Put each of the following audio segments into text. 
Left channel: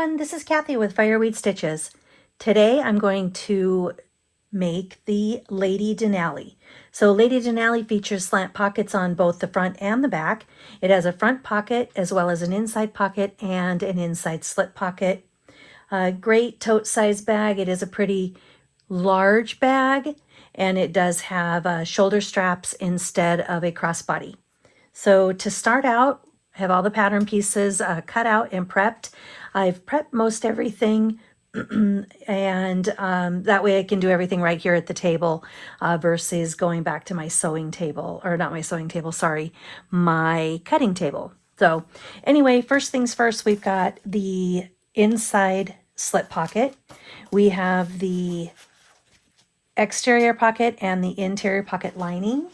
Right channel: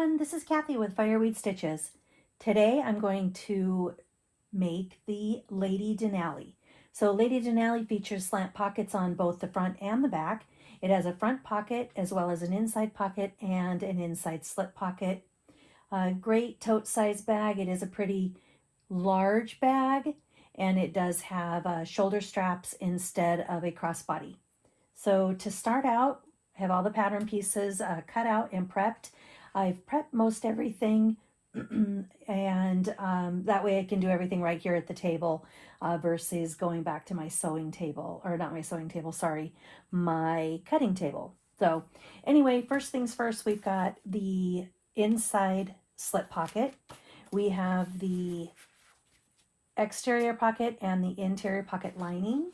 everyone, this is Kathy with Fireweed Stitches. Today I'm going to make the Lady Denali. So Lady Denali features slant pockets on both the front and the back. It has a front pocket as well as an inside pocket and an inside slip pocket. A great tote size bag. It is a pretty large bag and it does have shoulder straps instead of a crossbody. So to start out, I have all the pattern pieces cut out and prepped. I've prepped most everything and that way I can do everything right here at the table versus going back to my sewing table, or not my sewing table, sorry, my cutting table. So anyway, first things first, we've got the inside slip pocket. We have the exterior pocket and the interior pocket lining.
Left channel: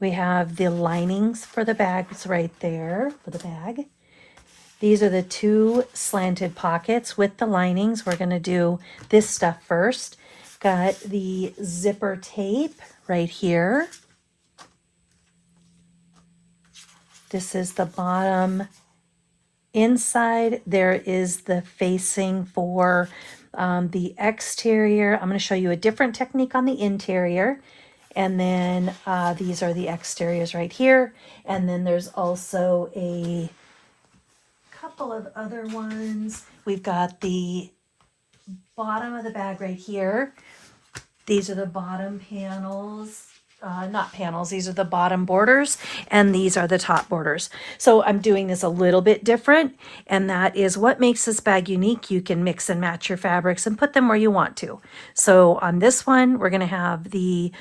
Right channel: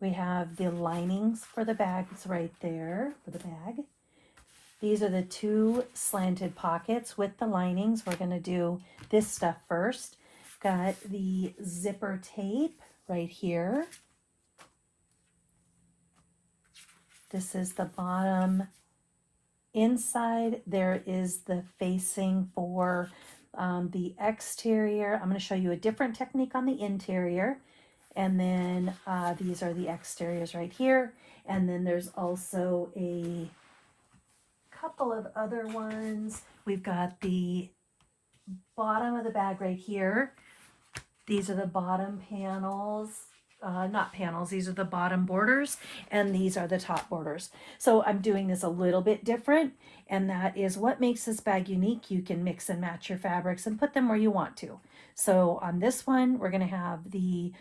We have the linings for the bags right there for the bag. These are the two slanted pockets with the linings. We're going to do this stuff first. Got the zipper tape right here. This is the bottom inside. There is the facing for the exterior. I'm going to show you a different technique on the interior. And then these are the exteriors right here. And then there's also a couple of other ones. We've got the bottom of the bag right here. These are the bottom panels. Not panels, these are the bottom borders, and these are the top borders. So I'm doing this a little bit different, and that is what makes this bag unique. You can mix and match your fabrics and put them where you want to. So on this one, we're gonna have the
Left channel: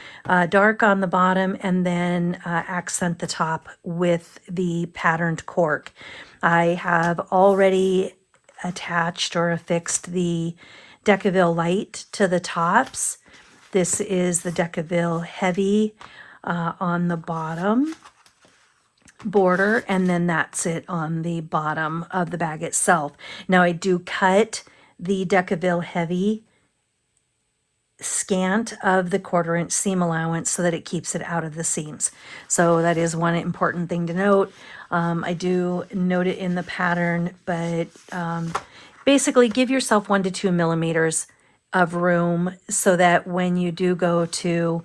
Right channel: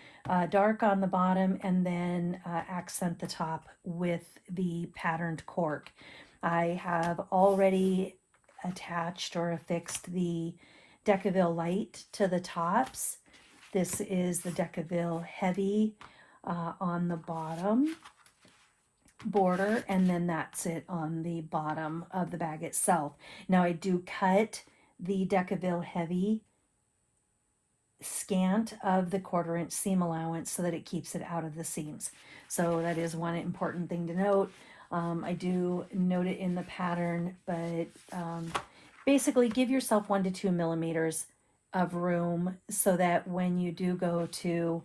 dark on the bottom and then accent the top with the patterned cork. I have already attached or affixed the Decaville light to the tops. This is the Decaville heavy on the bottom border, and then that's it on the bottom of the bag itself. Now I do cut the Decaville heavy scant of the 1/4 inch seam allowance so that it keeps it out of the seams. So that is one important thing to note. I do note it in the pattern, but basically give yourself 1 to 2 millimeters of room so that when you do go to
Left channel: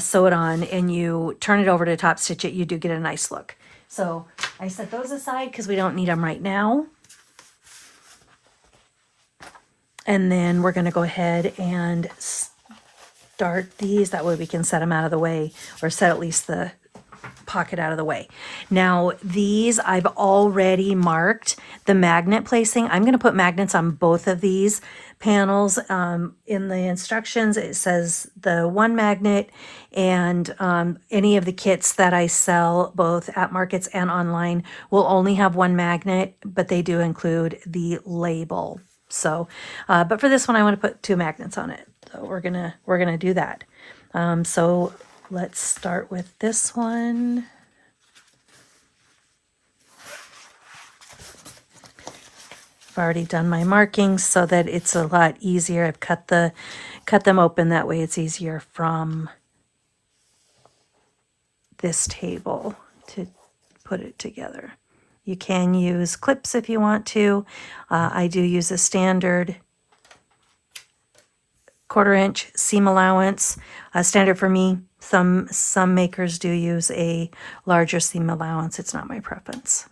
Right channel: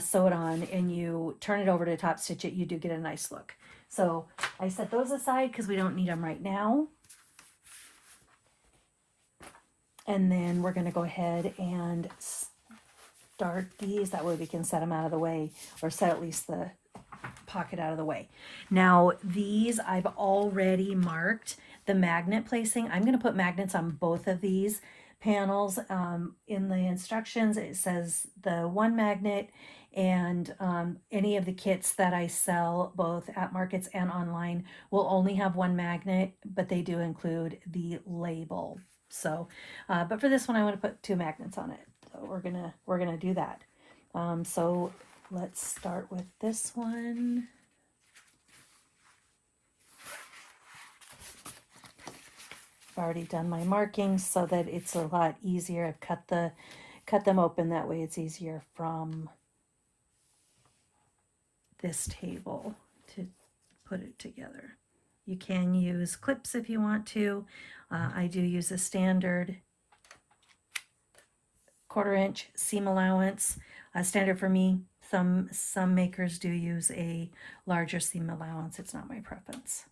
sew it on and you turn it over to top stitch it, you do get a nice look. So I set those aside because we don't need them right now. And then we're going to go ahead and start these. That way we can set them out of the way, or set at least the pocket out of the way. Now these I've already marked the magnet placing. I'm going to put magnets on both of these panels. In the instructions it says the 1 magnet, and any of the kits that I sell both at markets and online will only have 1 magnet, but they do include the label. So but for this one I want to put 2 magnets on it, so we're gonna do that. So let's start with this one. I've already done my markings so that it's a lot easier. I've cut them open, that way it's easier from this table to put it together. You can use clips if you want to. I do use a standard 1/4 inch seam allowance. Standard for me. Some makers do use a larger seam allowance. It's not my preference.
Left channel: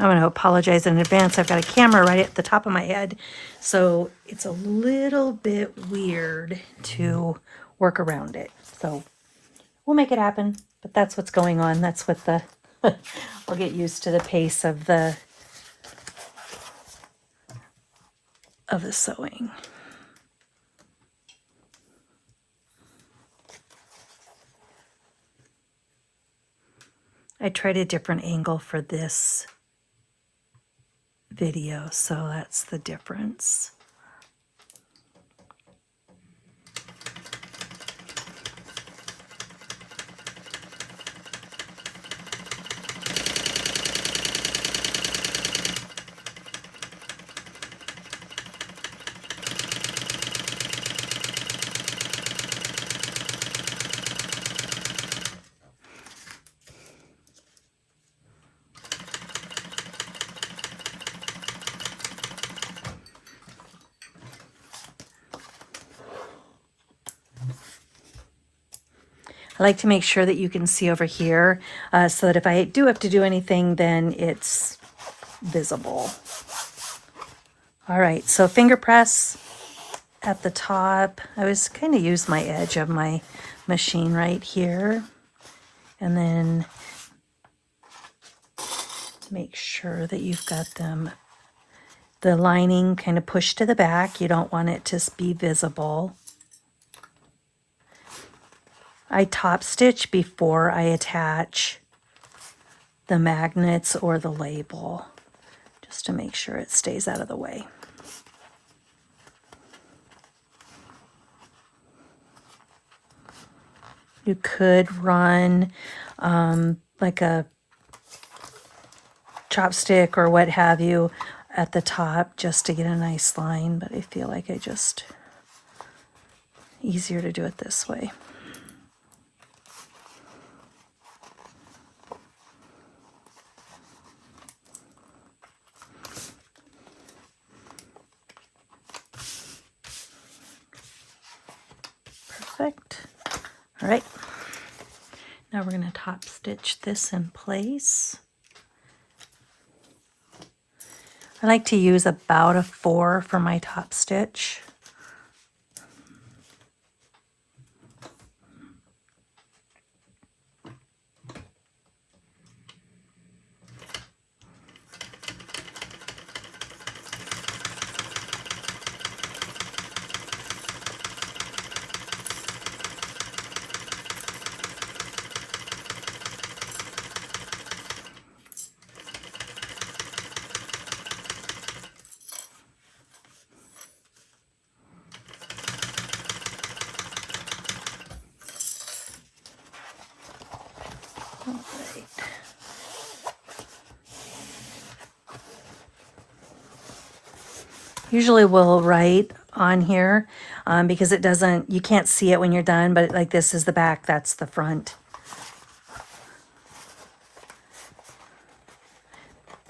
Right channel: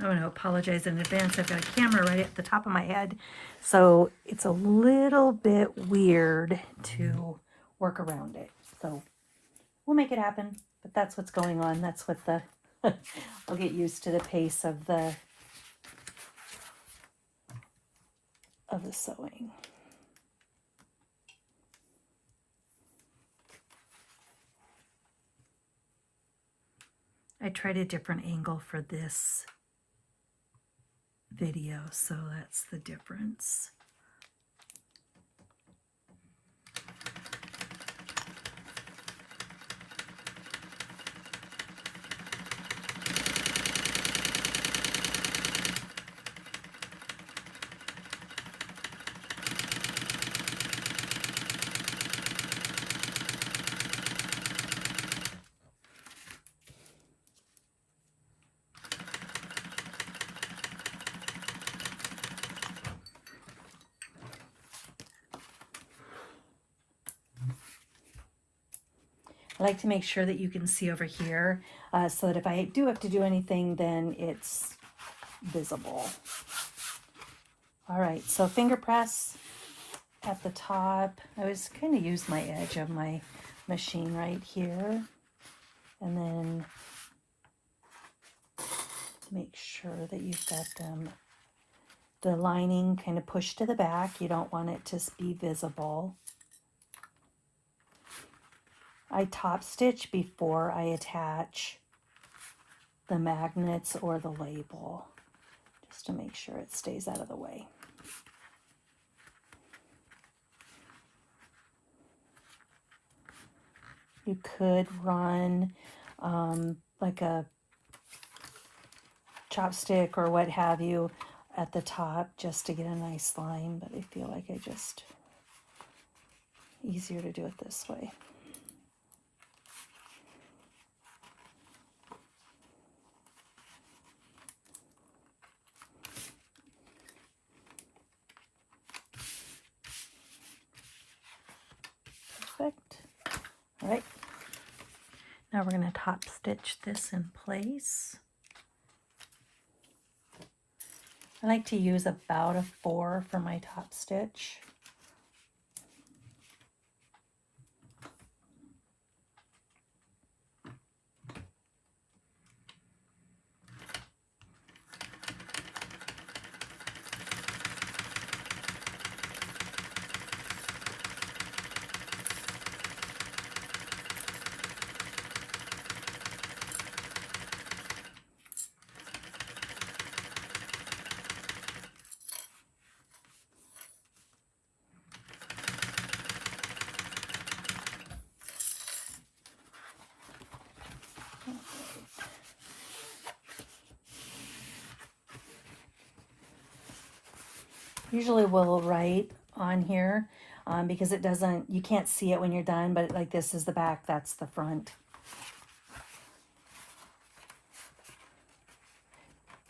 I'm going to apologize in advance. I've got a camera right at the top of my head, so it's a little bit weird to work around it. So we'll make it happen, but that's what's going on. That's what the, I'll get used to the pace of the sewing. I tried a different angle for this video, so that's the difference. I like to make sure that you can see over here so that if I do have to do anything, then it's visible. All right, so finger press at the top. I was kind of use my edge of my machine right here, and then make sure that you've got them, the lining kind of pushed to the back. You don't want it to be visible. I top stitch before I attach the magnets or the label, just to make sure it stays out of the way. You could run like a chopstick or what have you at the top just to get a nice line, but I feel like easier to do it this way. Perfect. All right. Now we're going to top stitch this in place. I like to use about a 4 for my top stitch. Usually we'll write on here because it doesn't, you can't see it when you're done, but like this is the back, that's the front.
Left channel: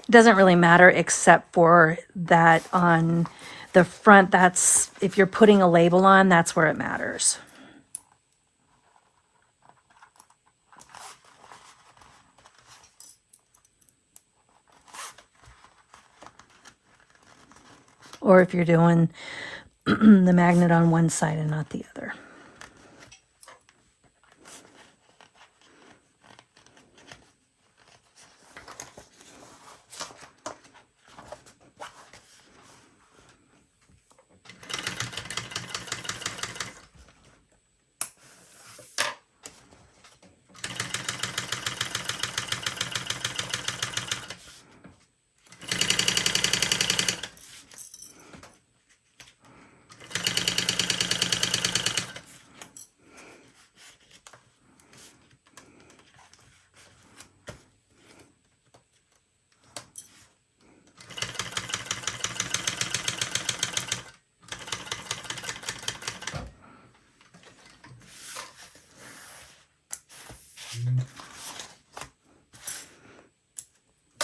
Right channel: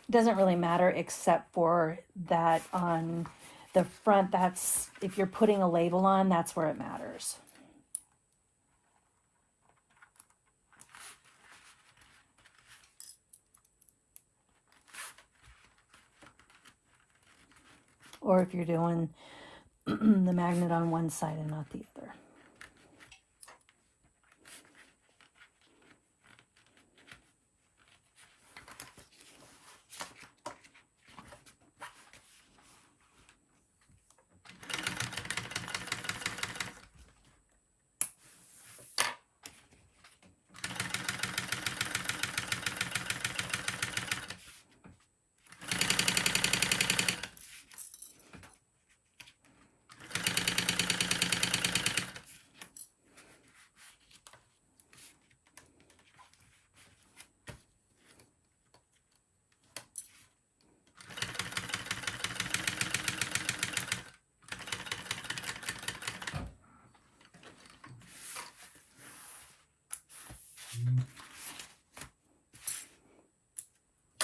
It doesn't really matter except for that on the front, that's, if you're putting a label on, that's where it matters. Or if you're doing the magnet on one side and not the other.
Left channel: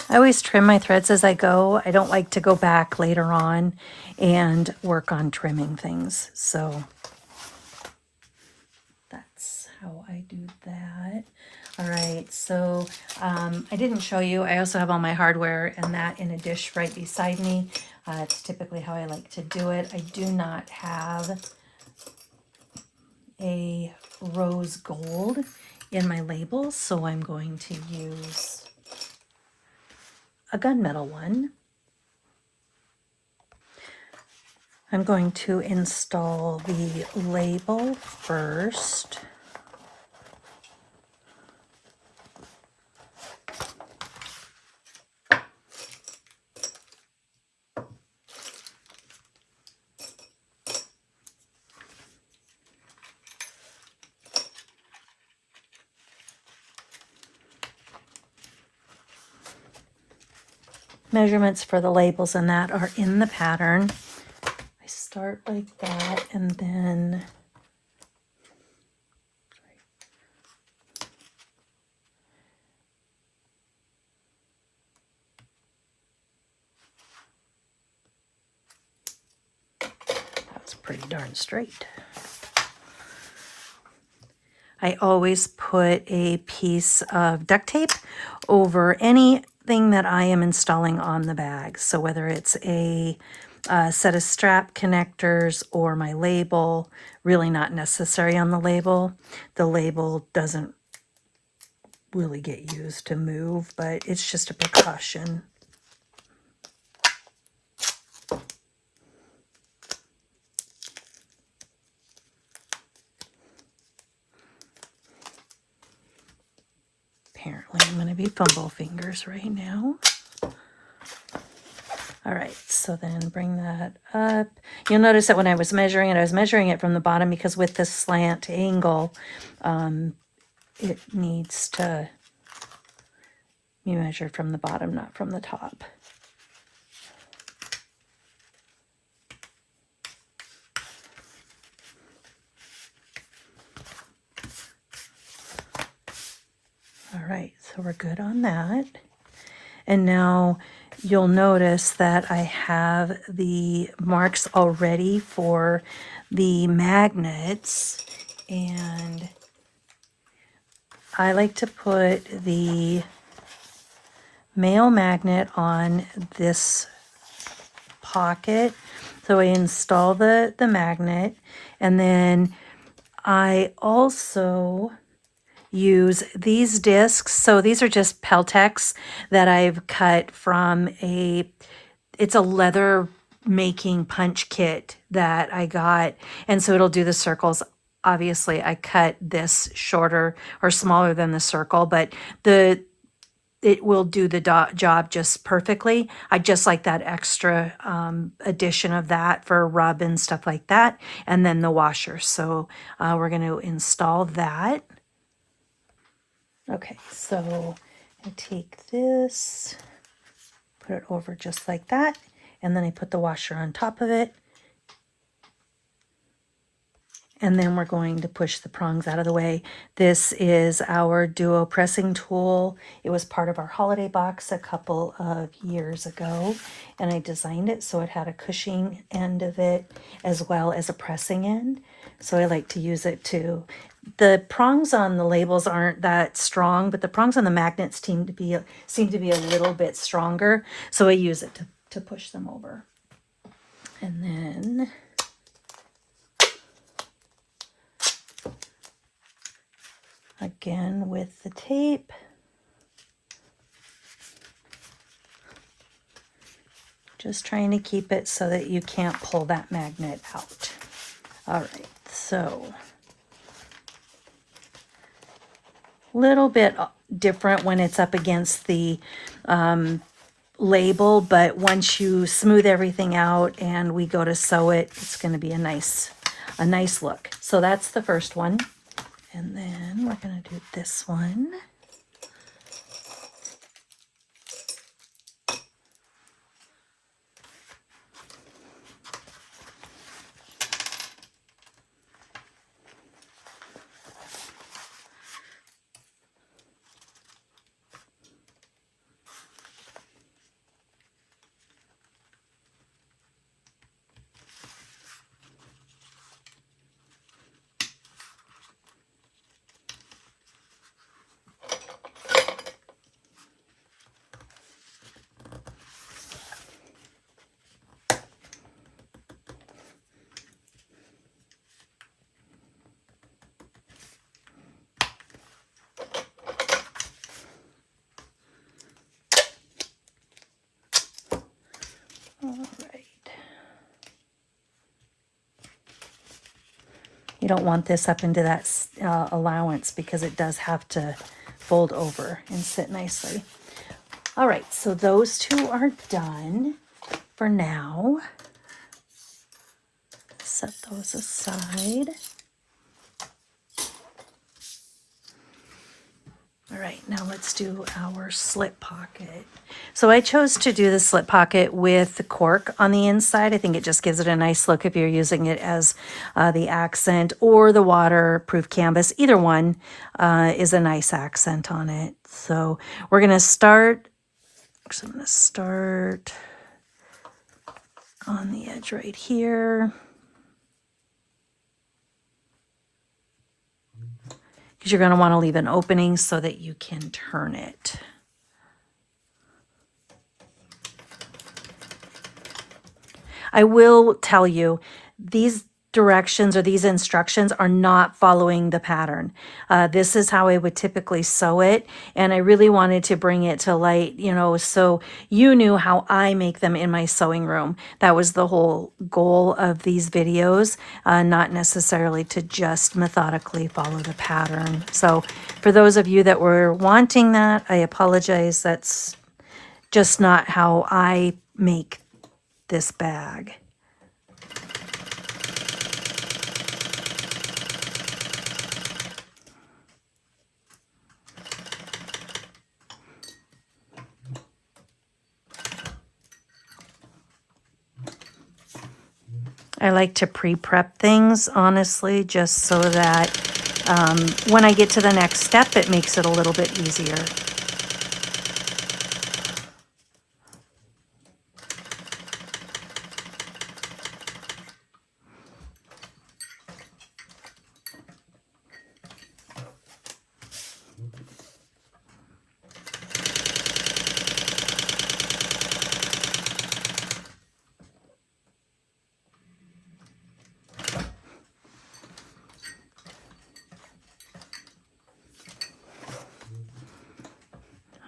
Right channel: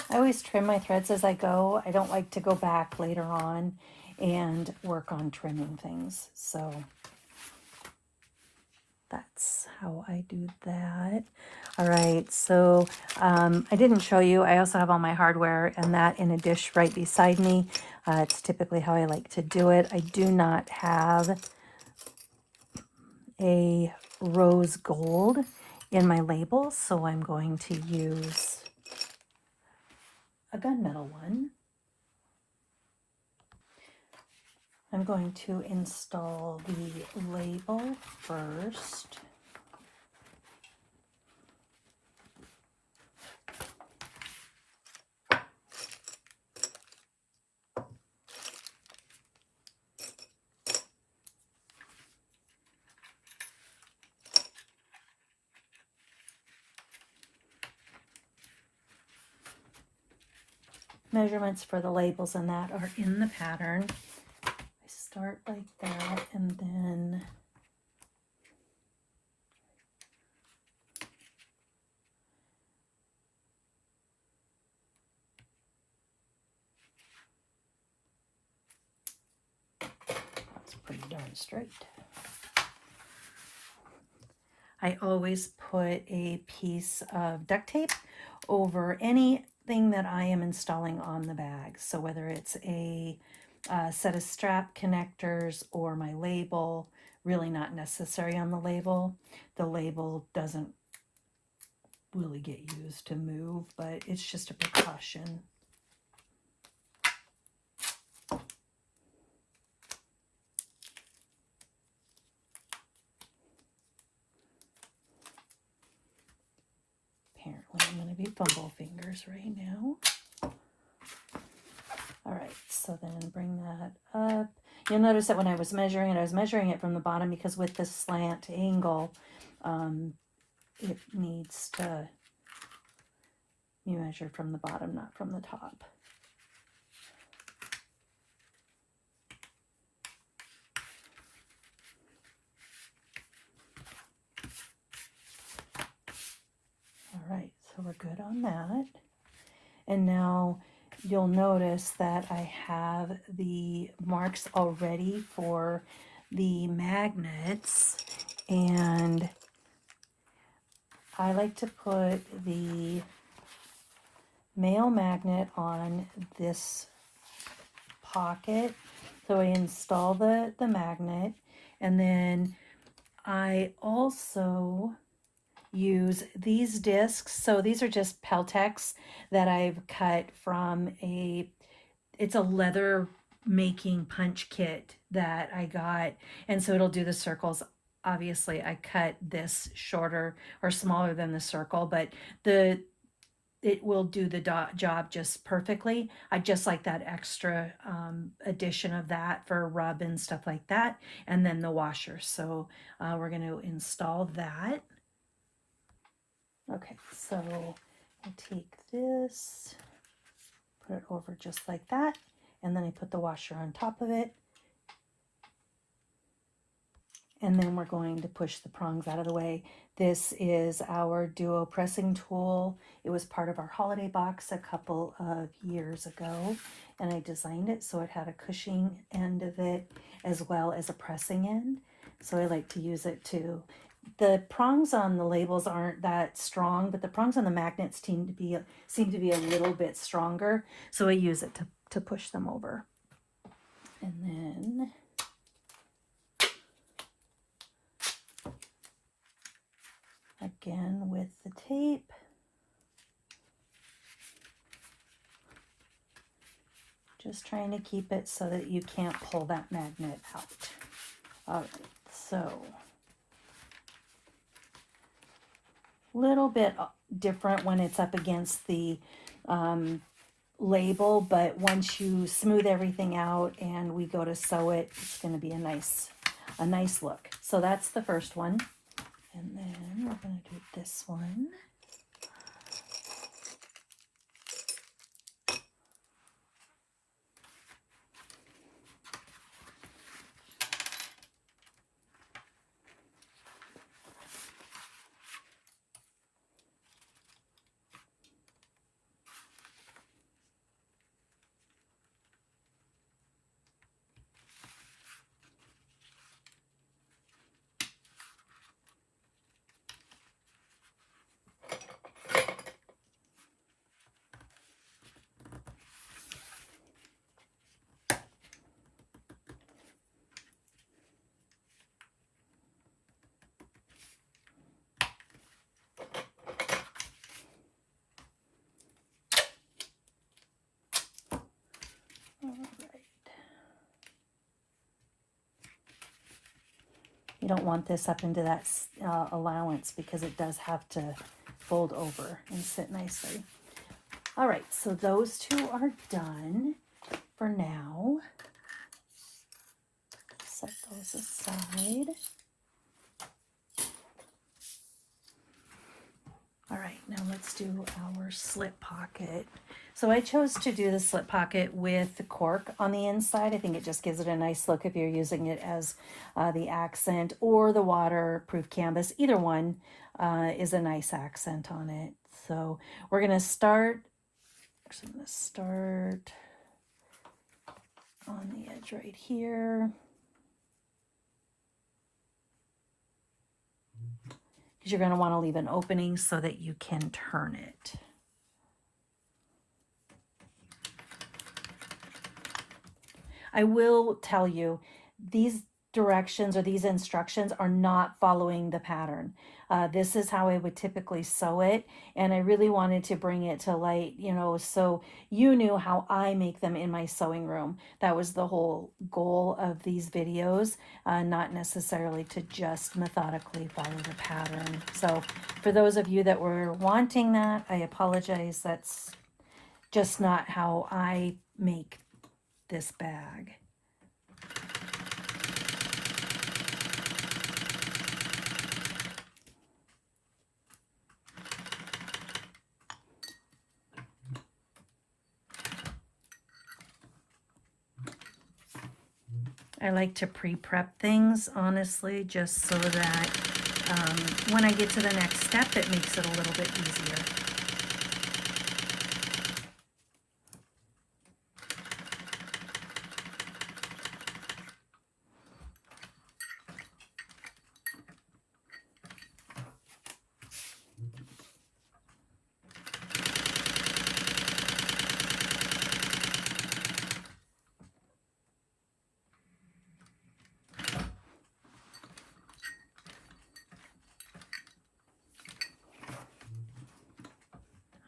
I always trim my threads as I go. I don't like to go back later on and work on trimming things. So that's how I do that. All right, so I didn't show you. I also have all my hardware and that in a dish right beside me. It's typically how I like to do it. I do not have a rose gold in my labels, so I'm going to use a gunmetal one. I'm going to install the label first. Measurements for the labels and that are in the pattern. I start like that and then that's pretty darn straight. I always put a piece of duct tape over anything that I am installing on the bag. So whether it's a set of strap connectors or my label, really not necessary on the label. The label doesn't really get used to move, but it's just a precaution. Apparently I'm going to be fumble fingers right now. All right, so then bring that up. You'll notice that when I was measuring it from the bottom because with this slant angle, it needs to be measured from the bottom, not from the top. All right, so we're good on that. And now you'll notice that I have the marks already for the magnets, and I like to put the male magnet on this pocket. So I install the magnet, and then I also use these discs. So these are just Peltex that I've cut from it's a leather making punch kit that I got. And so it'll do the circles. Obviously I cut this shorter or smaller than the circle, but it will do the job just perfectly. I just like that extra addition of that for rub and stuff like that. And then the washer. So we're going to install that. Okay, so I take this, put it over just like that, and then I put the washer on top of it. And then we're going to push the prongs out of the way. This is our Duo pressing tool. It was part of our holiday box a couple of years ago, and I designed it so it had a cushioning end of it as well as a pressing end. So I like to use it too. The prongs on the labels aren't that strong, but the prongs on the magnets seem to be a little bit stronger. So I use it to push them over. And then again with the tape, just trying to keep it so that you can't pull that magnet out. All right, so little bit different when it's up against the label, but once you smooth everything out and we go to sew it, it's going to be a nice look. So that's the first one, and then we're going to do this one. All right. You don't want this up into that allowance because it does have to fold over and sit nicely. All right, so those two are done for now. Set those aside. All right, now let's do our slip pocket. So I chose to do the slip pocket with the cork on the inside. I think it just gives it a nice look if you're using it as the accent or the waterproof canvas. Either one is a nice accent on it. So we're gonna start, I'm gonna start on the edge right here. because you're going to want to leave an opening so that you can turn it. I will tell you, these directions or these instructions are not following the pattern. This is how I would typically sew it, and I really wanted to bring it to light, you know, so you knew how I make them in my sewing room. That was the whole goal of these videos, not necessarily to just methodically follow the pattern. So for those of you that were wanting that, I apologize. That's just not how I make this bag. I like to pre-prep things, honestly, just so that when I get to the next step, it makes it a little bit easier.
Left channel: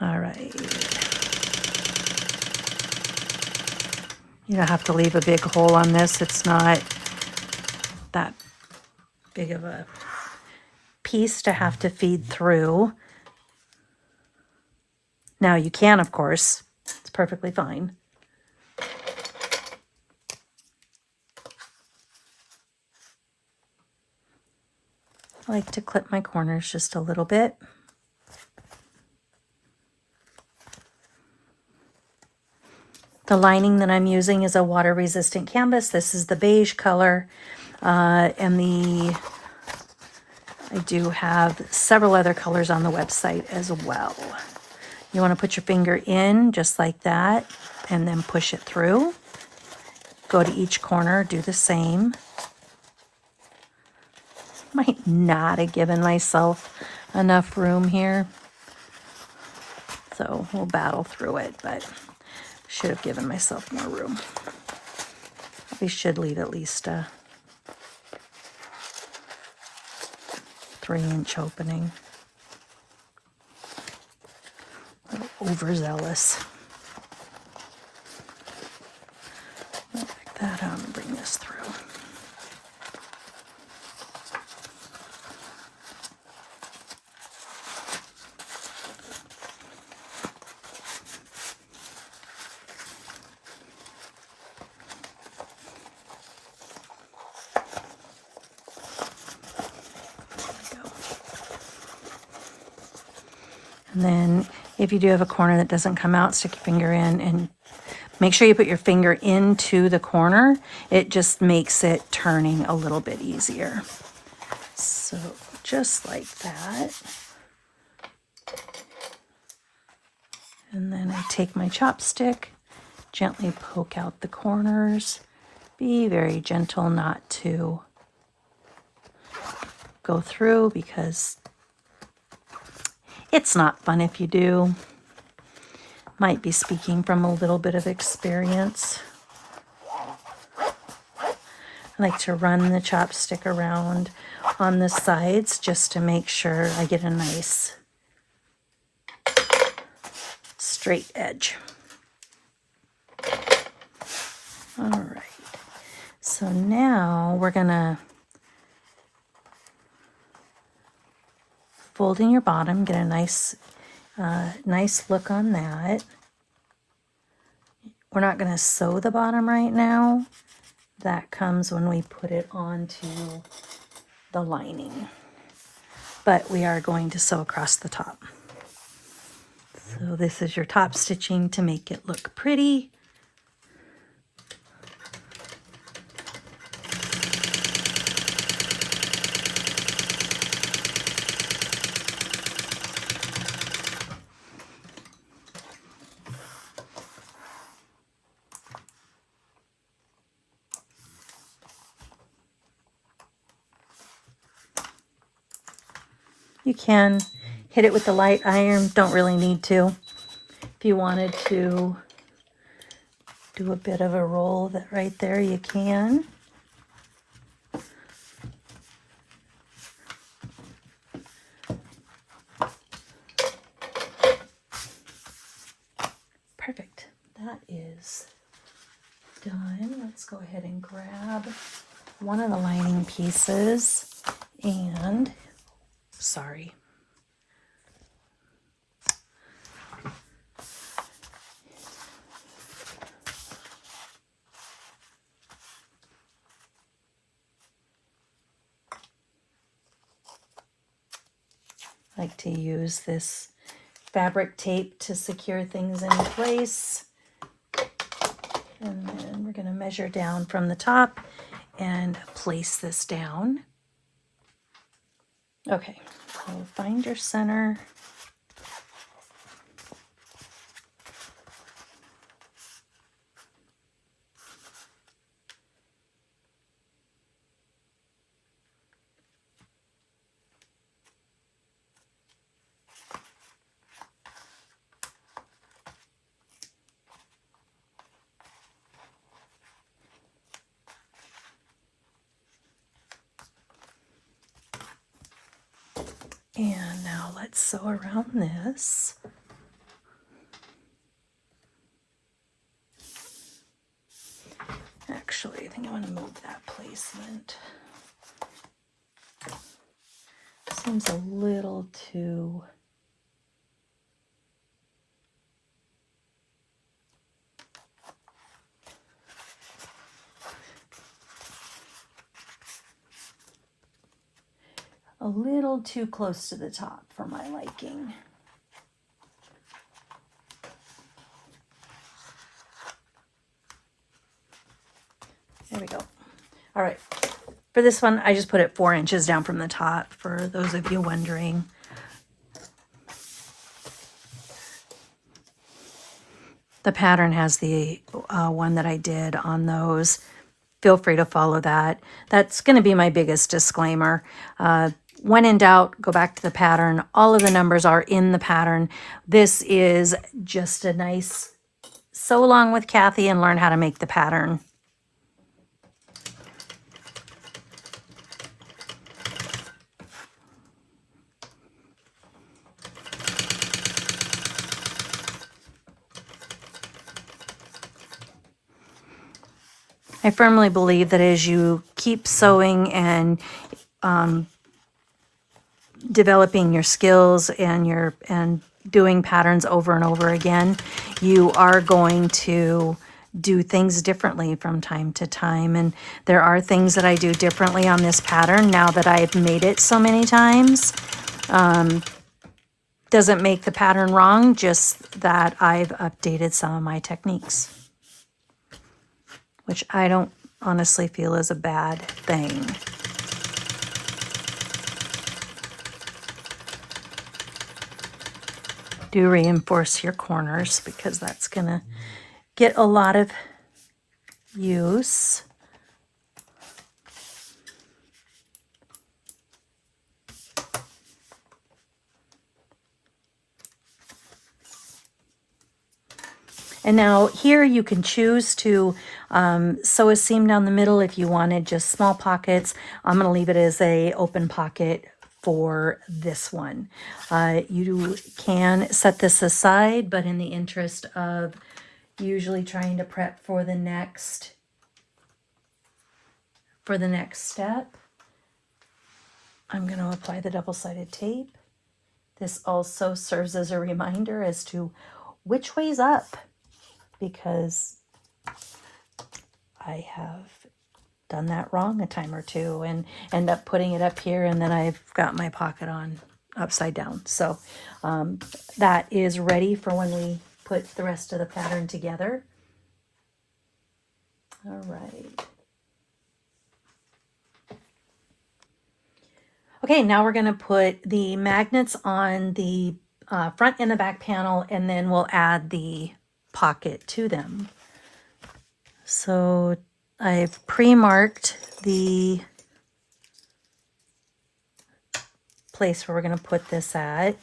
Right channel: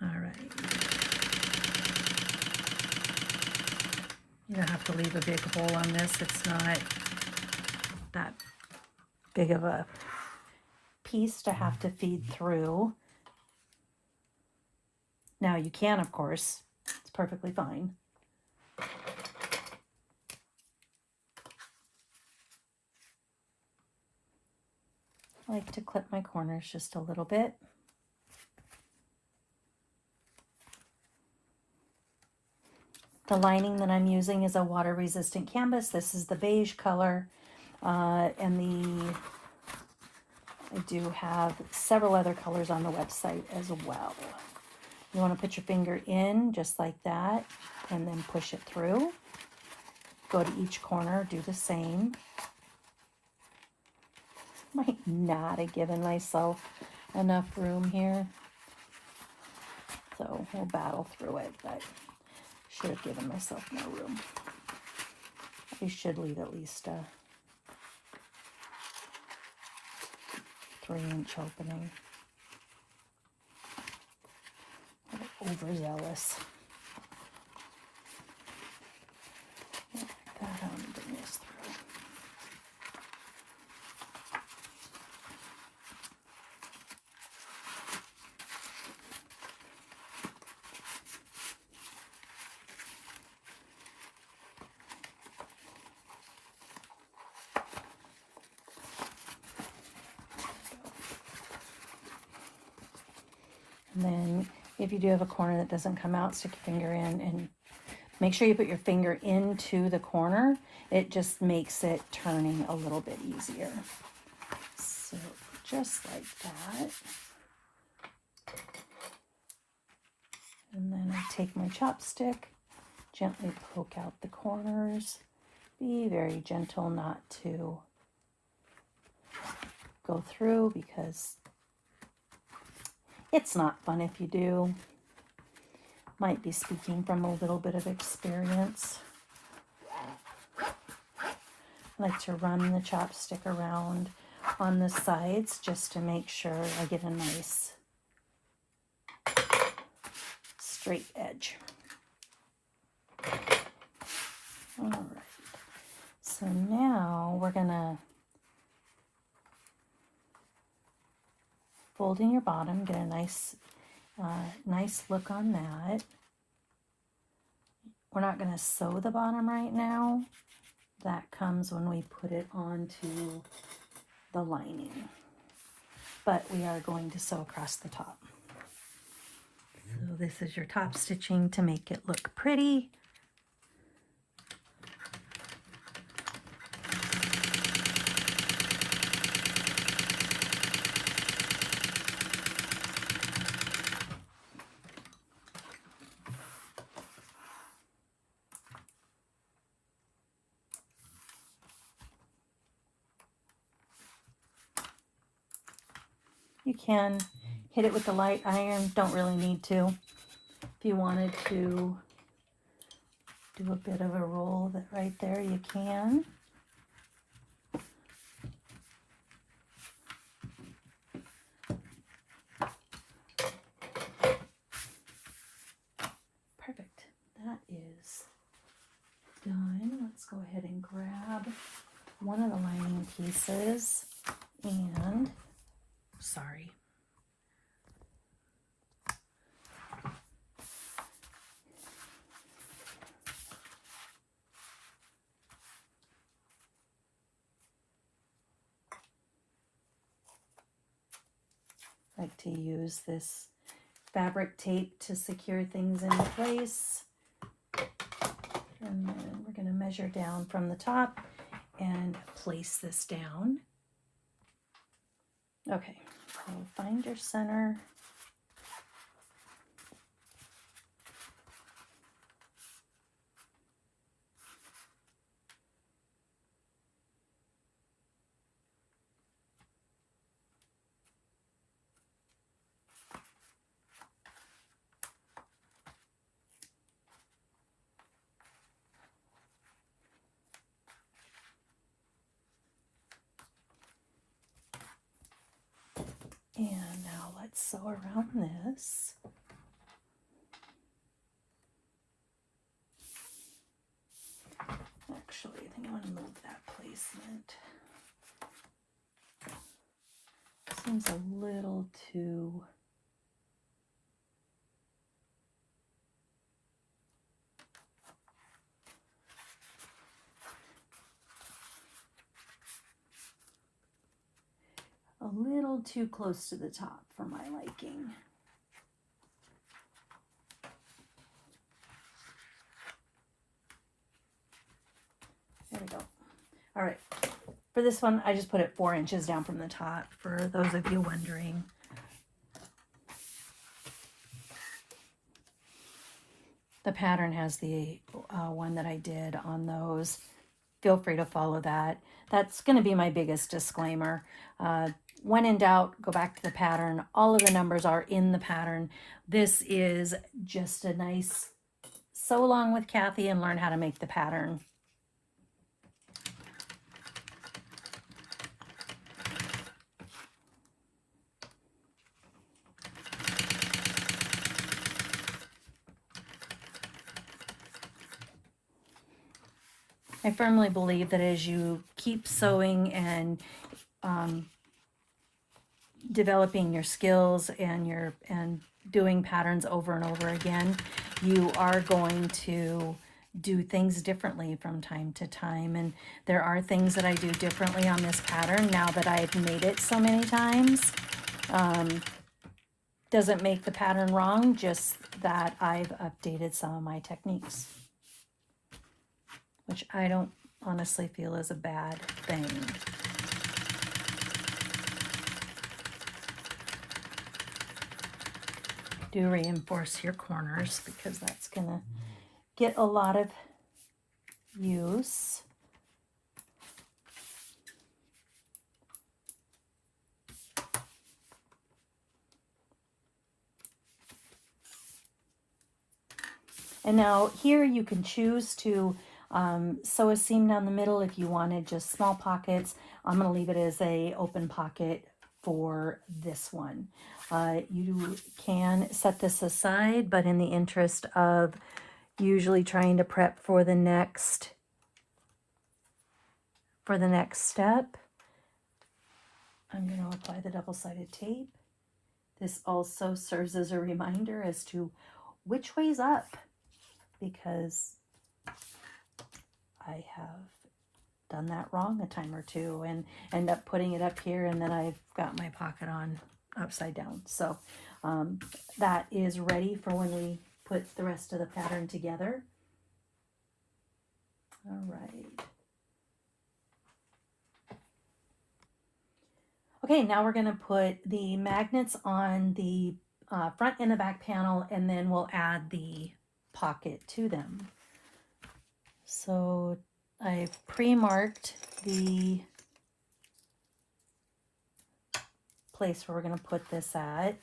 All right. You don't have to leave a big hole on this. It's not that big of a piece to have to feed through. Now you can, of course. It's perfectly fine. I like to clip my corners just a little bit. The lining that I'm using is a water-resistant canvas. This is the beige color, and I do have several other colors on the website as well. You want to put your finger in just like that, and then push it through. Go to each corner, do the same. Might not have given myself enough room here, so we'll battle through it, but should have given myself more room. We should leave at least a 3-inch opening. A little overzealous. I'll pick that out and bring this through. And then if you do have a corner that doesn't come out, stick your finger in and make sure you put your finger into the corner. It just makes it turning a little bit easier. So just like that. And then I take my chopstick, gently poke out the corners. Be very gentle not to go through because it's not fun if you do. Might be speaking from a little bit of experience. I like to run the chopstick around on the sides just to make sure I get a nice straight edge. All right, so now we're gonna fold in your bottom, get a nice look on that. We're not going to sew the bottom right now. That comes when we put it onto the lining. But we are going to sew across the top. So this is your top stitching to make it look pretty. You can hit it with the light iron, don't really need to. If you wanted to do a bit of a roll that right there, you can. Perfect. That is done. Let's go ahead and grab one of the lining pieces and, sorry. I like to use this fabric tape to secure things in place. And then we're going to measure down from the top and place this down. Okay, so find your center. And now let's sew around this. Actually, I think I want to move that placement. Seems a little too... a little too close to the top for my liking. There we go. All right. For this one, I just put it 4 inches down from the top, for those of you wondering. The pattern has the one that I did on those. Feel free to follow that. That's going to be my biggest disclaimer. When in doubt, go back to the pattern. All of the numbers are in the pattern. This is just a nice sew along with Kathy and learn how to make the pattern. I firmly believe that as you keep sewing and developing your skills and doing patterns over and over again, you are going to do things differently from time to time. And there are things that I do differently on this pattern now that I've made it so many times. Doesn't make the pattern wrong, just that I've updated some of my techniques, which I don't honestly feel is a bad thing. Do reinforce your corners because that's gonna get a lot of use. And now here you can choose to sew a seam down the middle if you wanted just small pockets. I'm going to leave it as a open pocket for this one. You can set this aside, but in the interest of usually trying to prep for the next step, I'm going to apply the double-sided tape. This also serves as a reminder as to which way's up, because I have done that wrong a time or two and end up putting it up here and then I've got my pocket on upside down. So that is ready for when we put the rest of the pattern together. All right. Okay, now we're going to put the magnets on the front and the back panel, and then we'll add the pocket to them. So I've pre-marked the place where we're going to put this at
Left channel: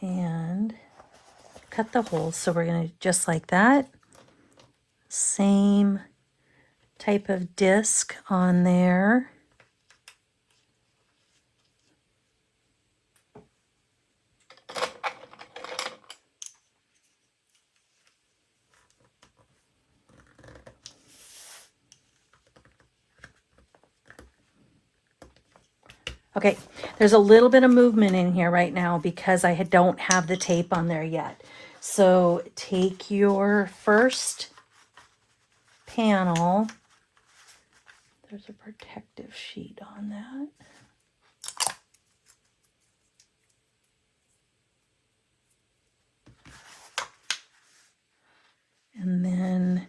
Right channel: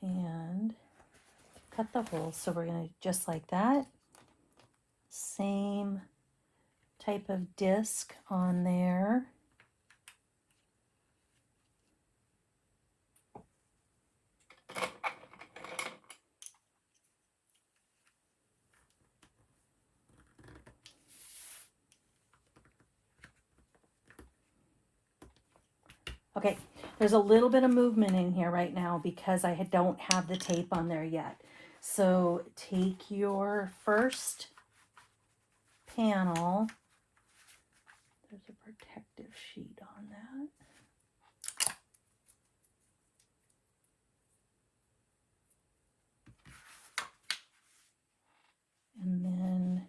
and cut the holes. So we're going to just like that. Same type of disc on there. Okay, there's a little bit of movement in here right now because I don't have the tape on there yet. So take your first panel. There's a protective sheet on that. And then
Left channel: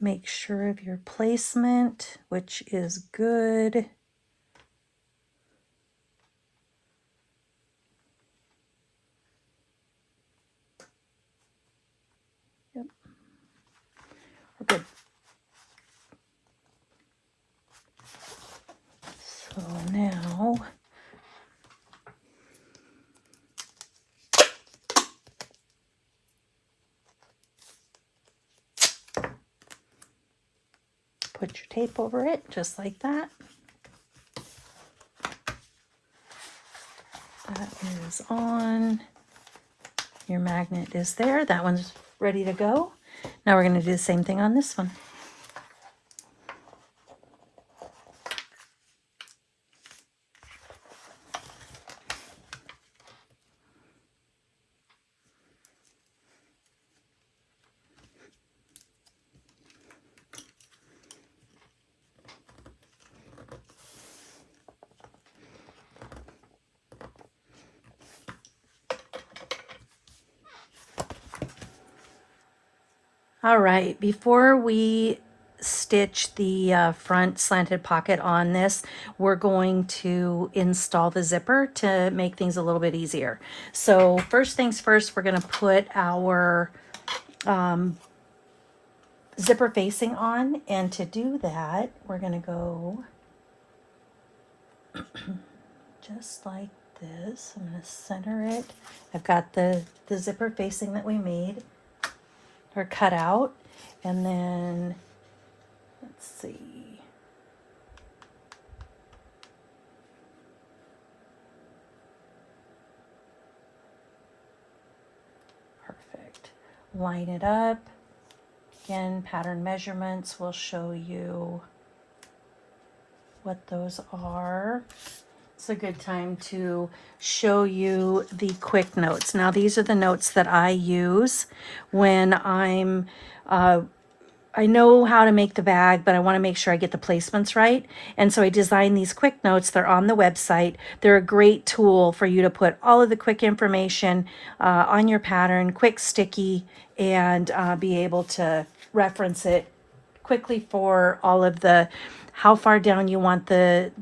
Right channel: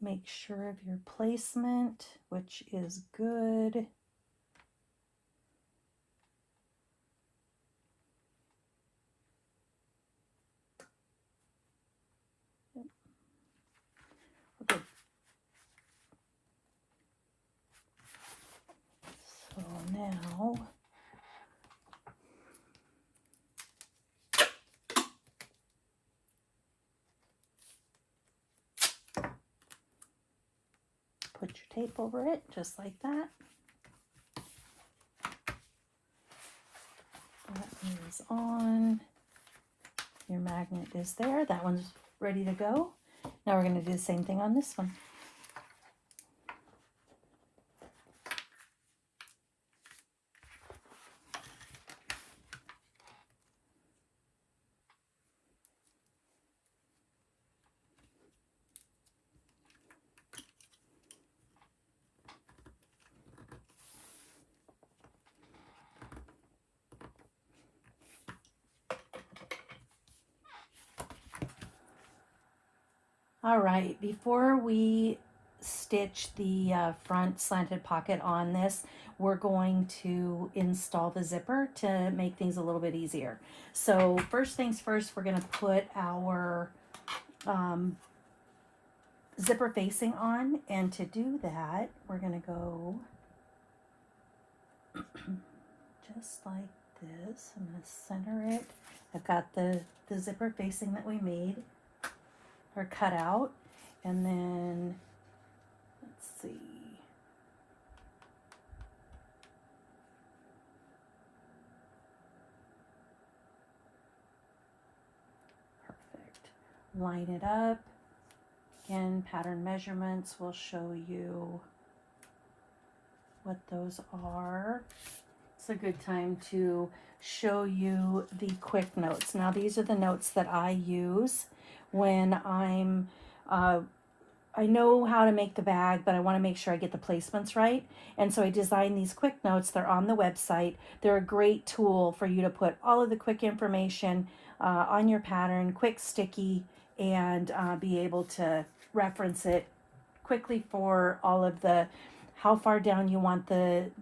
make sure of your placement, which is good. Yep. We're good. So now put your tape over it, just like that. That is on. Your magnet is there. That one's ready to go. Now we're going to do the same thing on this one. All right, before we stitch the front slanted pocket on this, we're going to install the zipper to make things a little bit easier. So first things first, we're going to put our zipper facing on, and to do that, we're going to go just like this. I'm going to center it. I've got the zipper facing that we made or cut out, and then let's see, perfect. Line it up. Again, pattern measurements will show you what those are. It's a good time to show you the quick notes. Now, these are the notes that I use when I know how to make the bag, but I want to make sure I get the placements right. And so I designed these quick notes. They're on the website. They're a great tool for you to put all of the quick information on your pattern, quick sticky, and be able to reference it quickly for all of the how far down you want the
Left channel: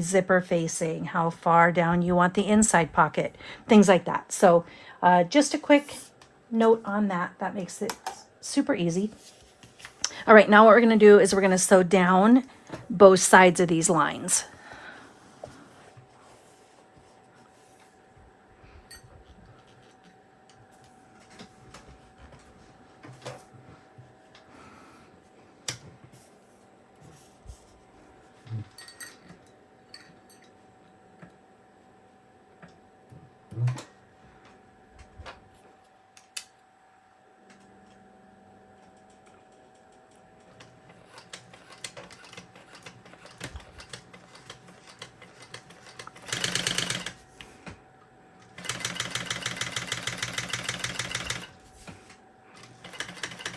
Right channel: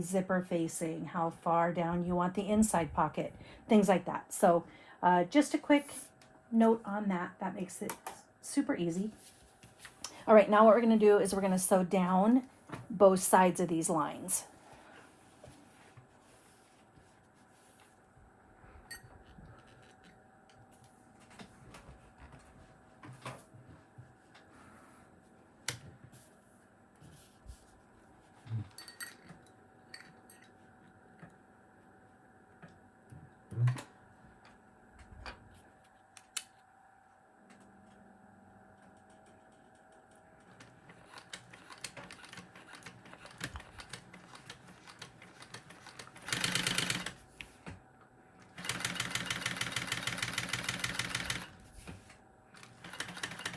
zipper facing, how far down you want the inside pocket, things like that. So just a quick note on that. That makes it super easy. All right, now what we're going to do is we're going to sew down both sides of these lines.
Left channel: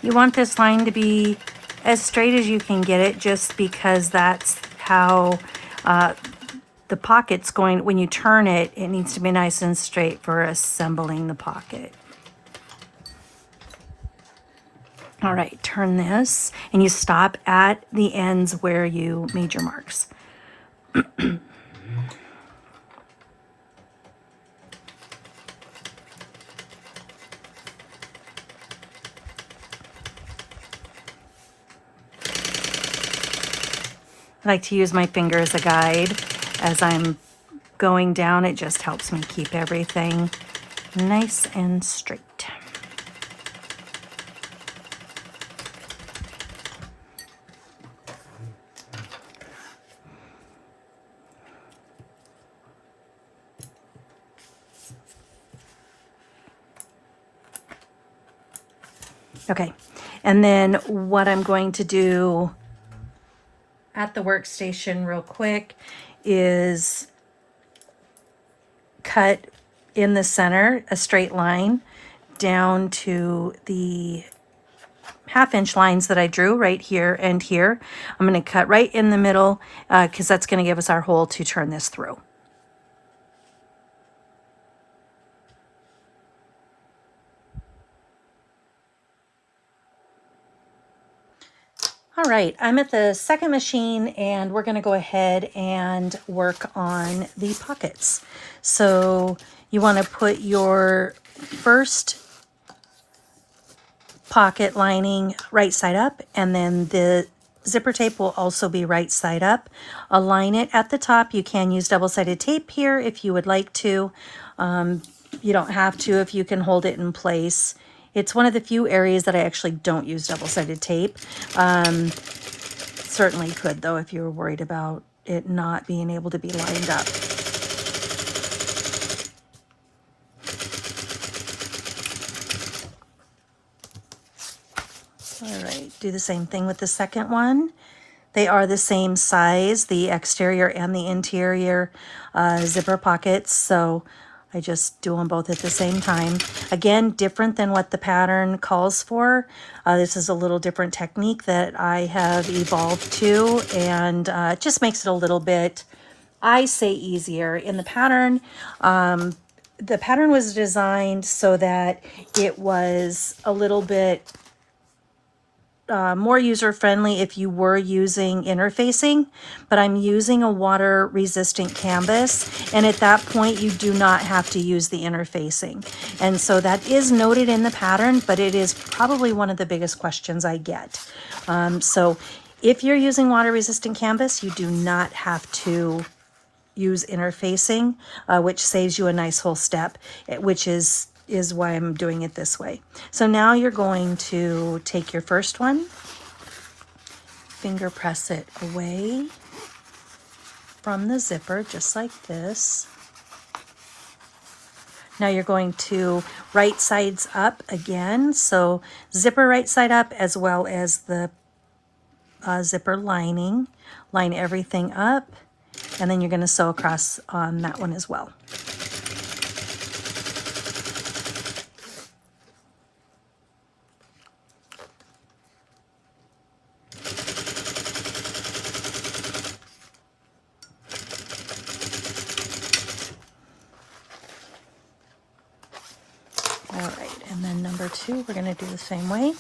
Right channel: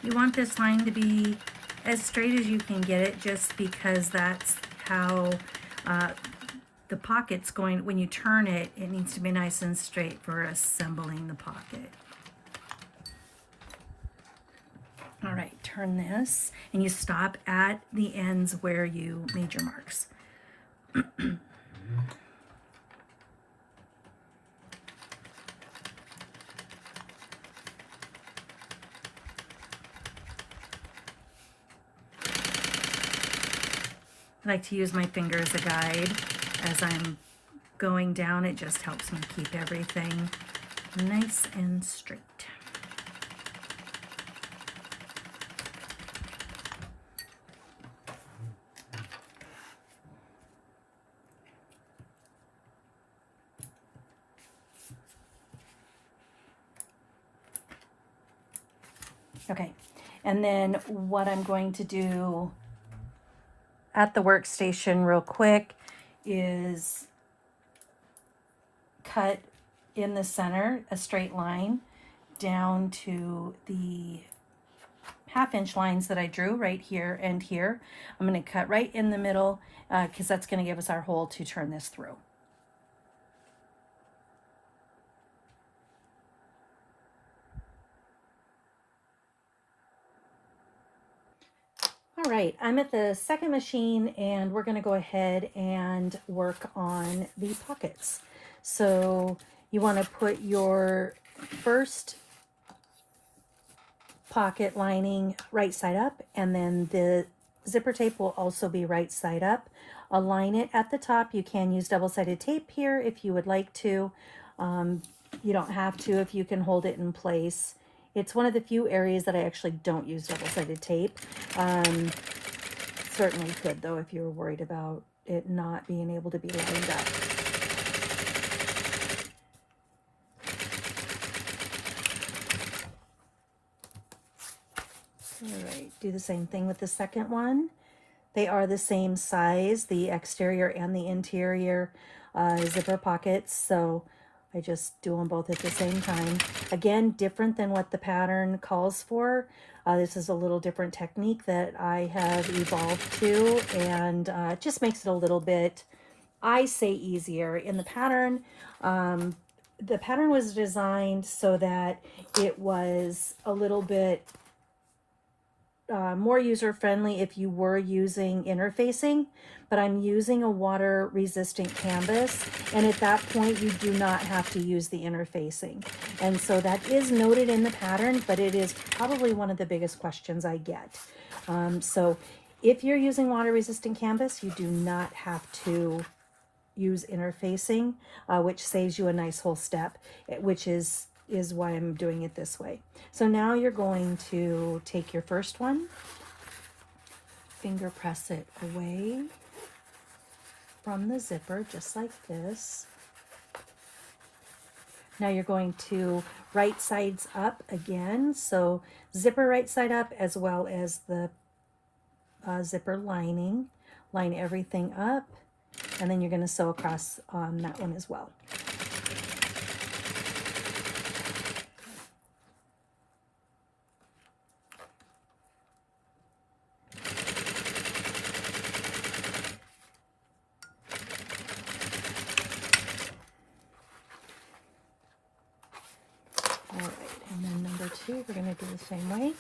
You want this line to be as straight as you can get it, just because that's how the pocket's going. When you turn it, it needs to be nice and straight for assembling the pocket. All right, turn this, and you stop at the ends where you made your marks. I like to use my finger as a guide as I'm going down. It just helps me keep everything nice and straight. Okay, and then what I'm going to do at the workstation real quick is cut in the center a straight line down to the half-inch lines that I drew right here and here. I'm going to cut right in the middle because that's going to give us our hole to turn this through. All right, I'm at the second machine and we're going to go ahead and work on the pockets. So you want to put your first pocket lining right side up, and then the zipper tape will also be right side up. Align it at the top. You can use double-sided tape here if you would like to. You don't have to if you can hold it in place. It's one of the few areas that I actually don't use double-sided tape. Certainly could though if you were worried about it not being able to be lined up. All right, do the same thing with the second one. They are the same size, the exterior and the interior zipper pockets, so I just do them both at the same time. Again, different than what the pattern calls for. This is a little different technique that I have evolved to, and it just makes it a little bit, I say, easier. In the pattern was designed so that it was a little bit more user-friendly if you were using interfacing, but I'm using a water-resistant canvas, and at that point you do not have to use the interfacing. And so that is noted in the pattern, but it is probably one of the biggest questions I get. So if you're using water-resistant canvas, you do not have to use interfacing, which saves you a nice whole step, which is why I'm doing it this way. So now you're going to take your first one, finger press it away from the zipper, just like this. Now you're going to right sides up again, so zipper right side up as well as the zipper lining. Line everything up, and then you're going to sew across on that one as well. All right, and then number two, we're going to do the same way.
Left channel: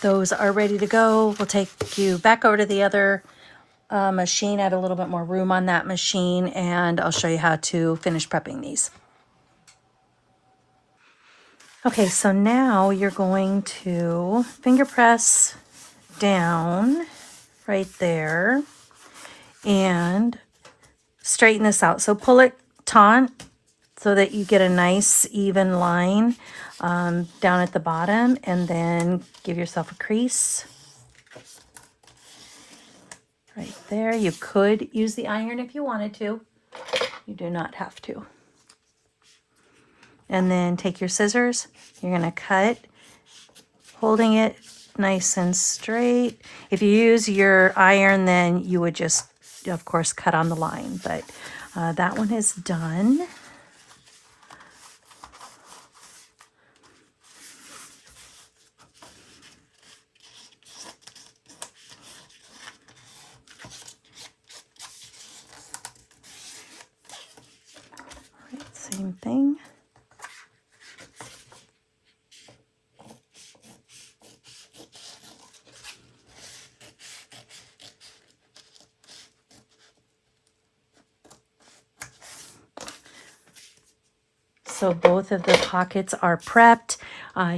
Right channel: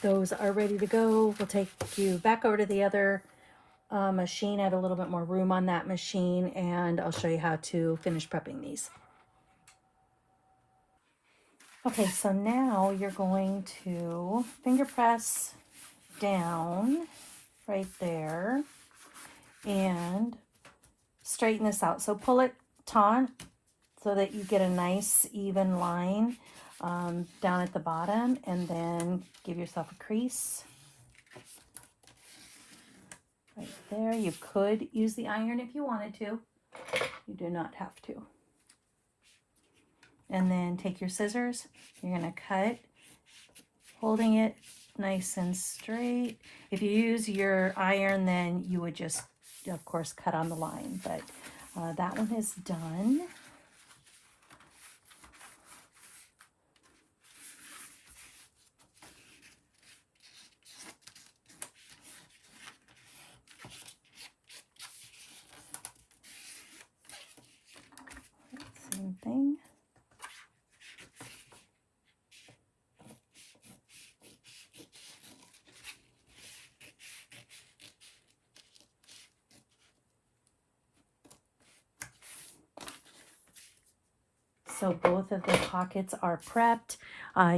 Those are ready to go. We'll take you back over to the other machine, add a little bit more room on that machine, and I'll show you how to finish prepping these. Okay, so now you're going to finger press down right there and straighten this out. So pull it taut so that you get a nice even line down at the bottom, and then give yourself a crease right there. You could use the iron if you wanted to. You do not have to. And then take your scissors. You're going to cut, holding it nice and straight. If you use your iron, then you would just, of course, cut on the line. But That one is done. Same thing. So both of the pockets are prepped.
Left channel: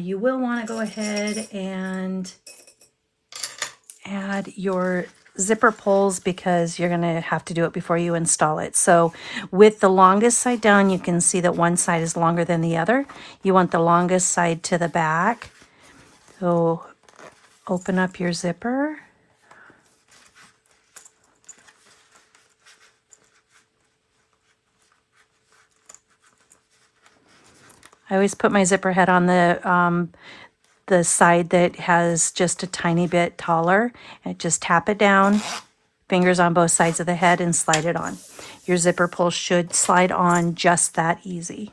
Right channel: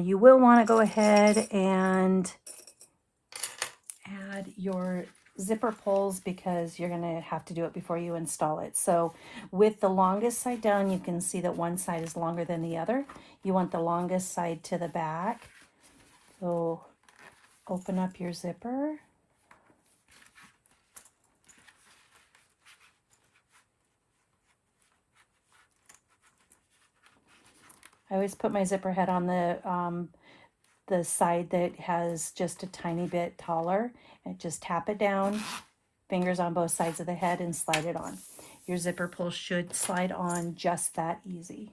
You will want to go ahead and add your zipper pulls because you're going to have to do it before you install it. So with the longest side down, you can see that one side is longer than the other. You want the longest side to the back. So open up your zipper. I always put my zipper head on the side that has just a tiny bit taller, and just tap it down, fingers on both sides of the head, and slide it on. Your zipper pull should slide on just that easy.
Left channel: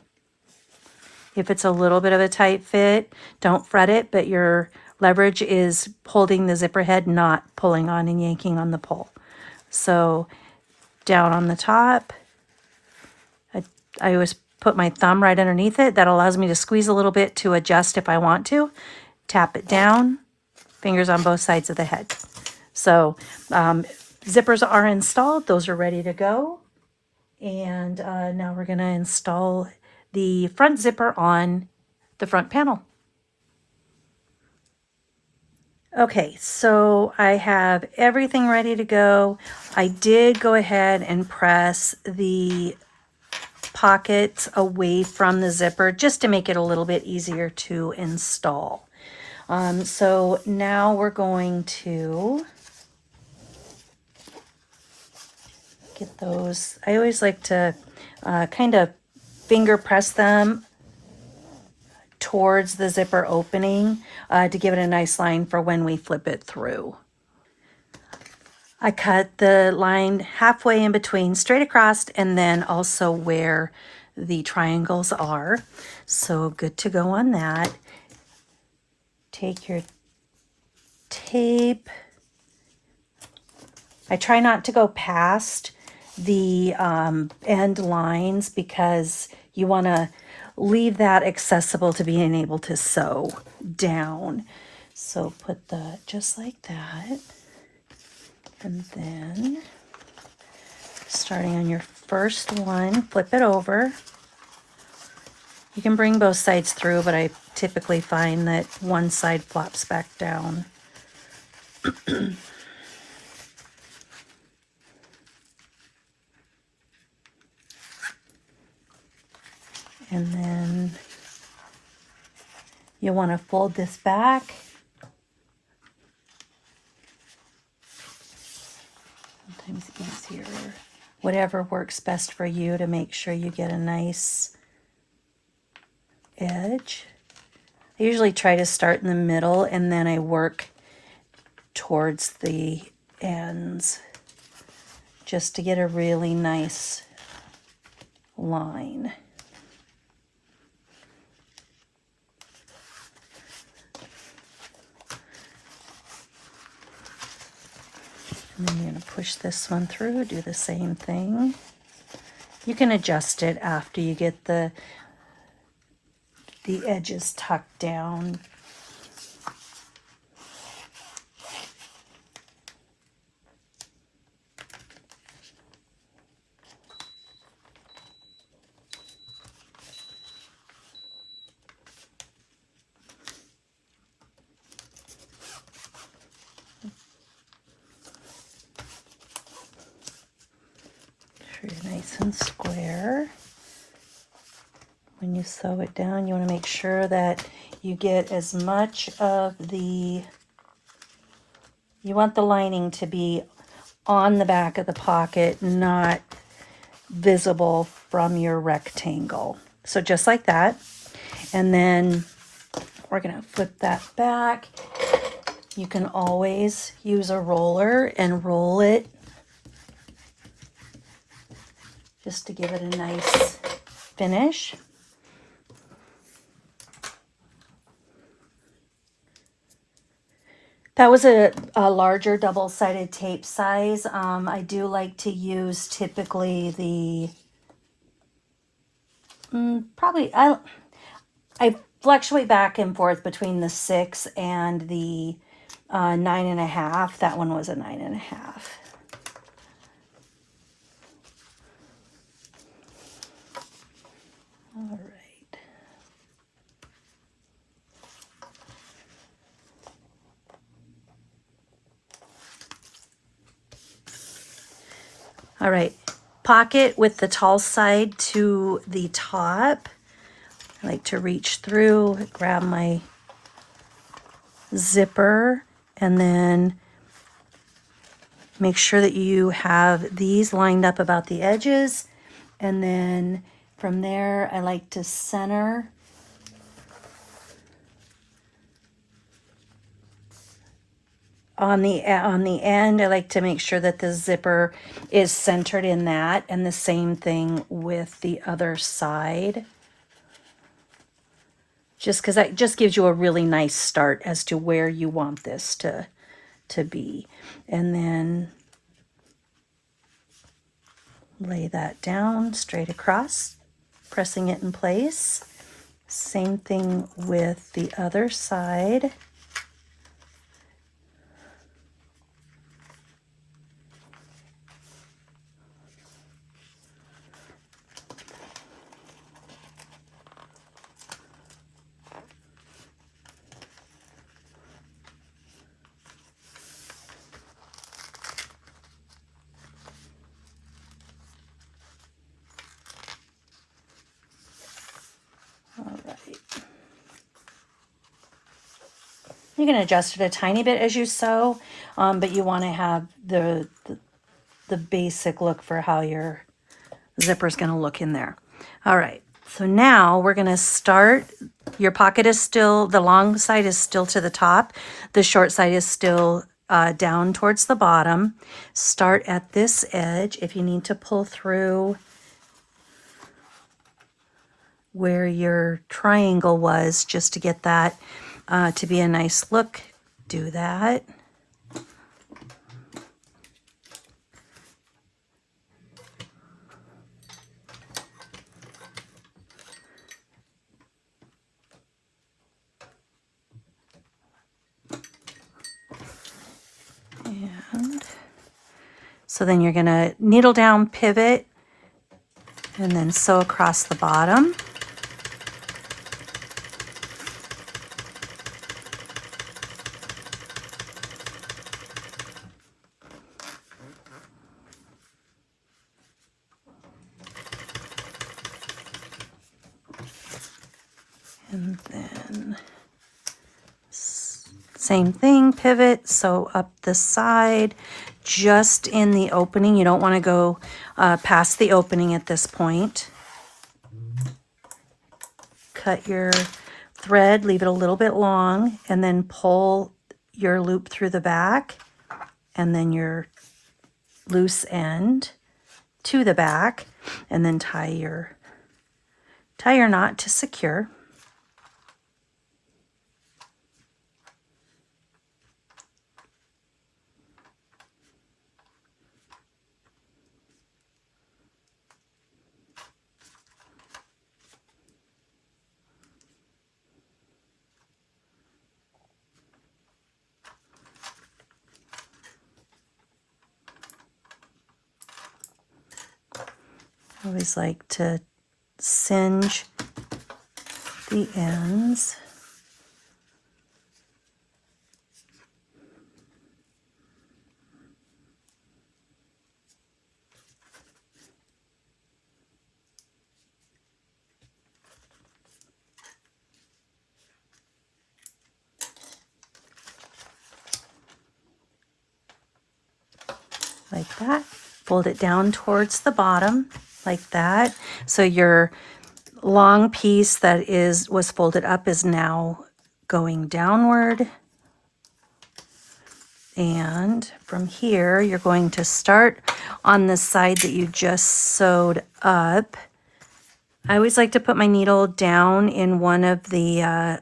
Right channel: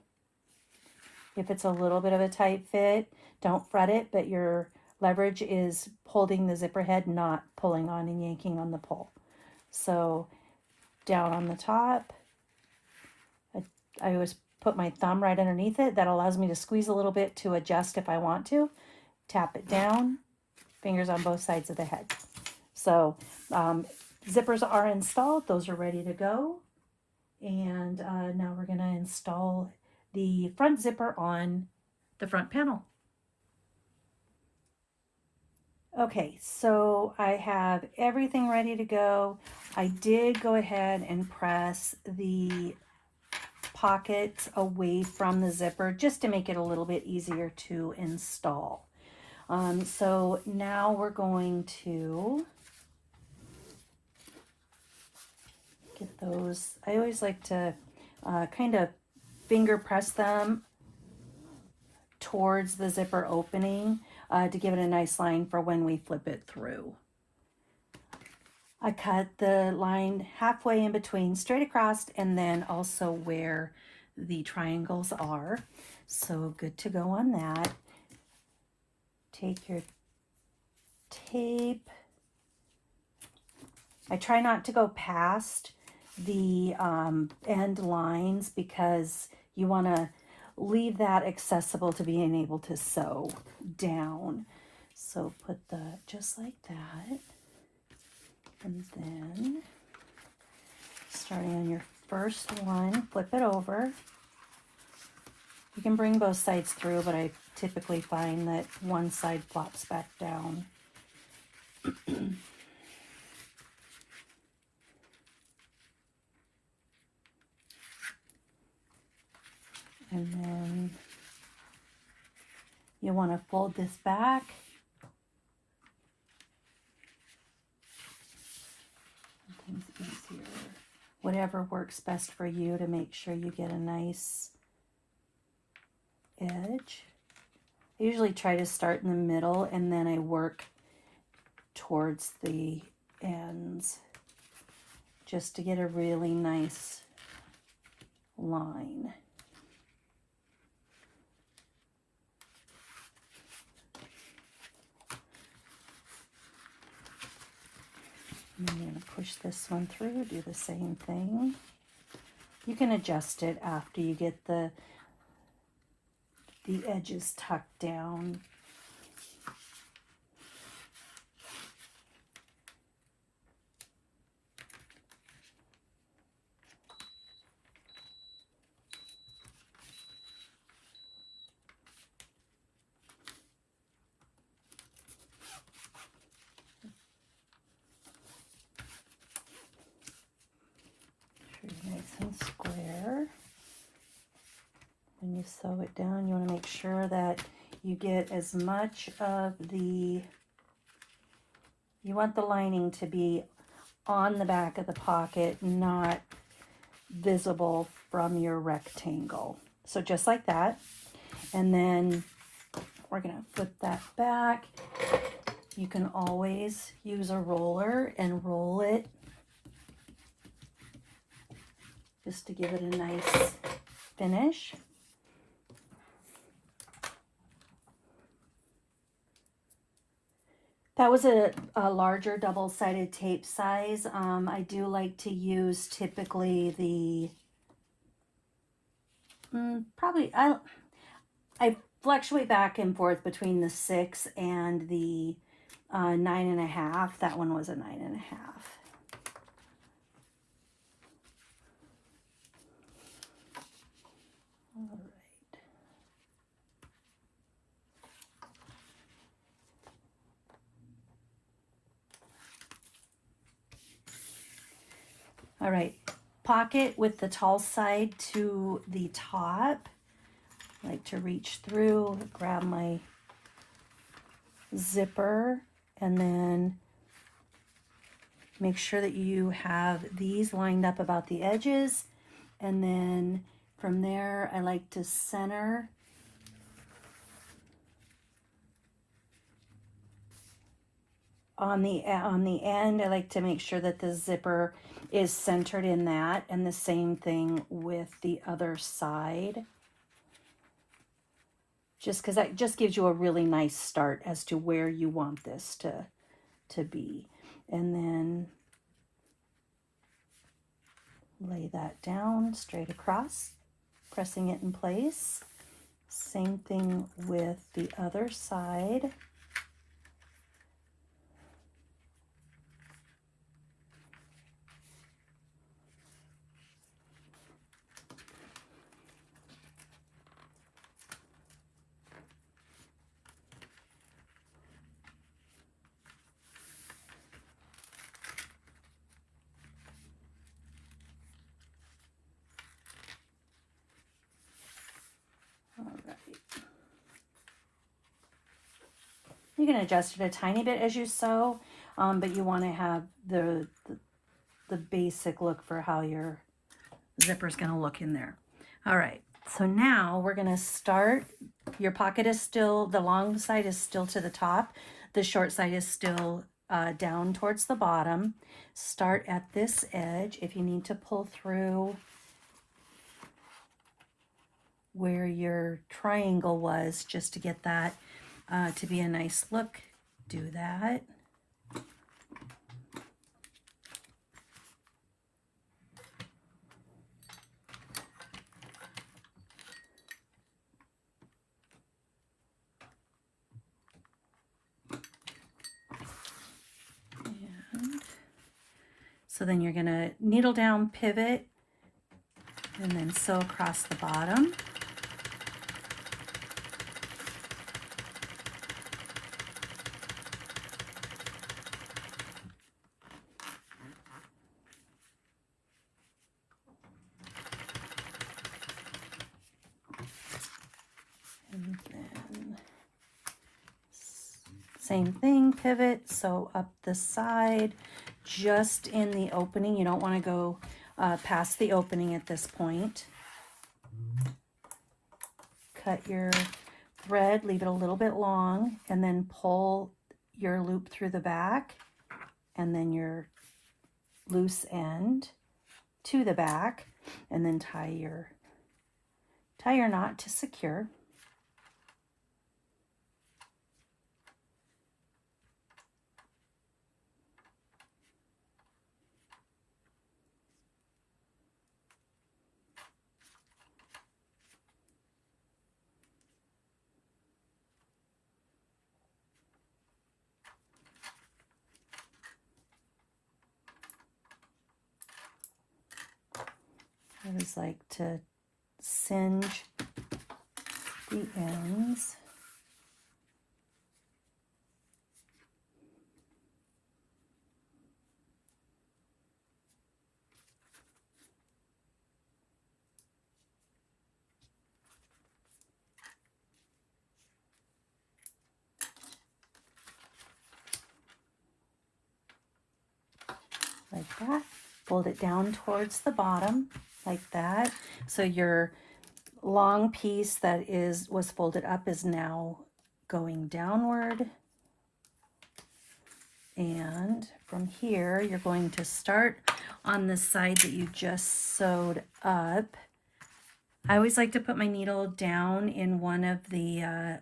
If it's a little bit of a tight fit, don't fret it, but your leverage is holding the zipper head, not pulling on and yanking on the pull. So down on the top, I always put my thumb right underneath it. That allows me to squeeze a little bit to adjust if I want to. Tap it down, fingers on both sides of the head. So zippers are installed. Those are ready to go. And now we're going to install the front zipper on the front panel. Okay, so I have everything ready to go. I did go ahead and press the pockets away from the zipper just to make it a little bit easier to install. So now we're going to get those. I always like to kind of finger press them towards the zipper opening to give it a nice line for when we flip it through. I cut the line halfway in between, straight across, and then also where the triangles are. So good to go on that. Take your tape. I try not to go past the end lines because you want to leave that accessible to being able to sew down. So put the just like that. And then starting on your first one, flip it over. You can bring both sides through, but I typically find that one side flops back down. And then you want to fold this back. Sometimes easier. Whatever works best for you to make sure you get a nice edge. I usually try to start in the middle and then I work towards the ends just to get a really nice line. And then you're going to push this one through, do the same thing. You can adjust it after you get the edges tucked down. Nice and square. When you sew it down, you want to make sure that you get as much of you want the lining to be on the back of the pocket, not visible from your rectangle. So just like that. And then we're going to flip that back. You can always use a roller and roll it just to give it a nice finish. That was a larger double-sided tape size. I do like to use typically the, probably, I fluctuate back and forth between the 6 and the 9.5. That one was a 9.5. All right. All right, pocket with the tall side to the top. I like to reach through, grab my zipper, and then make sure that you have these lined up about the edges. And then from there, I like to center on the end. I like to make sure that the zipper is centered in that, and the same thing with the other side. Just because that just gives you a really nice start as to where you want this to be. And then lay that down straight across, pressing it in place. Same thing with the other side. You can adjust it a tiny bit as you sew, but you want to have the basic look for how your zipper is going to look in there. All right, so now we're going to start. Your pocket is still, the long side is still to the top. The short side is still down towards the bottom. Start at this edge. If you need to pull through where your triangle was just to get that to be a nice look, do that. And so then you're going to needle down, pivot, and then sew across the bottom. And then same thing, pivot, sew up the side, just in the opening. You don't want to go past the opening at this point. Cut your thread, leave it a little bit long, and then pull your loop through the back, and then your loose end to the back, and then tie your knot to secure. I always like to singe the ends. Like that. Fold it down towards the bottom like that. So your long piece that was folded up is now going downward And from here, you're going to start on the side that you just sewed up. I always like to put my needle down in one of the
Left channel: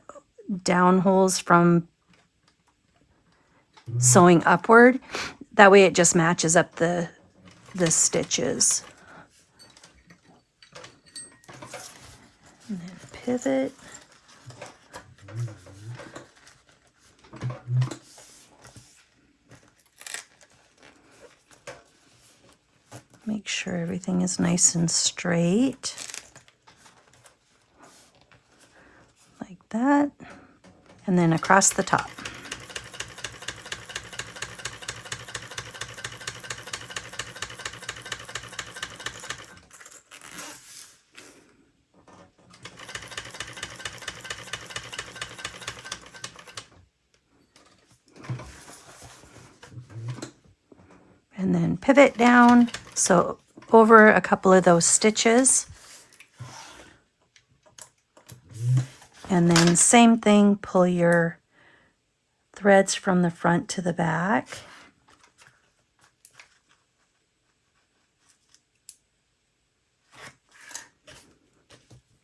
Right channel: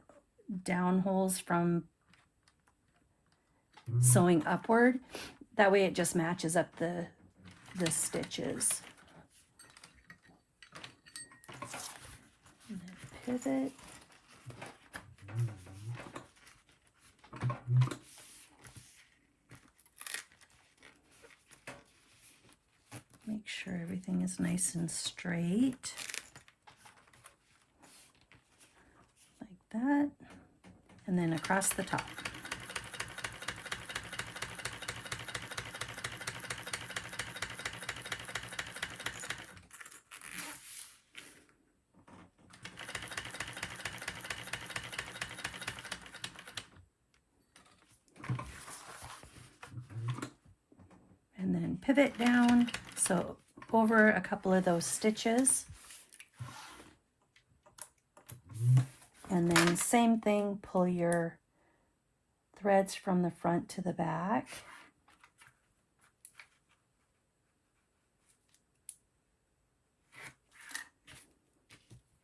down holes from sewing upward. That way it just matches up the stitches. And then pivot. Make sure everything is nice and straight. Like that. And then across the top. And then pivot down, so over a couple of those stitches. And then same thing, pull your threads from the front to the back.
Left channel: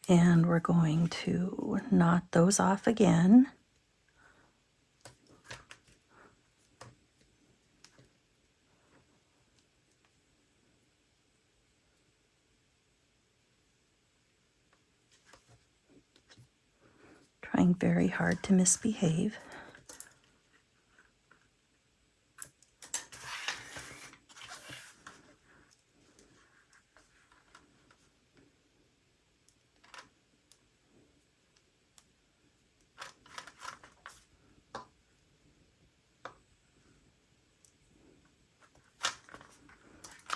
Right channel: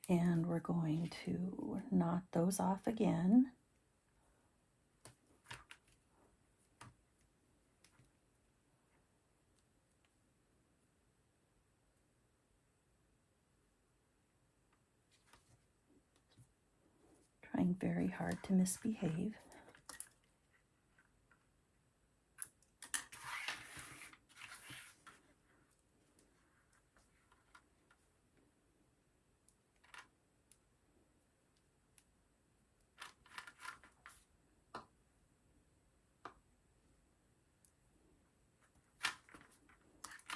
And we're going to knot those off again. Trying very hard to misbehave.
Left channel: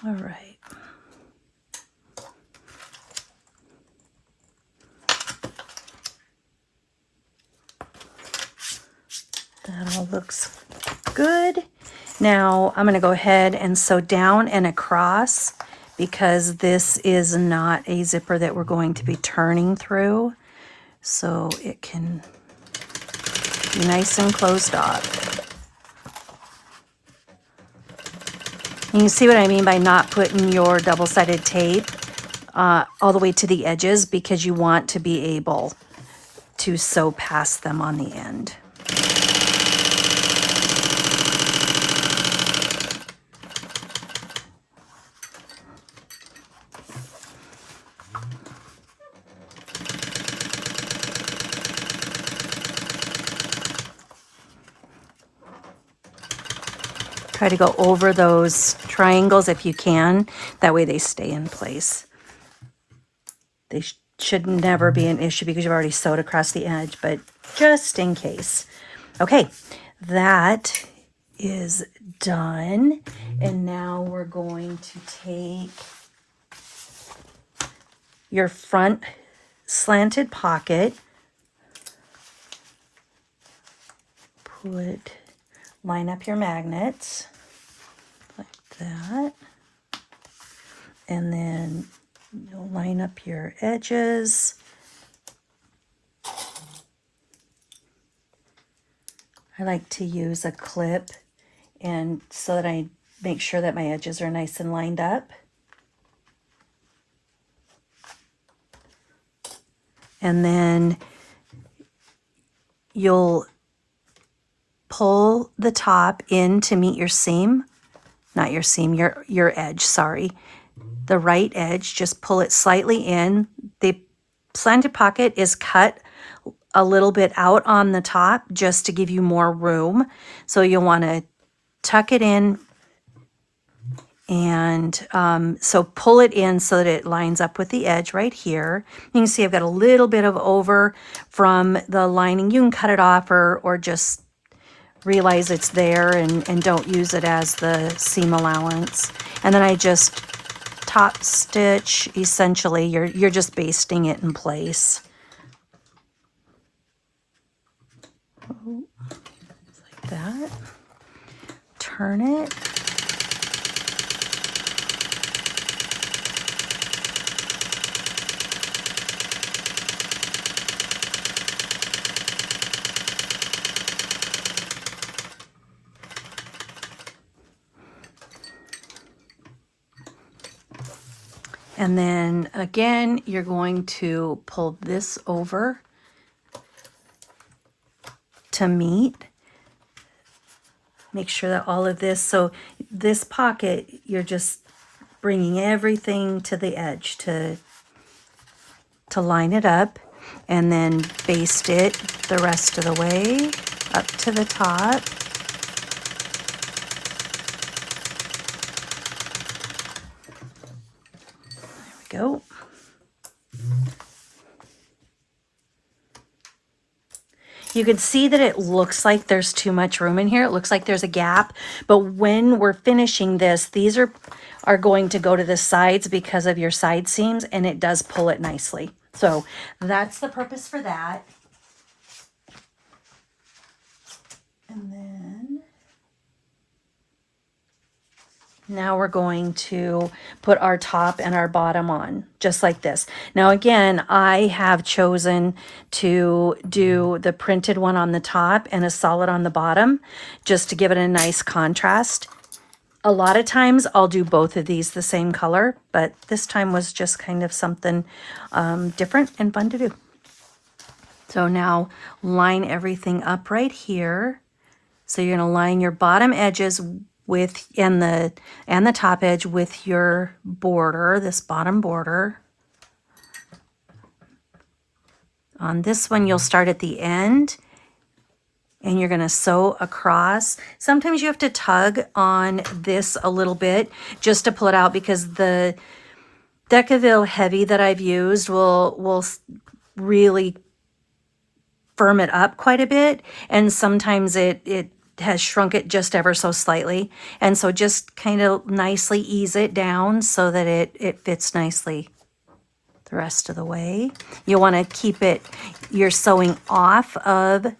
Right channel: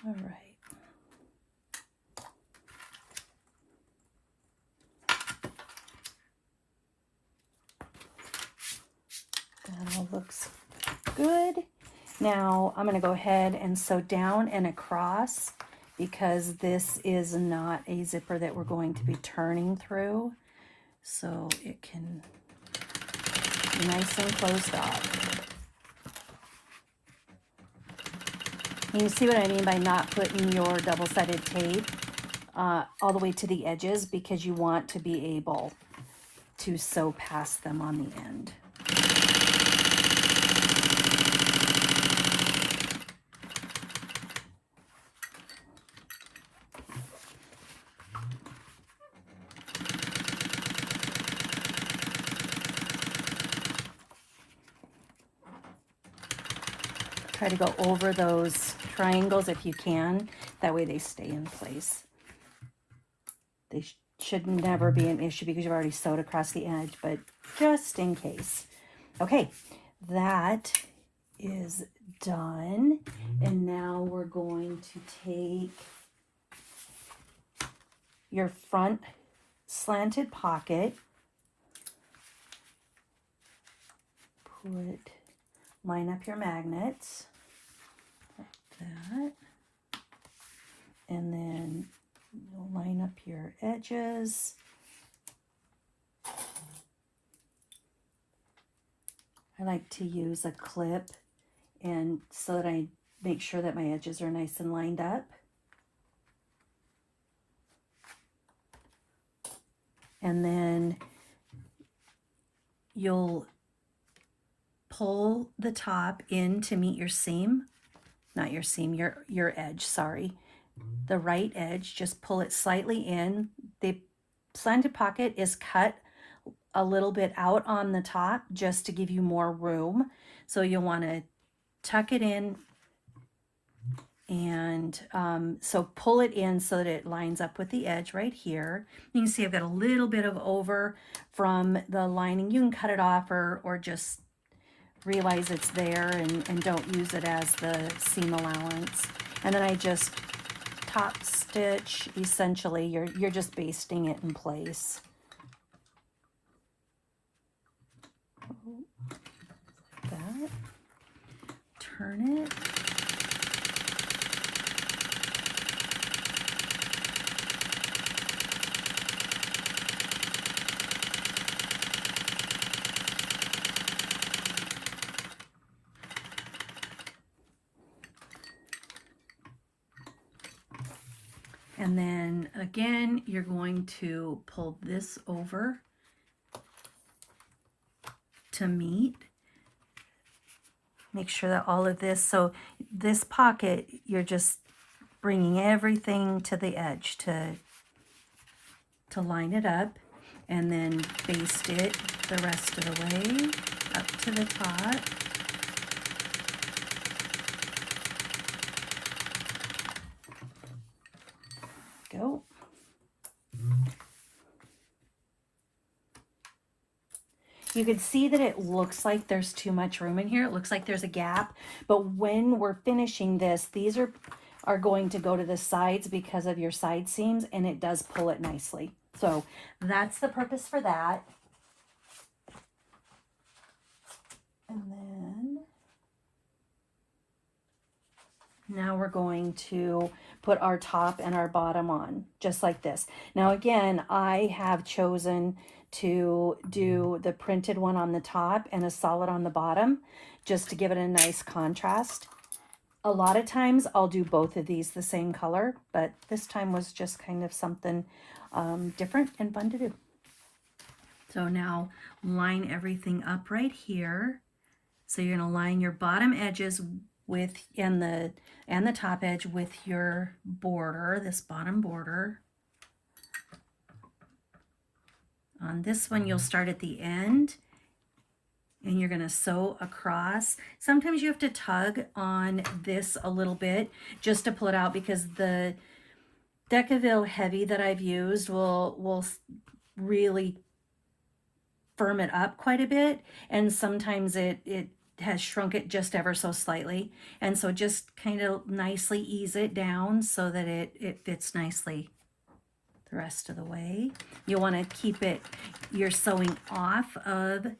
All right. That all looks good. Now I'm going to go ahead and sew down and across because this is not a zipper that we're going to be turning through. So it can be nice and closed off. And you see what I mean by not putting your double-sided tape all the way to the edges, because you want to be able to sew past them on the end. Try to go over those triangles if you can. That way they stay in place. They should never be an issue because you've already sewed across the edge, but just in case. Okay, that is done. And now we're going to take your front slanted pocket, line up your magnets like that, and then you'll line up your edges. I like to use a clip and so that I make sure that my edges are nice and lined up. And then you'll pull the top in to meet your seam, not your seam, your edge, sorry. The right edge, just pull it slightly in. The slanted pocket is cut a little bit out on the top just to give you more room. So you'll want to tuck it in, and so pull it in so that it lines up with the edge right here. You can see I've got a little bit of over from the lining. You can cut it off or just realize it's there and don't use it as the seam allowance. And then I just top stitch. Essentially you're just basting it in place. Like that. Turn it. And then again, you're going to pull this over to meet. Make sure that all of this, so this pocket, you're just bringing everything to the edge to line it up, and then baste it the rest of the way up to the top. There we go. You can see that it looks like there's too much room in here. It looks like there's a gap, but when we're finishing this, these are going to go to the sides because of your side seams, and it does pull it nicely. So that's the purpose for that. And then now we're going to put our top and our bottom on, just like this. Now again, I have chosen to do the printed one on the top and a solid on the bottom, just to give it a nice contrast. A lot of times I'll do both of these the same color, but this time was just kind of something different and fun to do. So now line everything up right here. So you're going to line your bottom edges with and the top edge with your border, this bottom border. On this one, you'll start at the end and you're going to sew across. Sometimes you have to tug on this a little bit just to pull it out, because the Decaville Heavy that I've used will really firm it up quite a bit, and sometimes it has shrunk it just ever so slightly, and so just kind of nicely ease it down so that it fits nicely the rest of the way. You'll want to keep it, you're sewing off of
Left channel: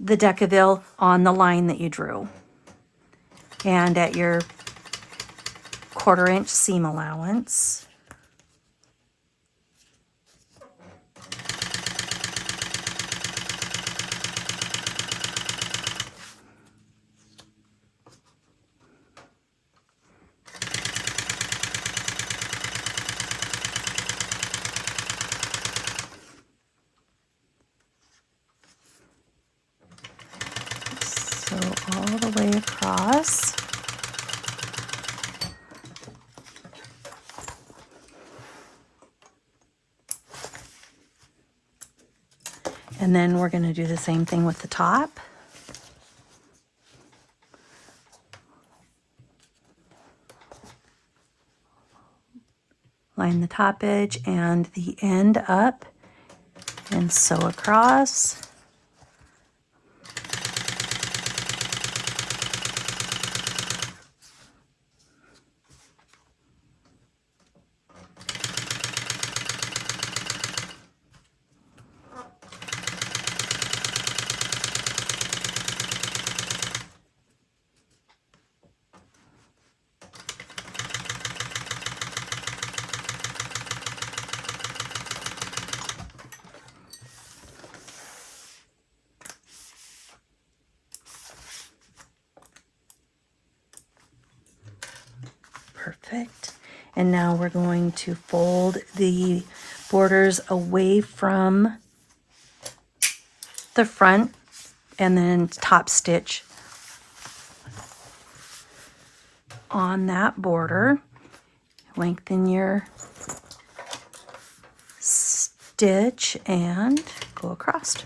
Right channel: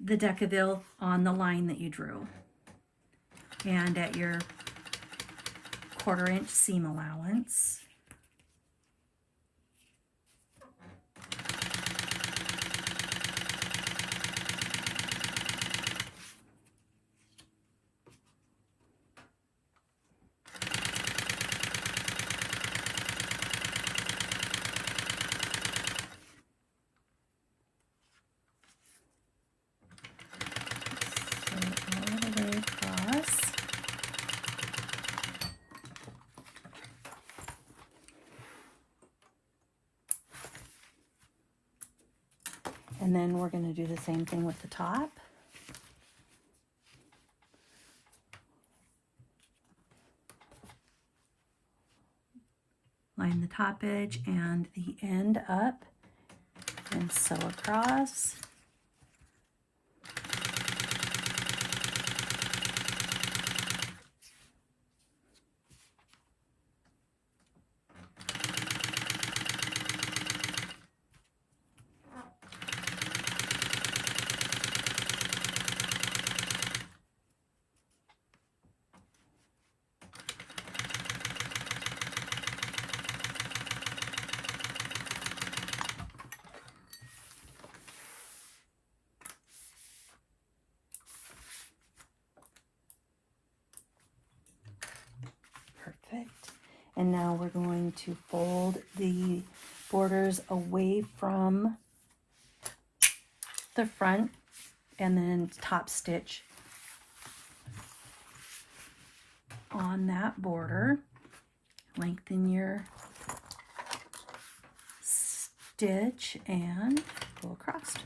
the Decaville on the line that you drew and at your 1/4 inch seam allowance. All the way across. And then we're going to do the same thing with the top. Line the top edge and the end up and sew across. Perfect. And now we're going to fold the borders away from the front and then top stitch on that border. Lengthen your stitch and go across.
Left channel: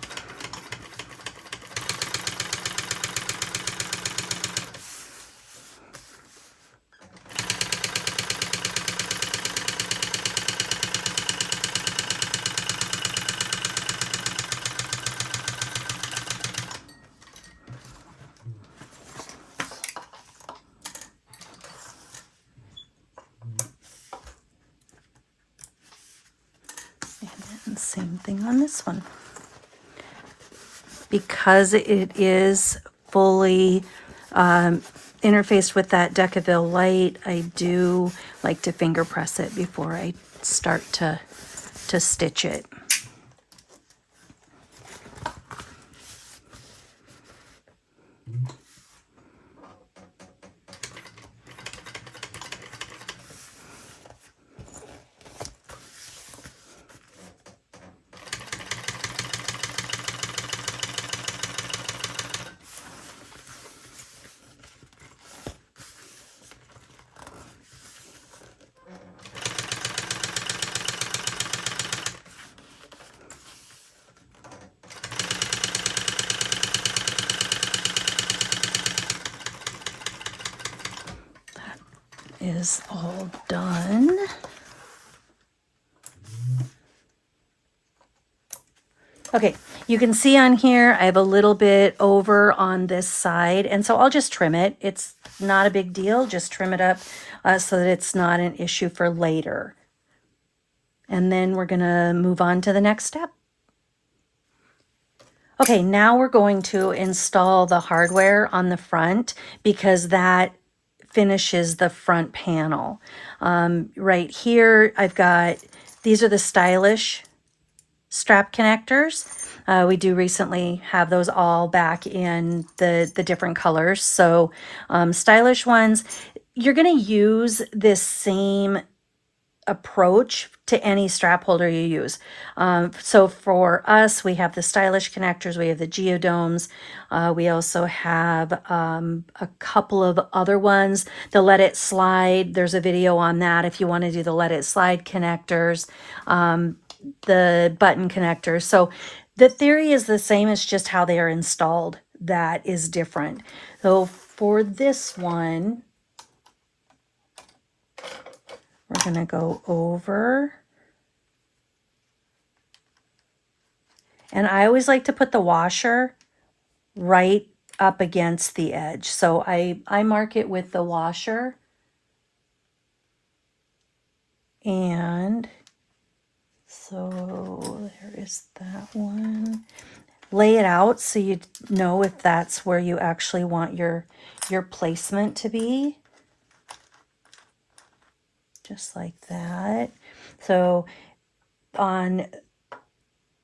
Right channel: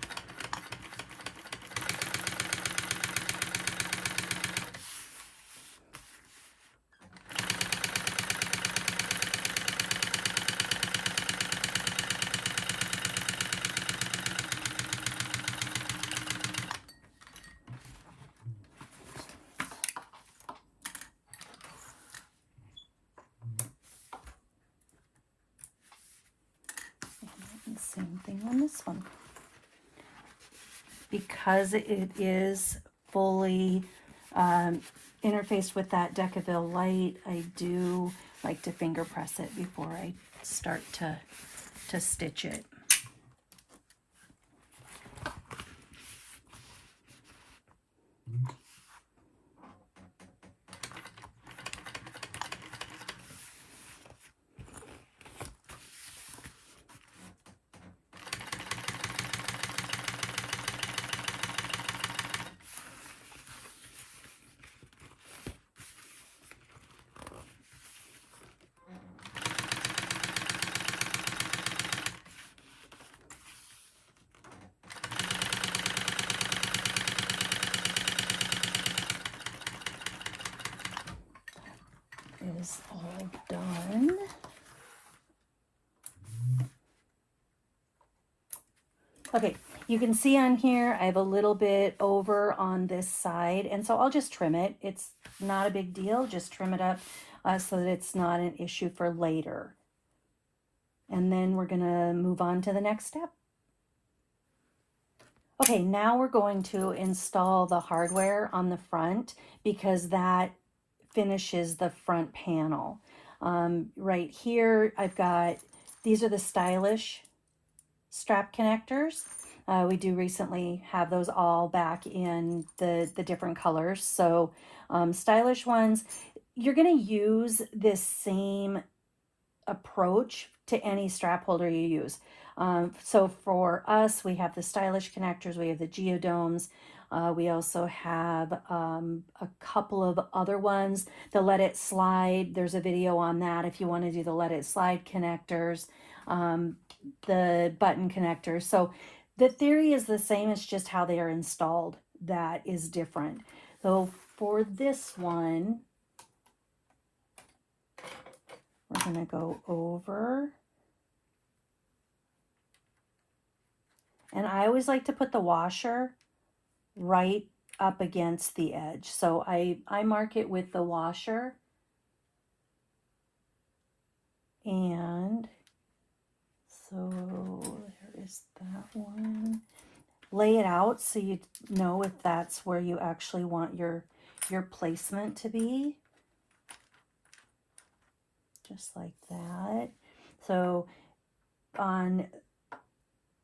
And same thing on this one. Because it is fully interfaced with that Decaville light, I do like to finger press it before I start to stitch it. is all done. Okay, you can see on here, I have a little bit over on this side, and so I'll just trim it. It's not a big deal, just trim it up so that it's not an issue for later. And then we're gonna move on to the next step. Okay, now we're going to install the hardware on the front because that finishes the front panel. Right here, I've got, these are the stylish strap connectors. We do recently have those all back in the different colors. So stylish ones, you're gonna use this same approach to any strap holder you use. So for us, we have the stylish connectors, we have the geodomes, we also have a couple of other ones. The let it slide, there's a video on that if you want to do the let it slide connectors, the button connectors. So the theory is the same, it's just how they are installed that is different. So for this one, we're gonna go over, and I always like to put the washer right up against the edge. So I mark it with the washer, and so there is that one. Lay it out so you know if that's where you actually want your placement to be. Just like that. So on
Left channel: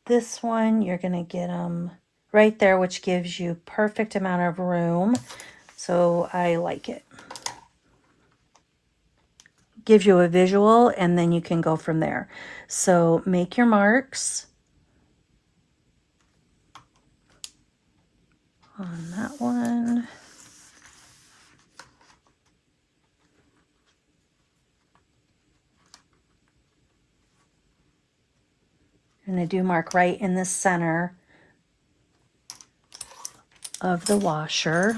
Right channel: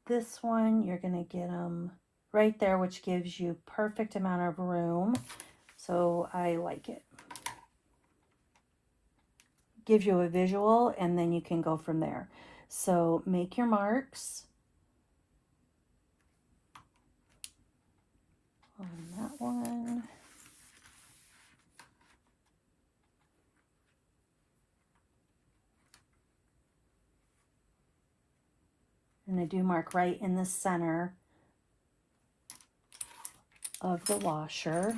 this one, you're going to get them right there, which gives you perfect amount of room. So I like it. Gives you a visual, and then you can go from there. So make your marks on that one. And I do mark right in the center of the washer.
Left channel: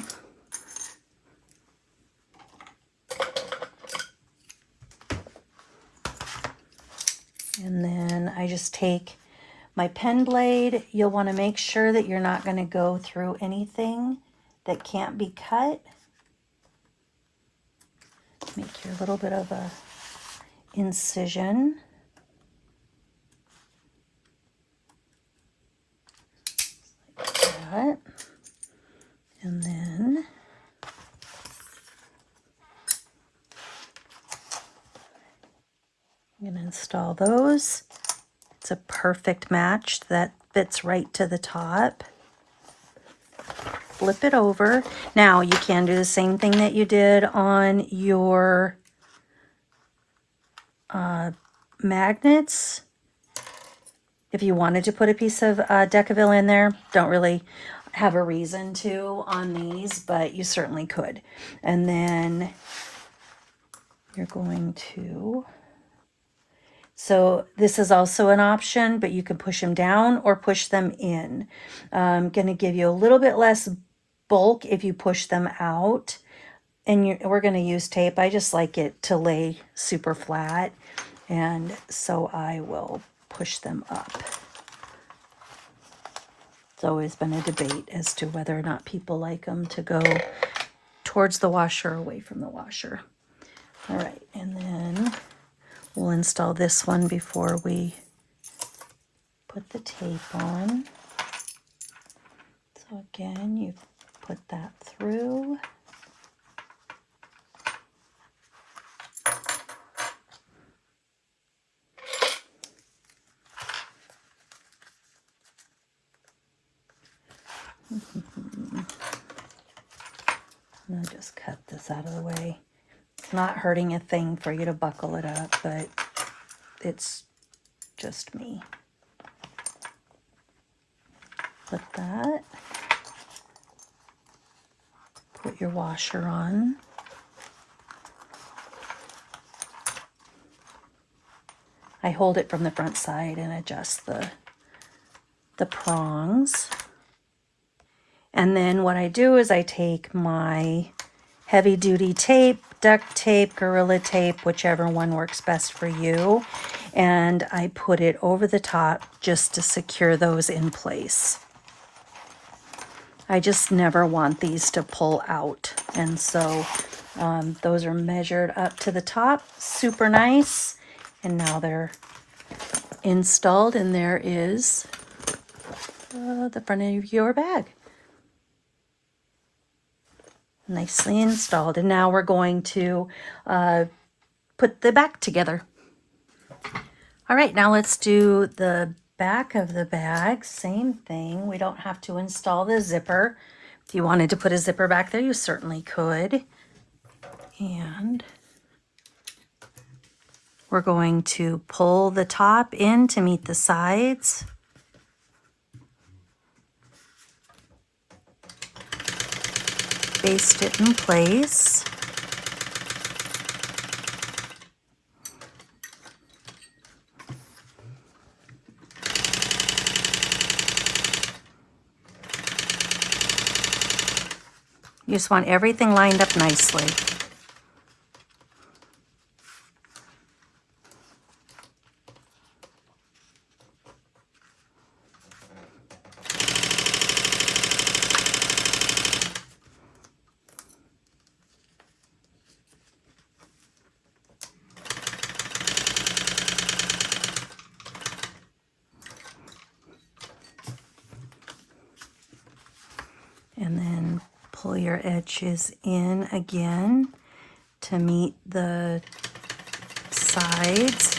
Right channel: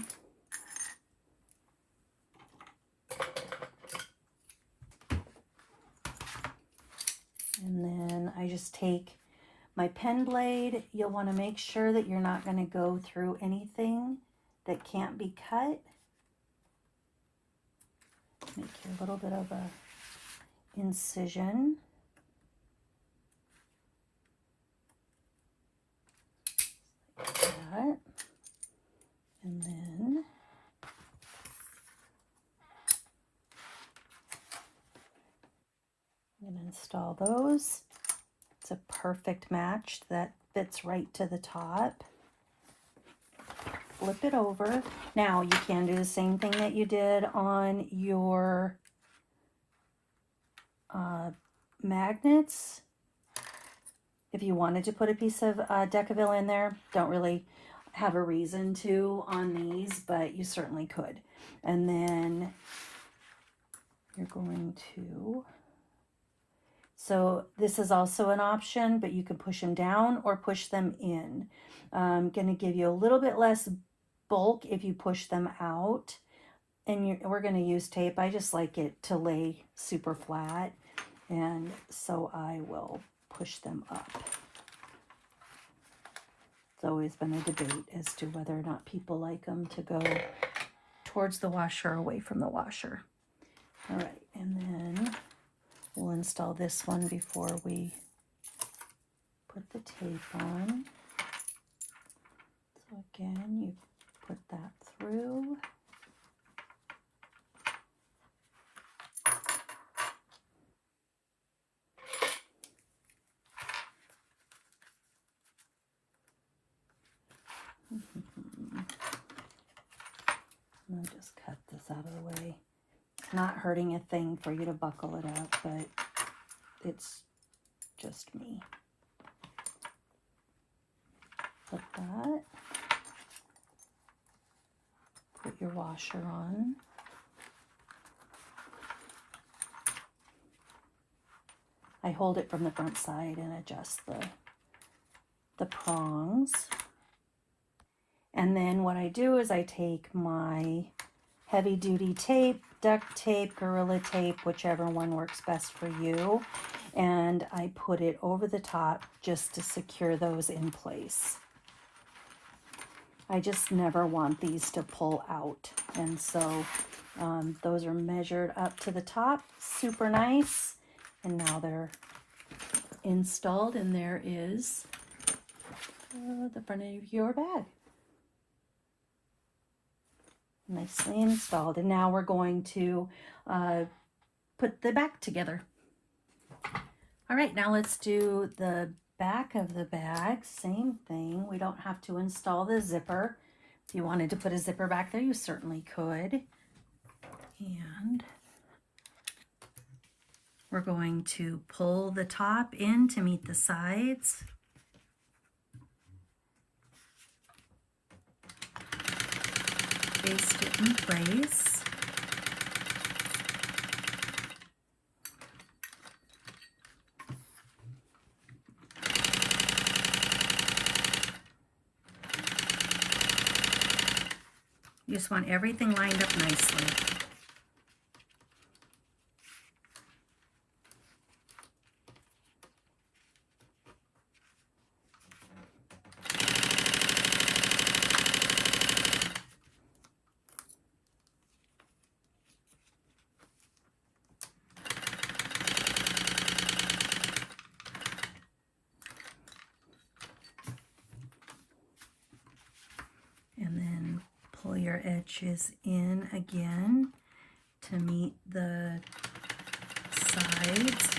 And then I just take my pen blade. You'll want to make sure that you're not going to go through anything that can't be cut. Make your little bit of a incision. Like that. And then I'm going to install those. It's a perfect match that fits right to the top. Flip it over. Now you can do the same thing that you did on your magnets. If you wanted to put a piece of Decaville in there, don't really have a reason to on these, but you certainly could. And then you're going to, so this is also an option, but you can push them down or push them in. Going to give you a little bit less bulk if you push them out. And we're going to use tape. I just like it to lay super flat, and so I will push them up. It's always been a debate as to whether or not people like them to go towards the washer or away from the washer. All right, and then we'll install this one before we put the tape on. So again, you put that through. I'm gonna just cut this out of the way. It's not hurting a thing for you to buckle it up, but it's just me. Put that. Put your washer on. I hold it from the front side and adjust the prongs. And then what I do is I take my heavy duty tape duct tape, Gorilla Tape, whichever one works best for you. And I put it over the top just to secure those in place. I just never want these to pull out. And so those are measured up to the top, super nice. And now they're installed, and there is the front of your bag. Nicely installed. And now we're going to put the back together. All right, now let's do the back of the bag. Same thing. We don't have to install the zipper. If you wanted to put a zipper back there, you certainly could. And we're going to pull the top in to meet the sides. Baste it in place. You just want everything lined up nicely. And then pull your edges in again to meet the sides.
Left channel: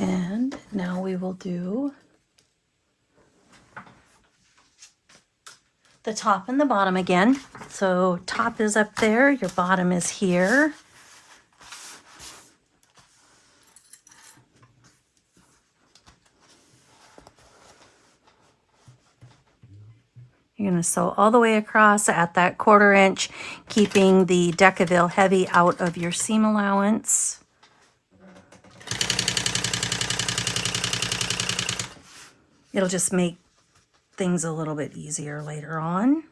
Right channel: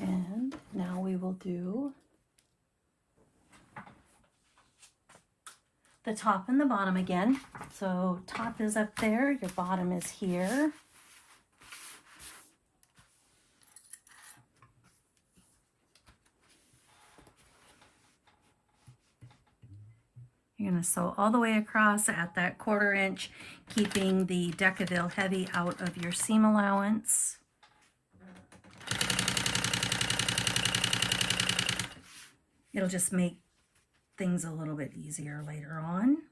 And now we will do the top and the bottom again. So top is up there, your bottom is here. You're going to sew all the way across at that 1/4 inch, keeping the Decaville heavy out of your seam allowance. It'll just make things a little bit easier later on.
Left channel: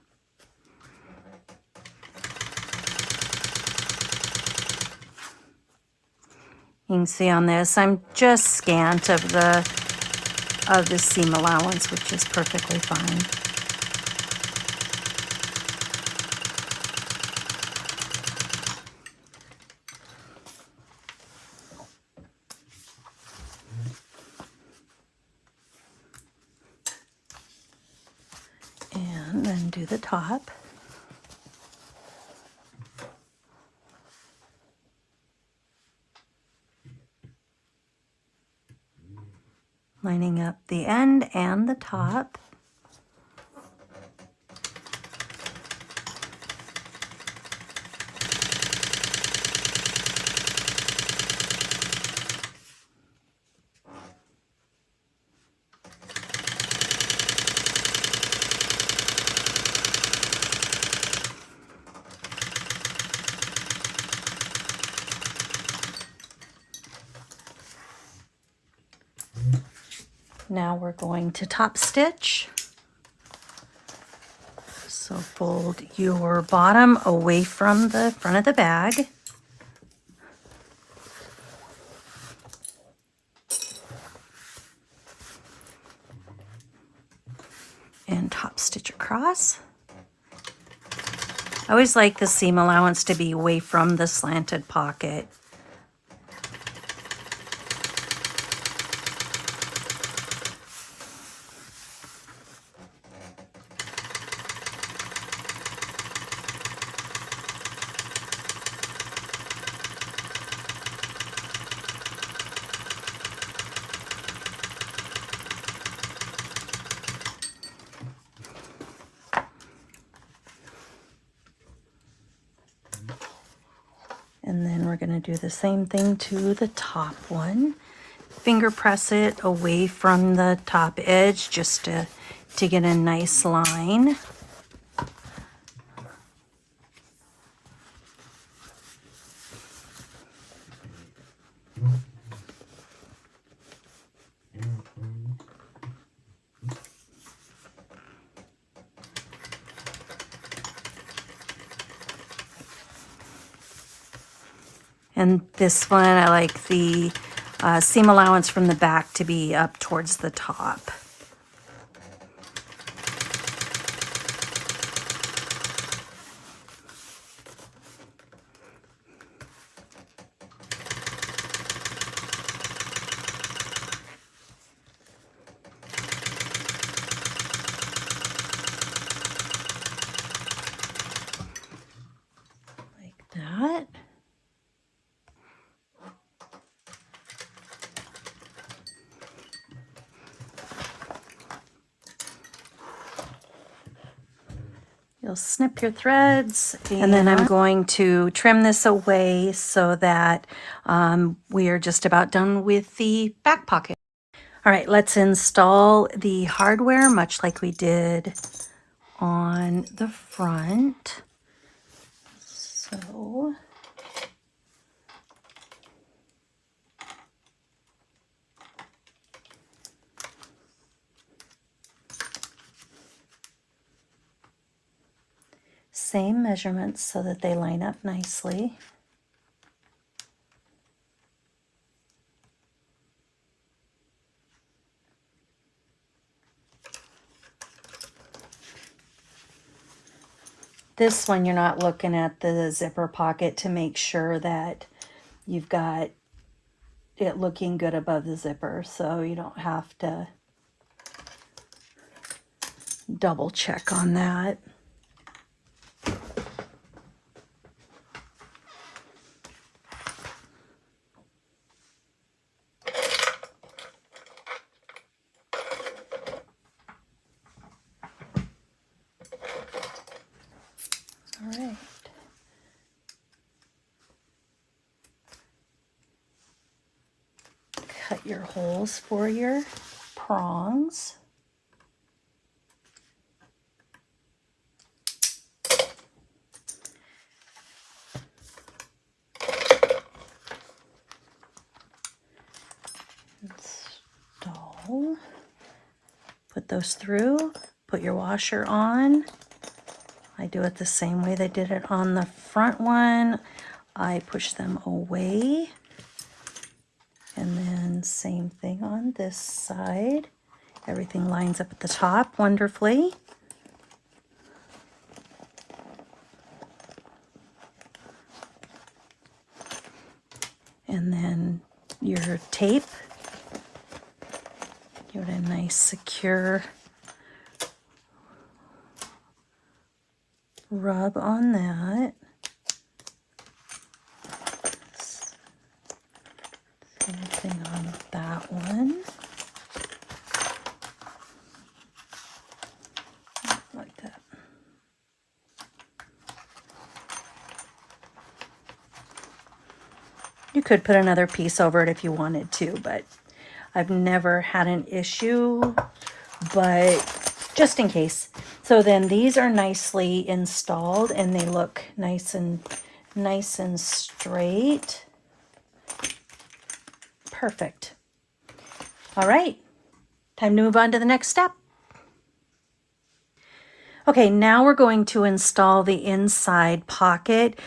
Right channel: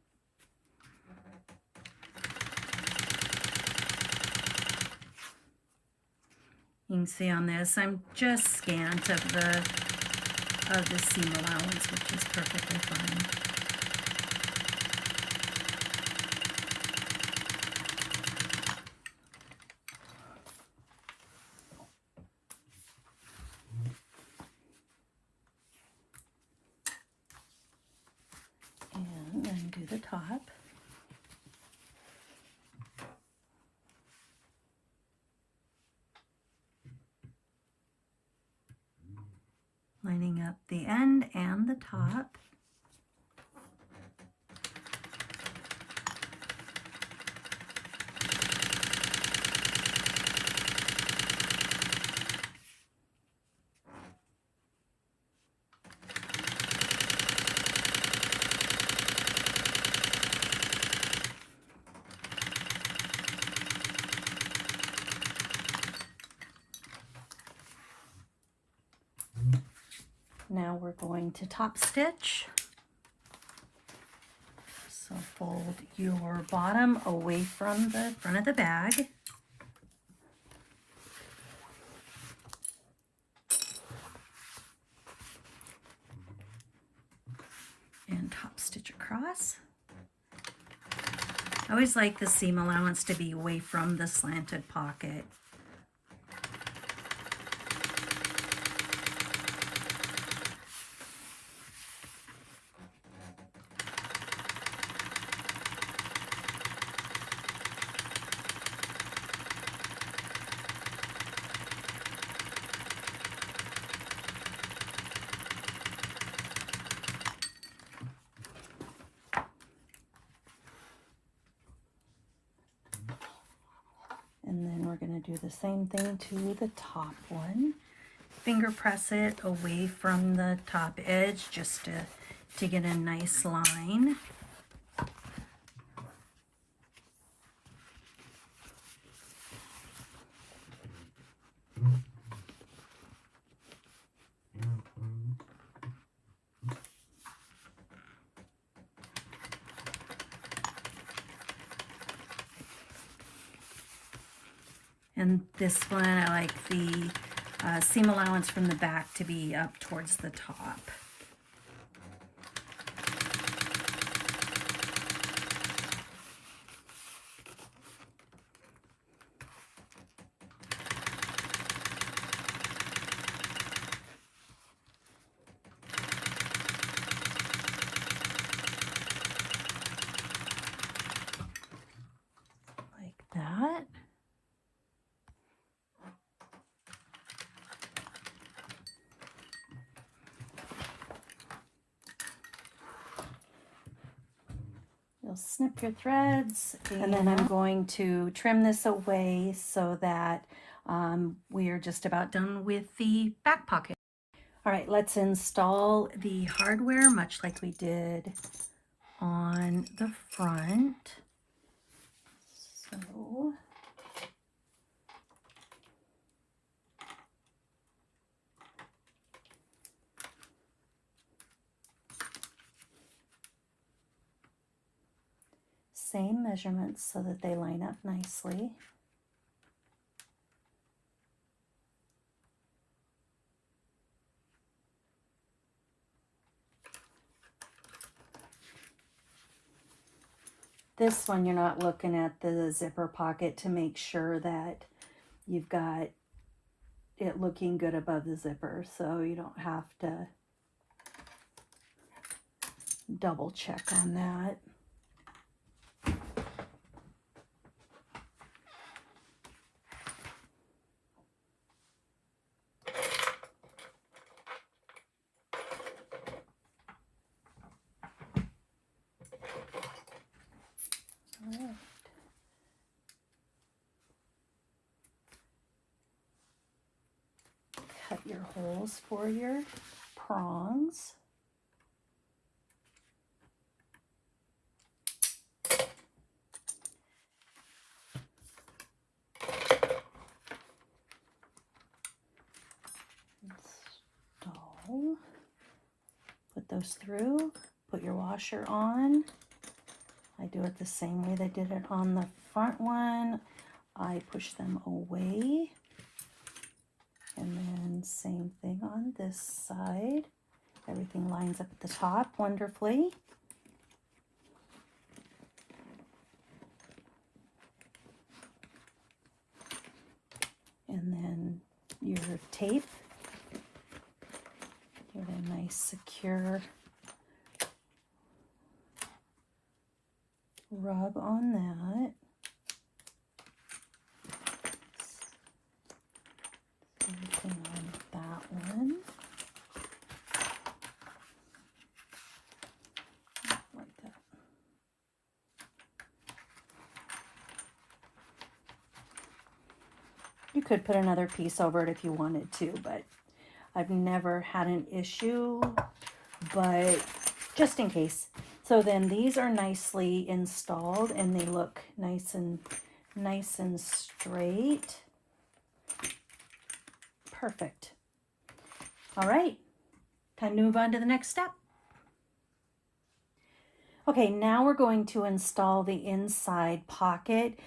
You can see on this, I'm just scant of the seam allowance, which is perfectly fine. And then do the top. Lining up the end and the top. Now we're going to top stitch. So fold your bottom away from the front of the bag. And top stitch across. I always like the seam allowance to be away from the slanted pocket. And then we're going to do the same thing to the top one. Finger press it away from the top edge just to get a nice line. And this one, I like the seam allowance from the back to be up towards the top. Like that. You'll snip your threads, and then I'm going to trim this away so that we are just about done with the back pocket. All right, let's install the hardware much like we did on the front. So same measurements so that they line up nicely. This one, you're not looking at the zipper pocket to make sure that you've got it looking good above the zipper, so you don't have to double check on that. All right. Cut your holes for your prongs. Install. Put those through. Put your washer on. I do it the same way they did it on the front one. I push them away. And then same thing on this side. Everything lines up at the top wonderfully. And then your tape. Give it a nice secure rub on that. Same thing on that one. Like that. You could put another piece over it if you wanted to, but I've never had an issue, but just in case. So then these are nicely installed and they look nice and straight. Perfect. All right, time to move on to the next step. Okay, now we're going to install the inside pocket.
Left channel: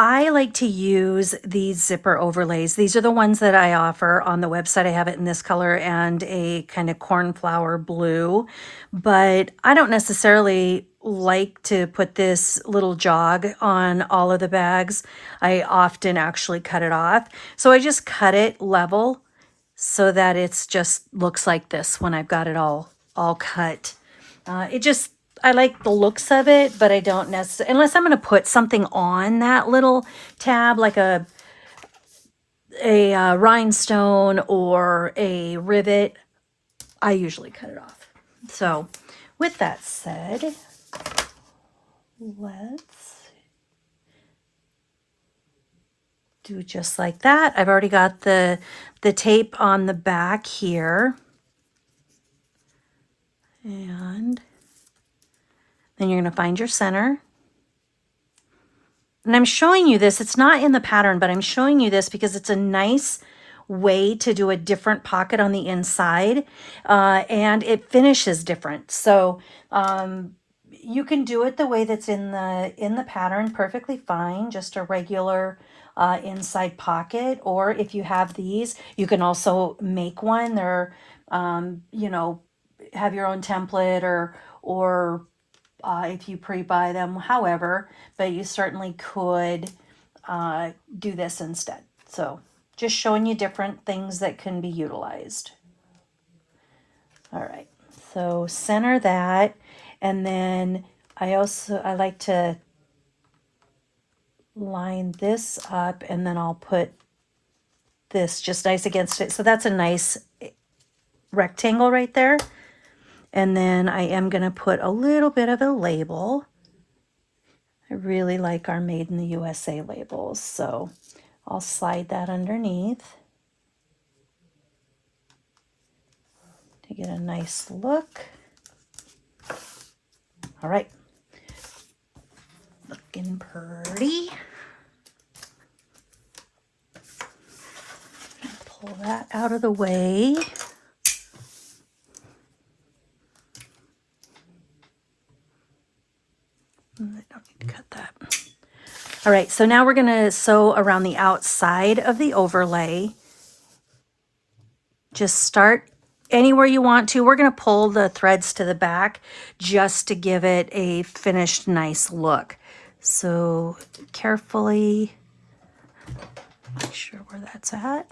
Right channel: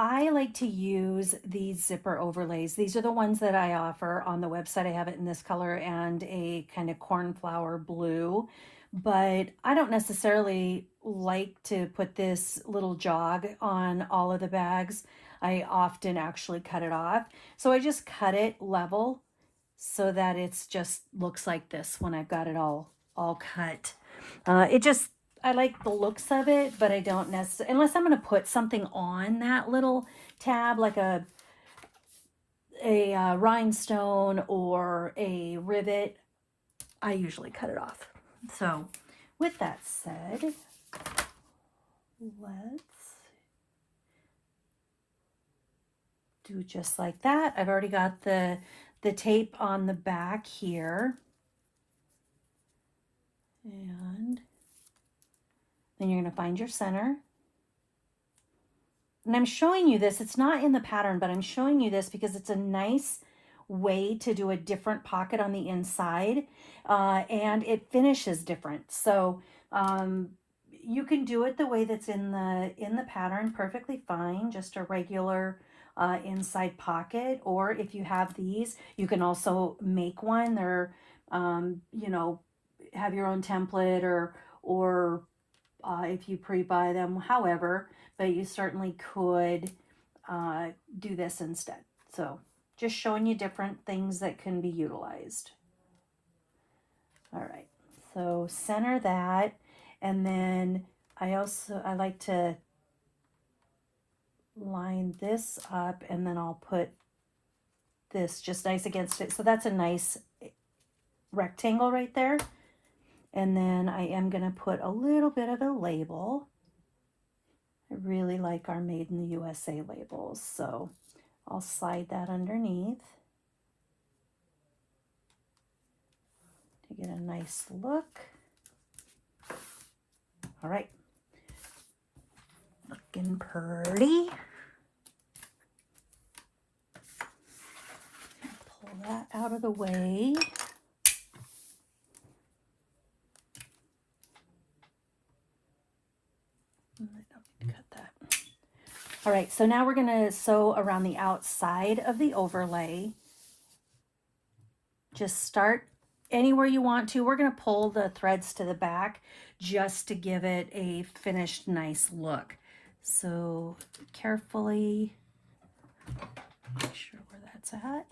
I like to use these zipper overlays. These are the ones that I offer on the website. I have it in this color and a kind of cornflower blue, but I don't necessarily like to put this little jog on all of the bags. I often actually cut it off. So I just cut it level so that it's just looks like this when I've got it all cut. I like the looks of it, but I don't necessarily, unless I'm going to put something on that little tab, like a rhinestone or a rivet, I usually cut it off. So with that said, let's do just like that. I've already got the tape on the back here. And then you're going to find your center. And I'm showing you this, it's not in the pattern, but I'm showing you this because it's a nice way to do a different pocket on the inside, and it finishes different. So you can do it the way that's in the pattern perfectly fine, just a regular inside pocket, or if you have these, you can also make one. They're, you know, have your own template, or if you pre-buy them, however, but you certainly could do this instead. So just showing you different things that can be utilized. All right, so center that, and then I like to line this up, and then I'll put this just nice against it. So that's a nice rectangle right there. And then I am going to put a little bit of a label. I really like our Made in the USA labels, so I'll slide that underneath to get a nice look. All right, looking pretty. Pull that out of the way. I don't need to cut that. All right, so now we're going to sew around the outside of the overlay. Just start anywhere you want to. We're going to pull the threads to the back just to give it a finished nice look. So carefully make sure where that's at.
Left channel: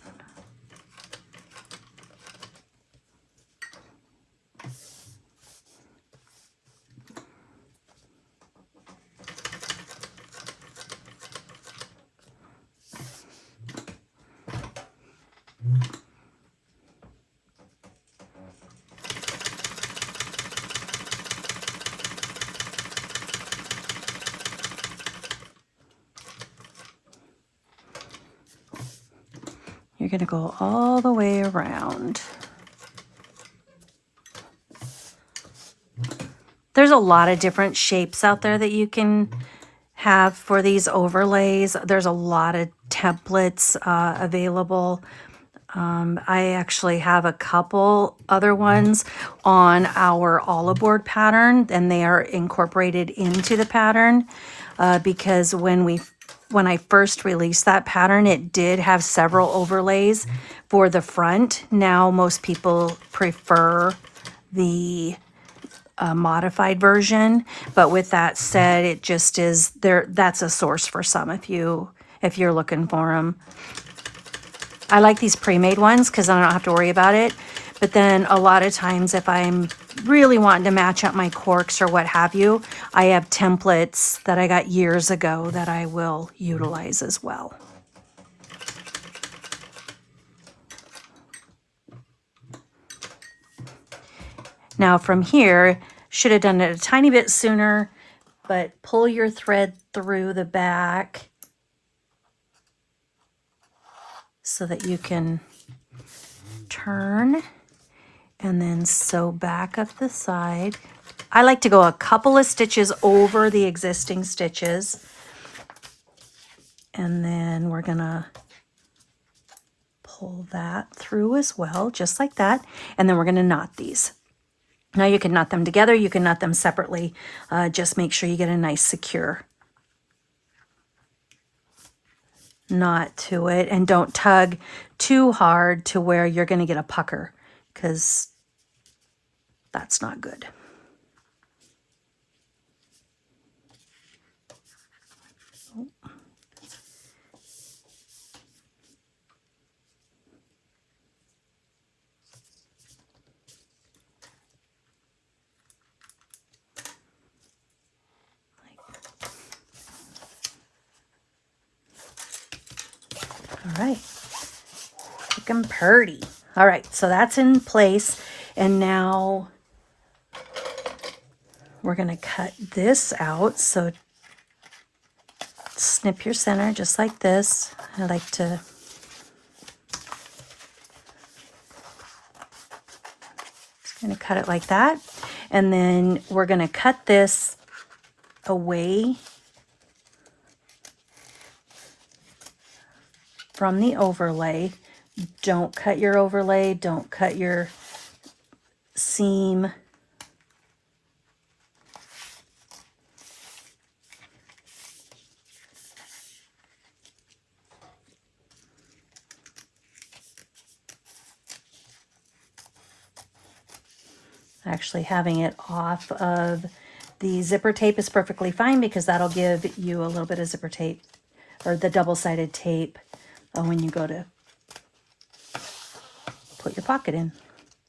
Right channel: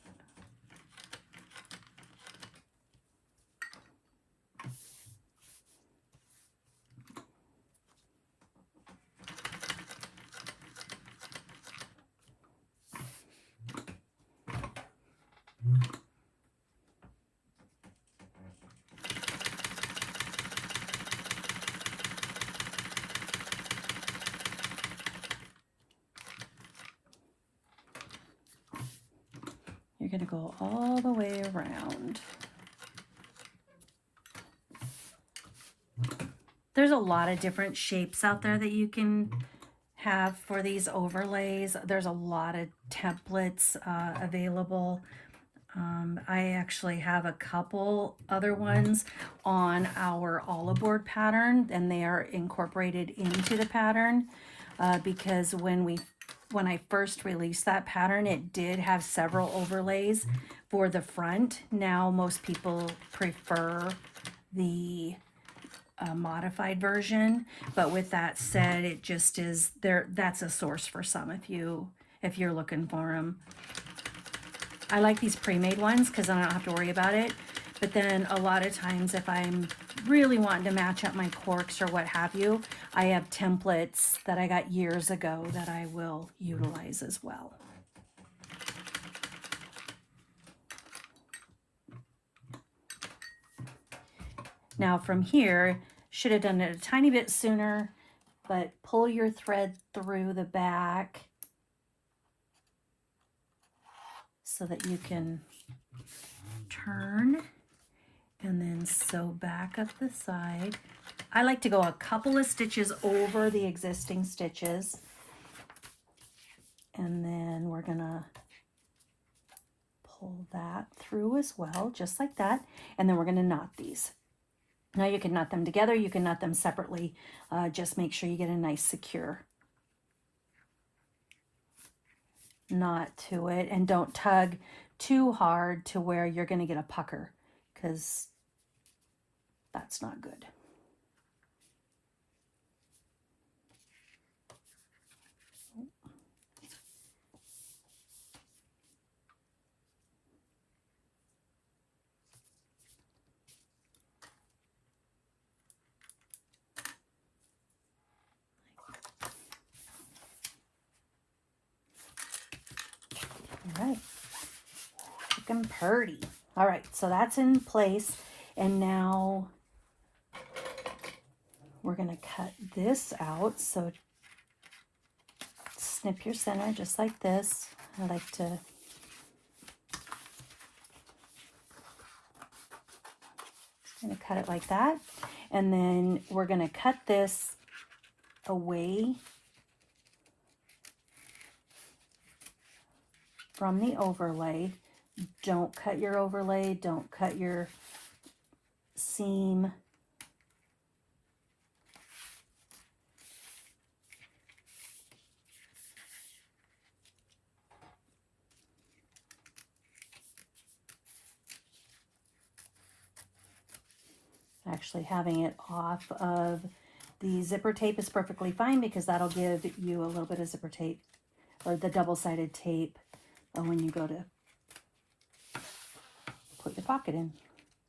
You're going to go all the way around. There's a lot of different shapes out there that you can have for these overlays. There's a lot of templates available. I actually have a couple other ones on our olive board pattern, and they are incorporated into the pattern because when I first released that pattern, it did have several overlays for the front. Now most people prefer the modified version, but with that said, it just is there. That's a source for some if you're looking for them. I like these pre-made ones because I don't have to worry about it. But then a lot of times if I'm really wanting to match up my corks or what have you, I have templates that I got years ago that I will utilize as well. Now from here, should have done it a tiny bit sooner, but pull your thread through the back so that you can turn and then sew back up the side. I like to go a couple of stitches over the existing stitches, and then we're gonna pull that through as well, just like that, and then we're gonna knot these. Now you can knot them together, you can knot them separately, just make sure you get a nice secure knot to it, and don't tug too hard to where you're going to get a pucker, because that's not good. All right, looking pretty. All right, so that's in place, and now we're going to cut this out. So snip your center just like this. I like to just going to cut it like that, and then we're going to cut this away from the overlay. Don't cut your overlay, don't cut your seam. Actually, having it off of the zipper tape is perfectly fine because that'll give you a little bit of zipper tape, or the double-sided tape, when you go to put your pocket in.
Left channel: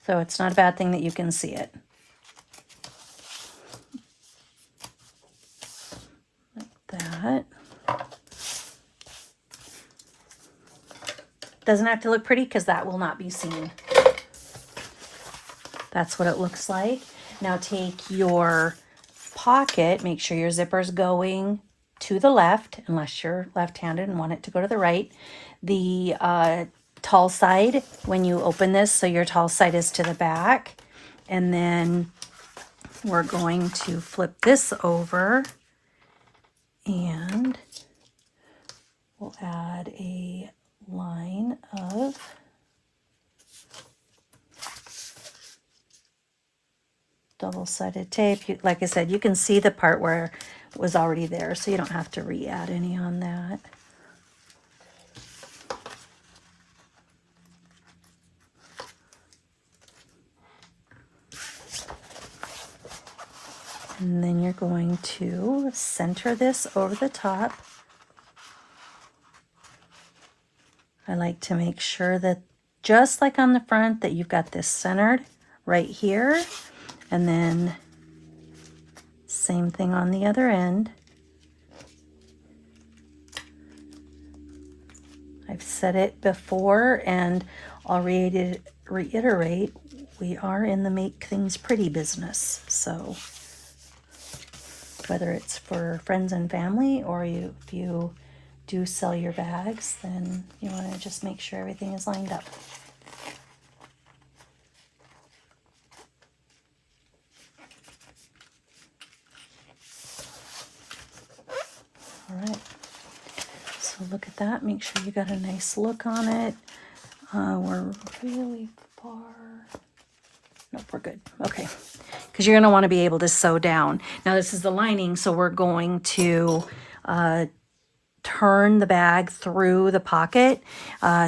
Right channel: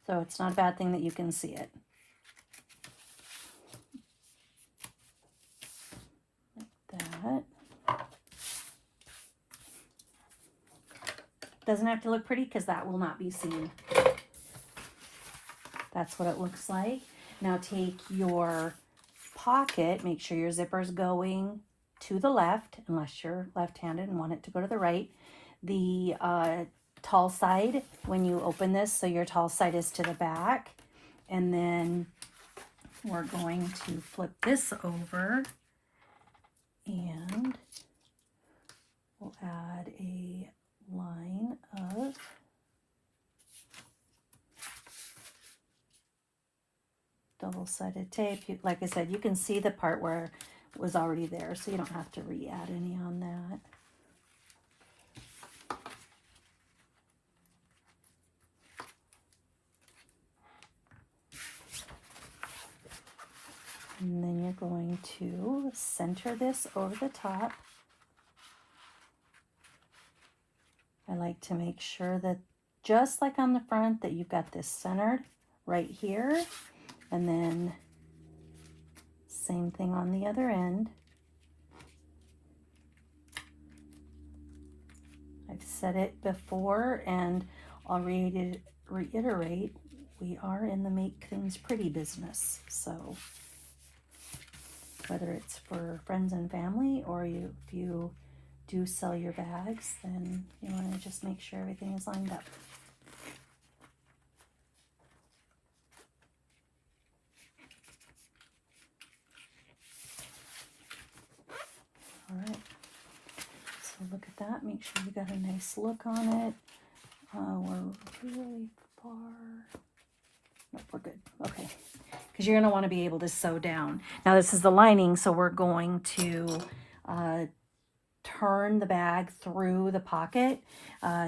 So it's not a bad thing that you can see it. Like that. Doesn't have to look pretty because that will not be seen. That's what it looks like. Now take your pocket, make sure your zipper's going to the left, unless you're left-handed and want it to go to the right. The tall side, when you open this, so your tall side is to the back. And then we're going to flip this over and we'll add a line of double-sided tape. Like I said, you can see the part where it was already there, so you don't have to re-add any on that. And then you're going to center this over the top. I like to make sure that, just like on the front, that you've got this centered right here. And then same thing on the other end. I've said it before and I'll reiterate, we are in the make things pretty business. So whether it's for friends and family, or if you do sell your bags, then you want to just make sure everything is lined up. All right, so look at that. Make sure you got a nice look on it. We're really far. Nope, we're good. Okay, because you're going to want to be able to sew down. Now this is the lining, so we're going to turn the bag through the pocket.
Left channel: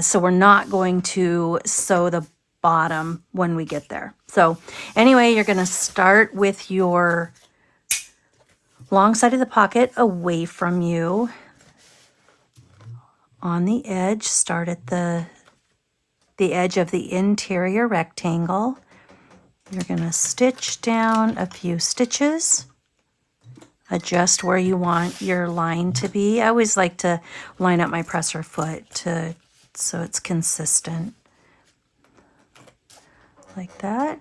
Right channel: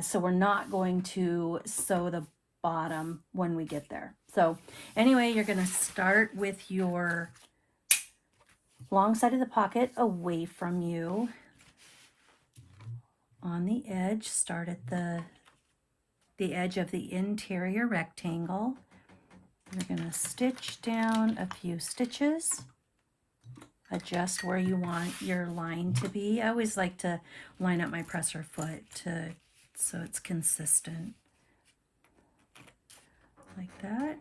So we're not going to sew the bottom when we get there. So anyway, you're going to start with your long side of the pocket away from you. On the edge, start at the edge of the interior rectangle. You're going to stitch down a few stitches. Adjust where you want your line to be. I always like to line up my presser foot so it's consistent. Like that.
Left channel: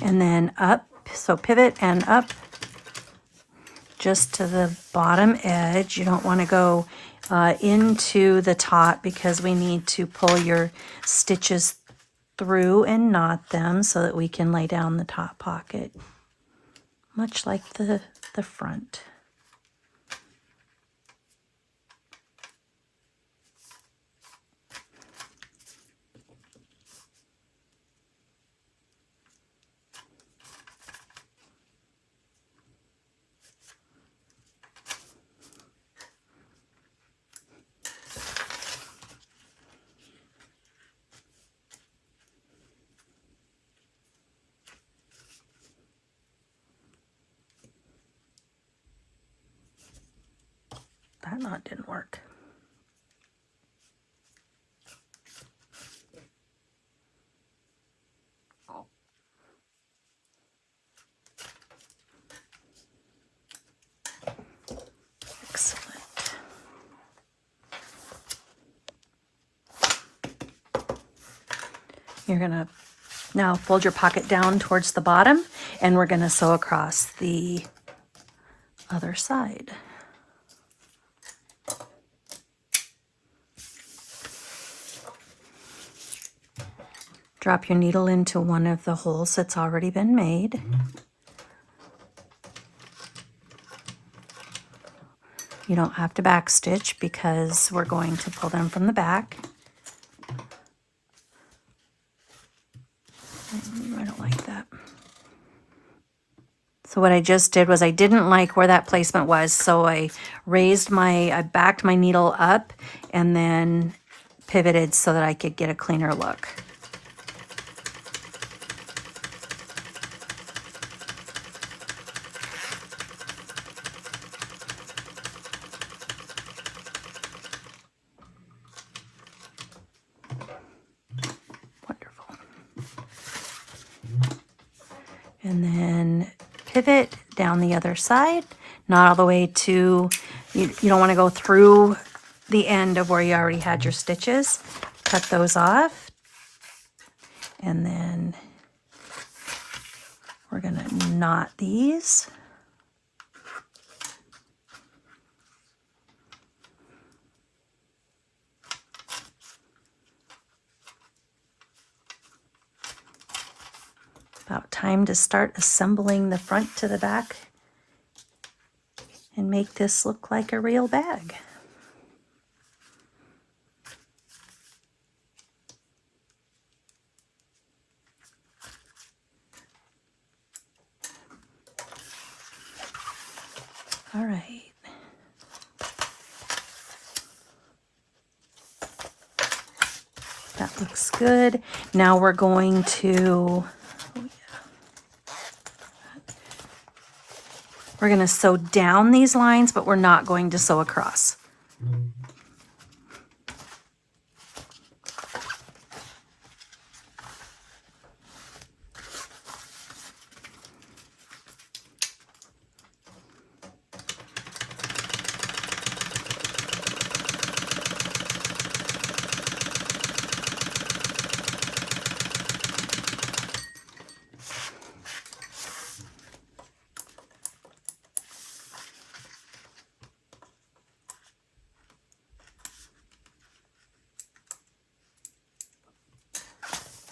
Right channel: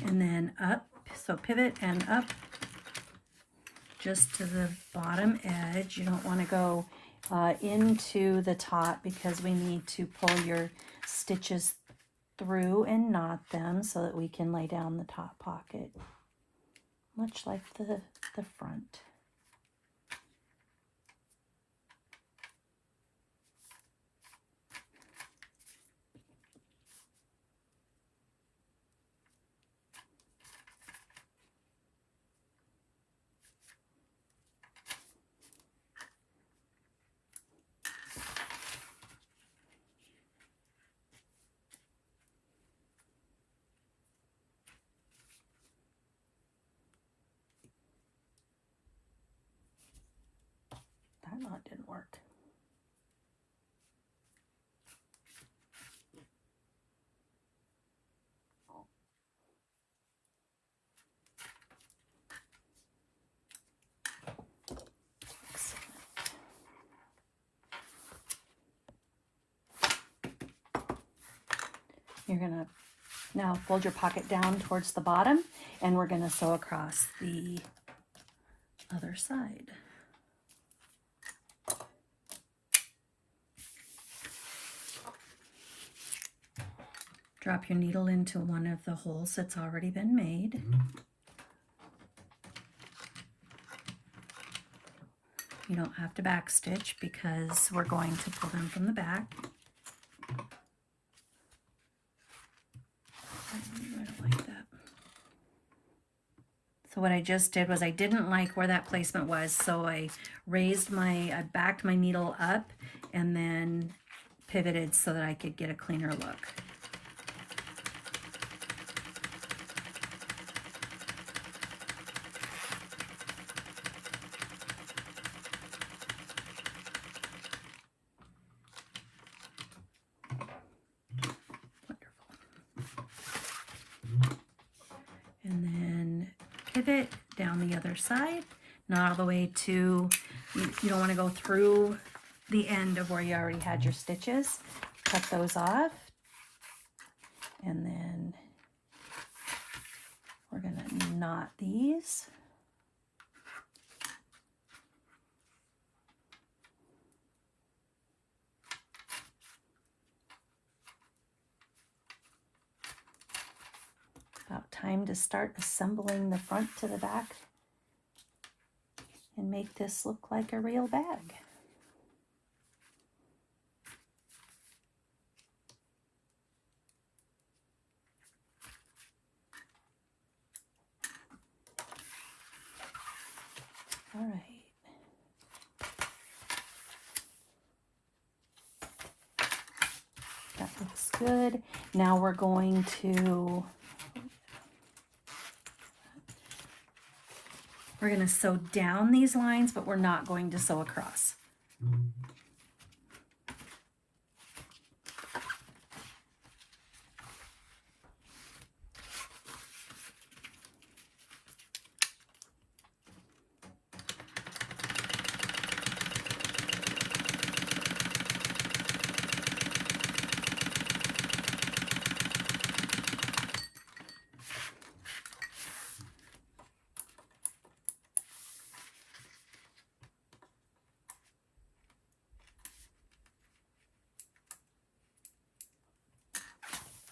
And then up, so pivot and up just to the bottom edge. You don't want to go into the top because we need to pull your stitches through and knot them so that we can lay down the top pocket, much like the front. That knot didn't work. Excellent. You're going to now fold your pocket down towards the bottom, and we're going to sew across the other side. Drop your needle into one of the holes that's already been made. You don't have to back stitch because we're going to pull them from the back. I don't like that. So what I just did was I didn't like where that placement was, so I backed my needle up and then pivoted so that I could get a cleaner look. Wonderful. And then pivot down the other side, not all the way to, you don't want to go through the end of where you already had your stitches. Cut those off. And then we're going to knot these. About time to start assembling the front to the back and make this look like a real bag. All right. That looks good. Now we're going to sew down these lines, but we're not going to sew across.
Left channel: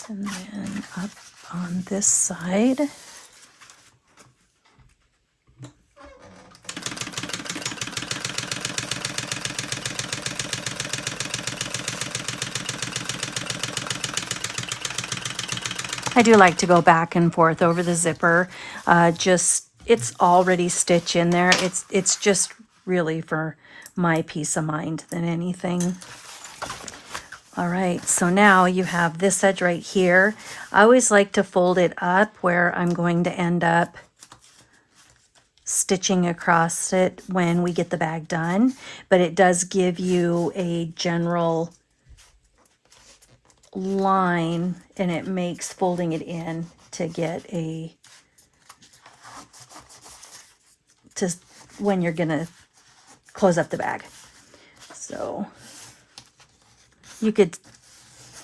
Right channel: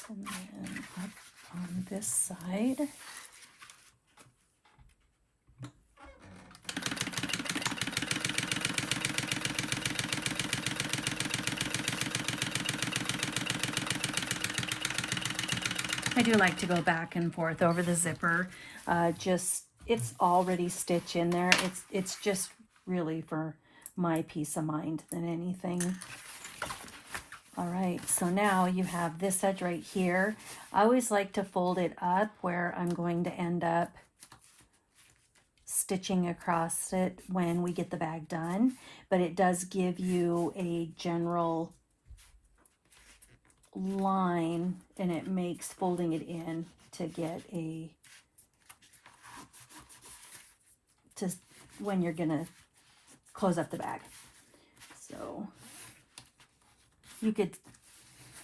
And then up on this side. I do like to go back and forth over the zipper. It's already stitched in there. It's just really for my peace of mind than anything. All right, so now you have this edge right here. I always like to fold it up where I'm going to end up stitching across it when we get the bag done, but it does give you a general line and it makes folding it in to get when you're gonna close up the bag. So you could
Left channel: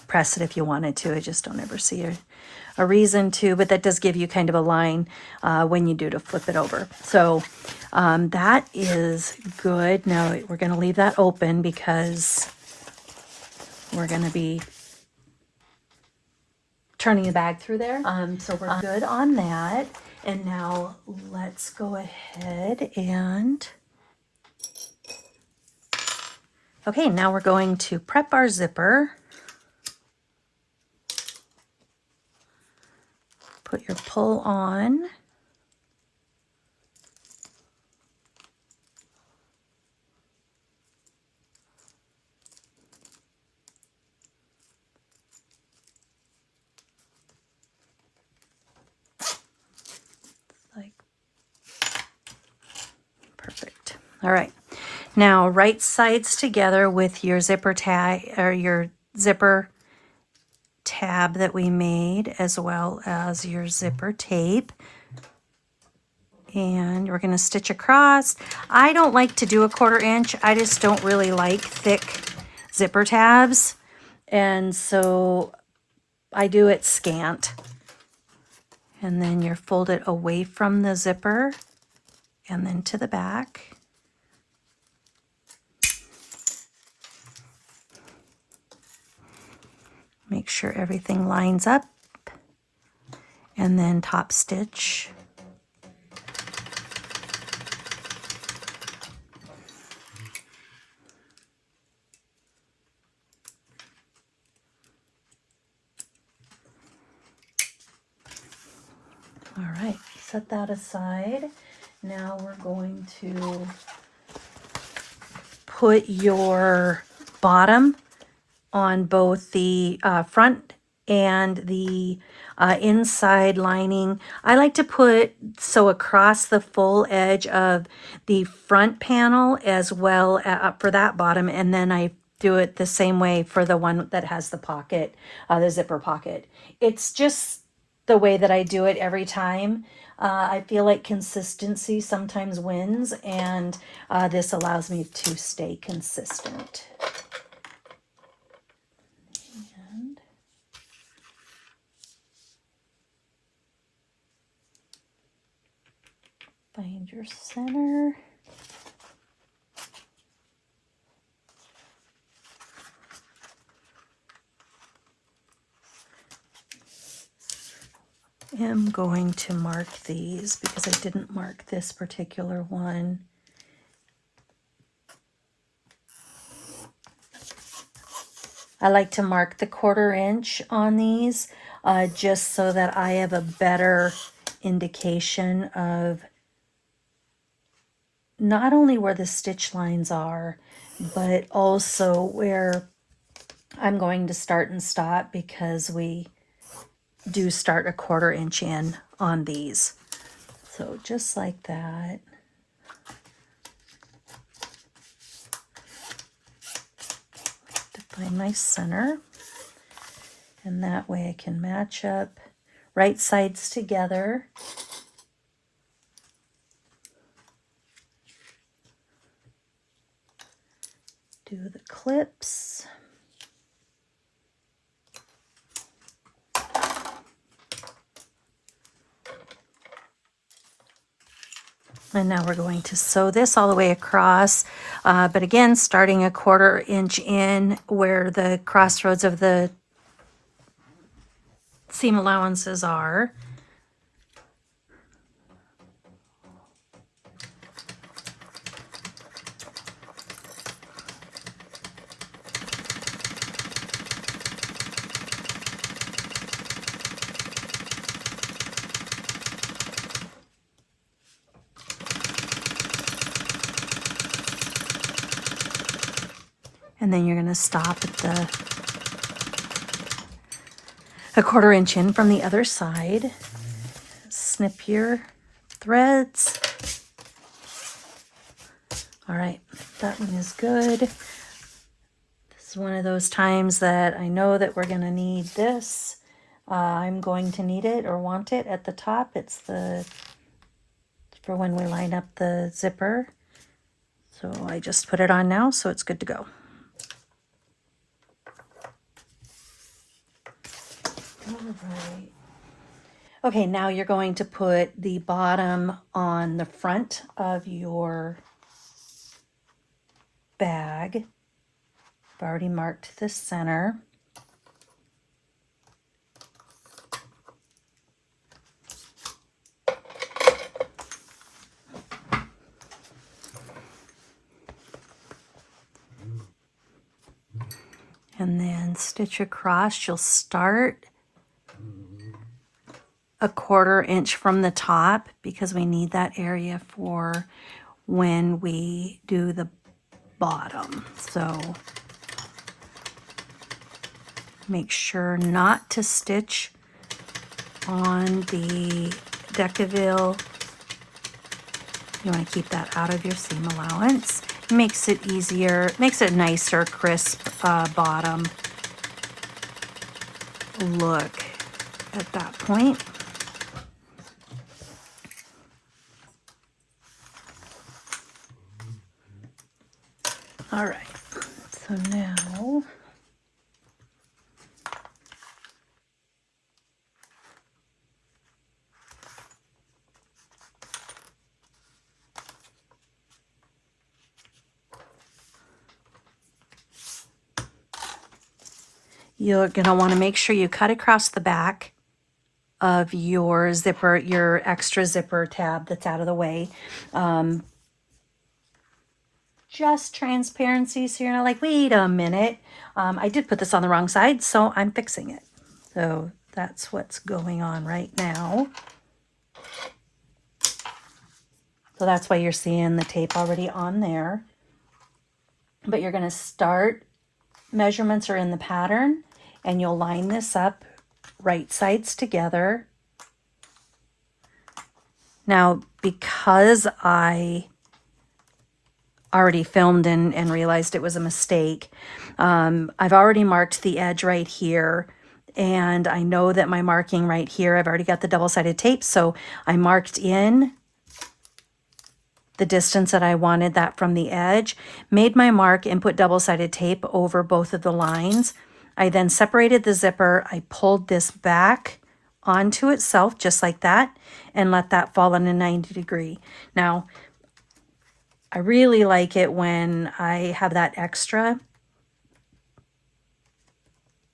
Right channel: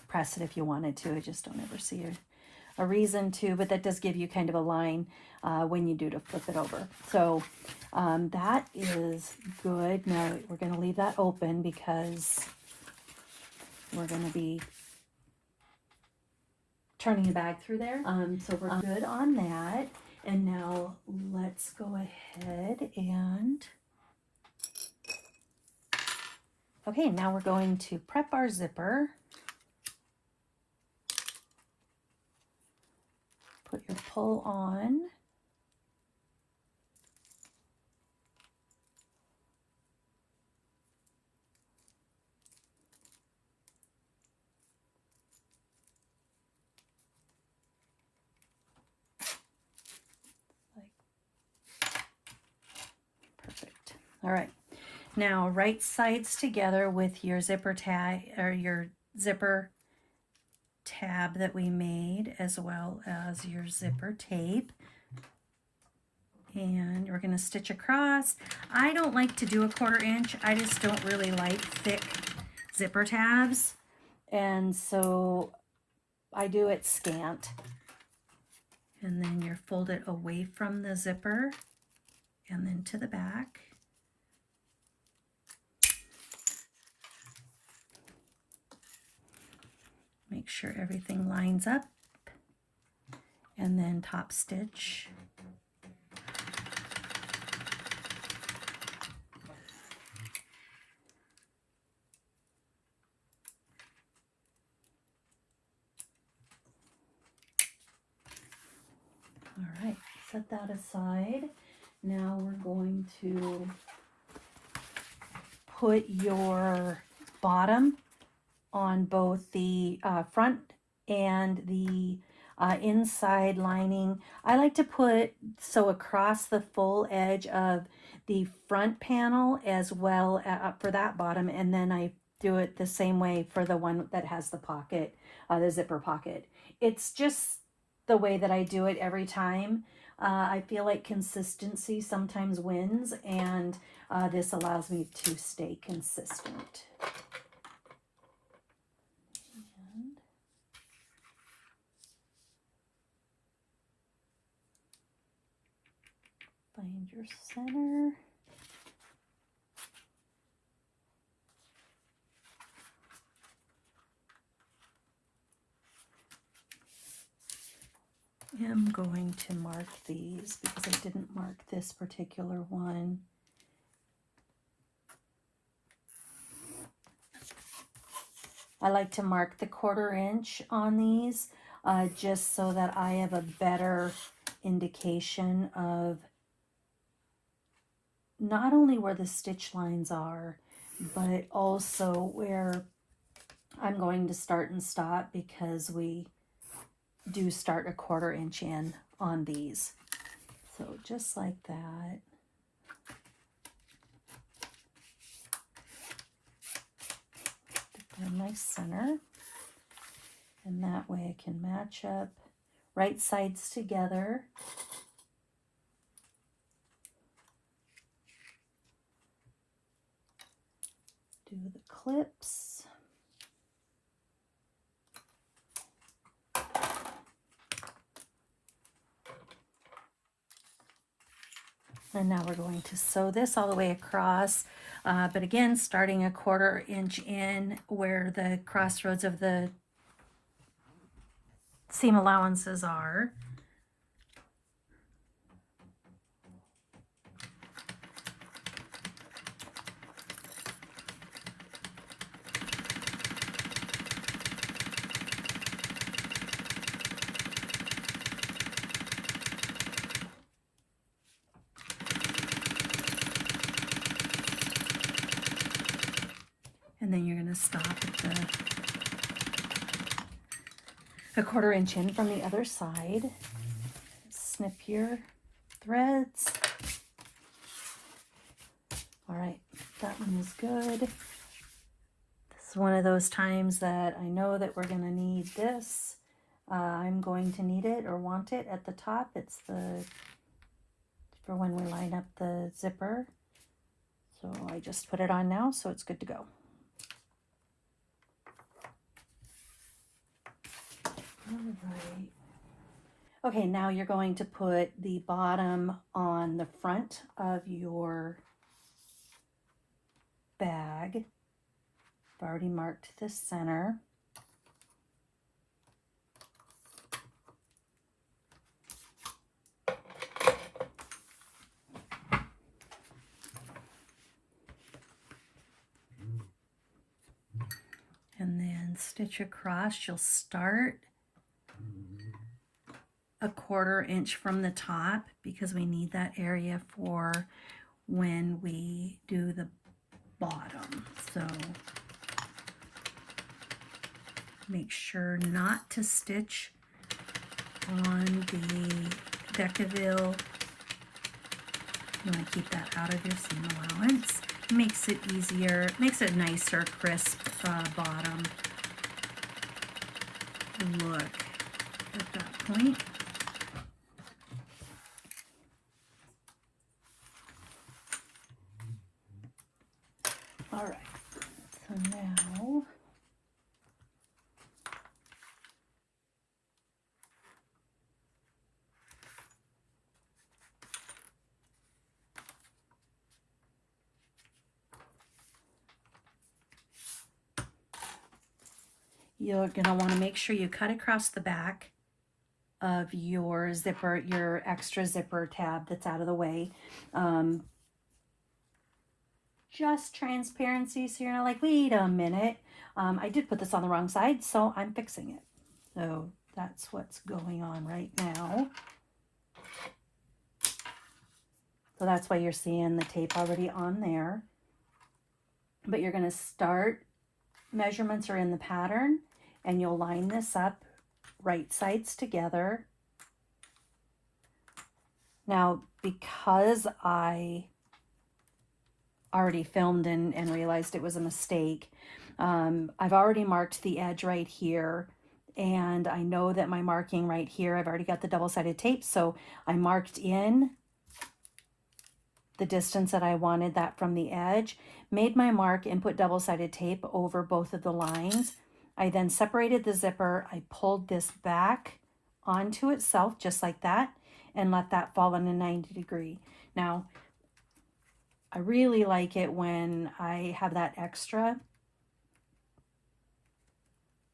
press it if you wanted to. I just don't ever see a reason to, but that does give you kind of a line when you do to flip it over. So that is good. Now we're going to leave that open because we're going to be turning the bag through there. So we're good on that. And now let's go ahead and... Okay, now we're going to prep our zipper. Put your pull on. Perfect. All right. Now right sides together with your zipper tag or your zipper tab that we made, as well as your zipper tape. And we're going to stitch across. I don't like to do a 1/4 inch. I just don't really like thick zipper tabs. And so I do it scant. And then you're folded away from the zipper and then to the back. Make sure everything lines up, and then top stitch. set that aside. Now we're going to put your bottom on both the front and the inside lining. I like to put so across the full edge of the front panel as well for that bottom, and then I do it the same way for the one that has the pocket, the zipper pocket. It's just the way that I do it every time. I feel like consistency sometimes wins, and this allows me to stay consistent. And find your center. I'm going to mark these because I didn't mark this particular one. I like to mark the 1/4 inch on these just so that I have a better indication of not only where the stitch lines are, but also where I'm going to start and stop, because we do start a 1/4 inch in on these. So just like that. To find my center, and that way I can match up right sides together. Do the clips. And now we're going to sew this all the way across, but again, starting a 1/4 inch in where the crossroads of the seam allowances are. And then you're going to stop at a 1/4 inch in from the other side. Snip your threads. All right, that one is good. This is one of those times that I know that we're going to need this. I'm going to need it or want it at the top. It's for when we line up the zipper. So I just put it on now, so it's good to go. All right. Okay, now you're going to put the bottom on the front of your bag. I've already marked the center. And then stitch across. You'll start a 1/4 inch from the top because we need that area for when we do the bottom. So make sure not to stitch on the Decaville. You want to keep that out of your seam allowance. It makes it easier, makes it nicer, crisp bottom look at that point. All right, so now you're going to want to make sure you cut across the back of your zipper, your extra zipper tab that's out of the way. Just transparency, so you're not like, wait a minute, I did put this on the wrong side, so I'm fixing it. So that's what's going on right now. So that's why you're seeing the tape already on there. But you're going to start, measurements are in the pattern, and you'll line this up right sides together. Now, because I already filmed and realized it was a mistake, I've already marked the edge right here, and I know that my marking right here, I've already got the double-sided tape, so I marked in the distance that I wanted that from the edge, made my mark, and put double-sided tape over both of the lines. I then separated the zipper, I pulled this back onto itself just like that, and let that fall on a 90 degree. Now, I really like it when I have that extra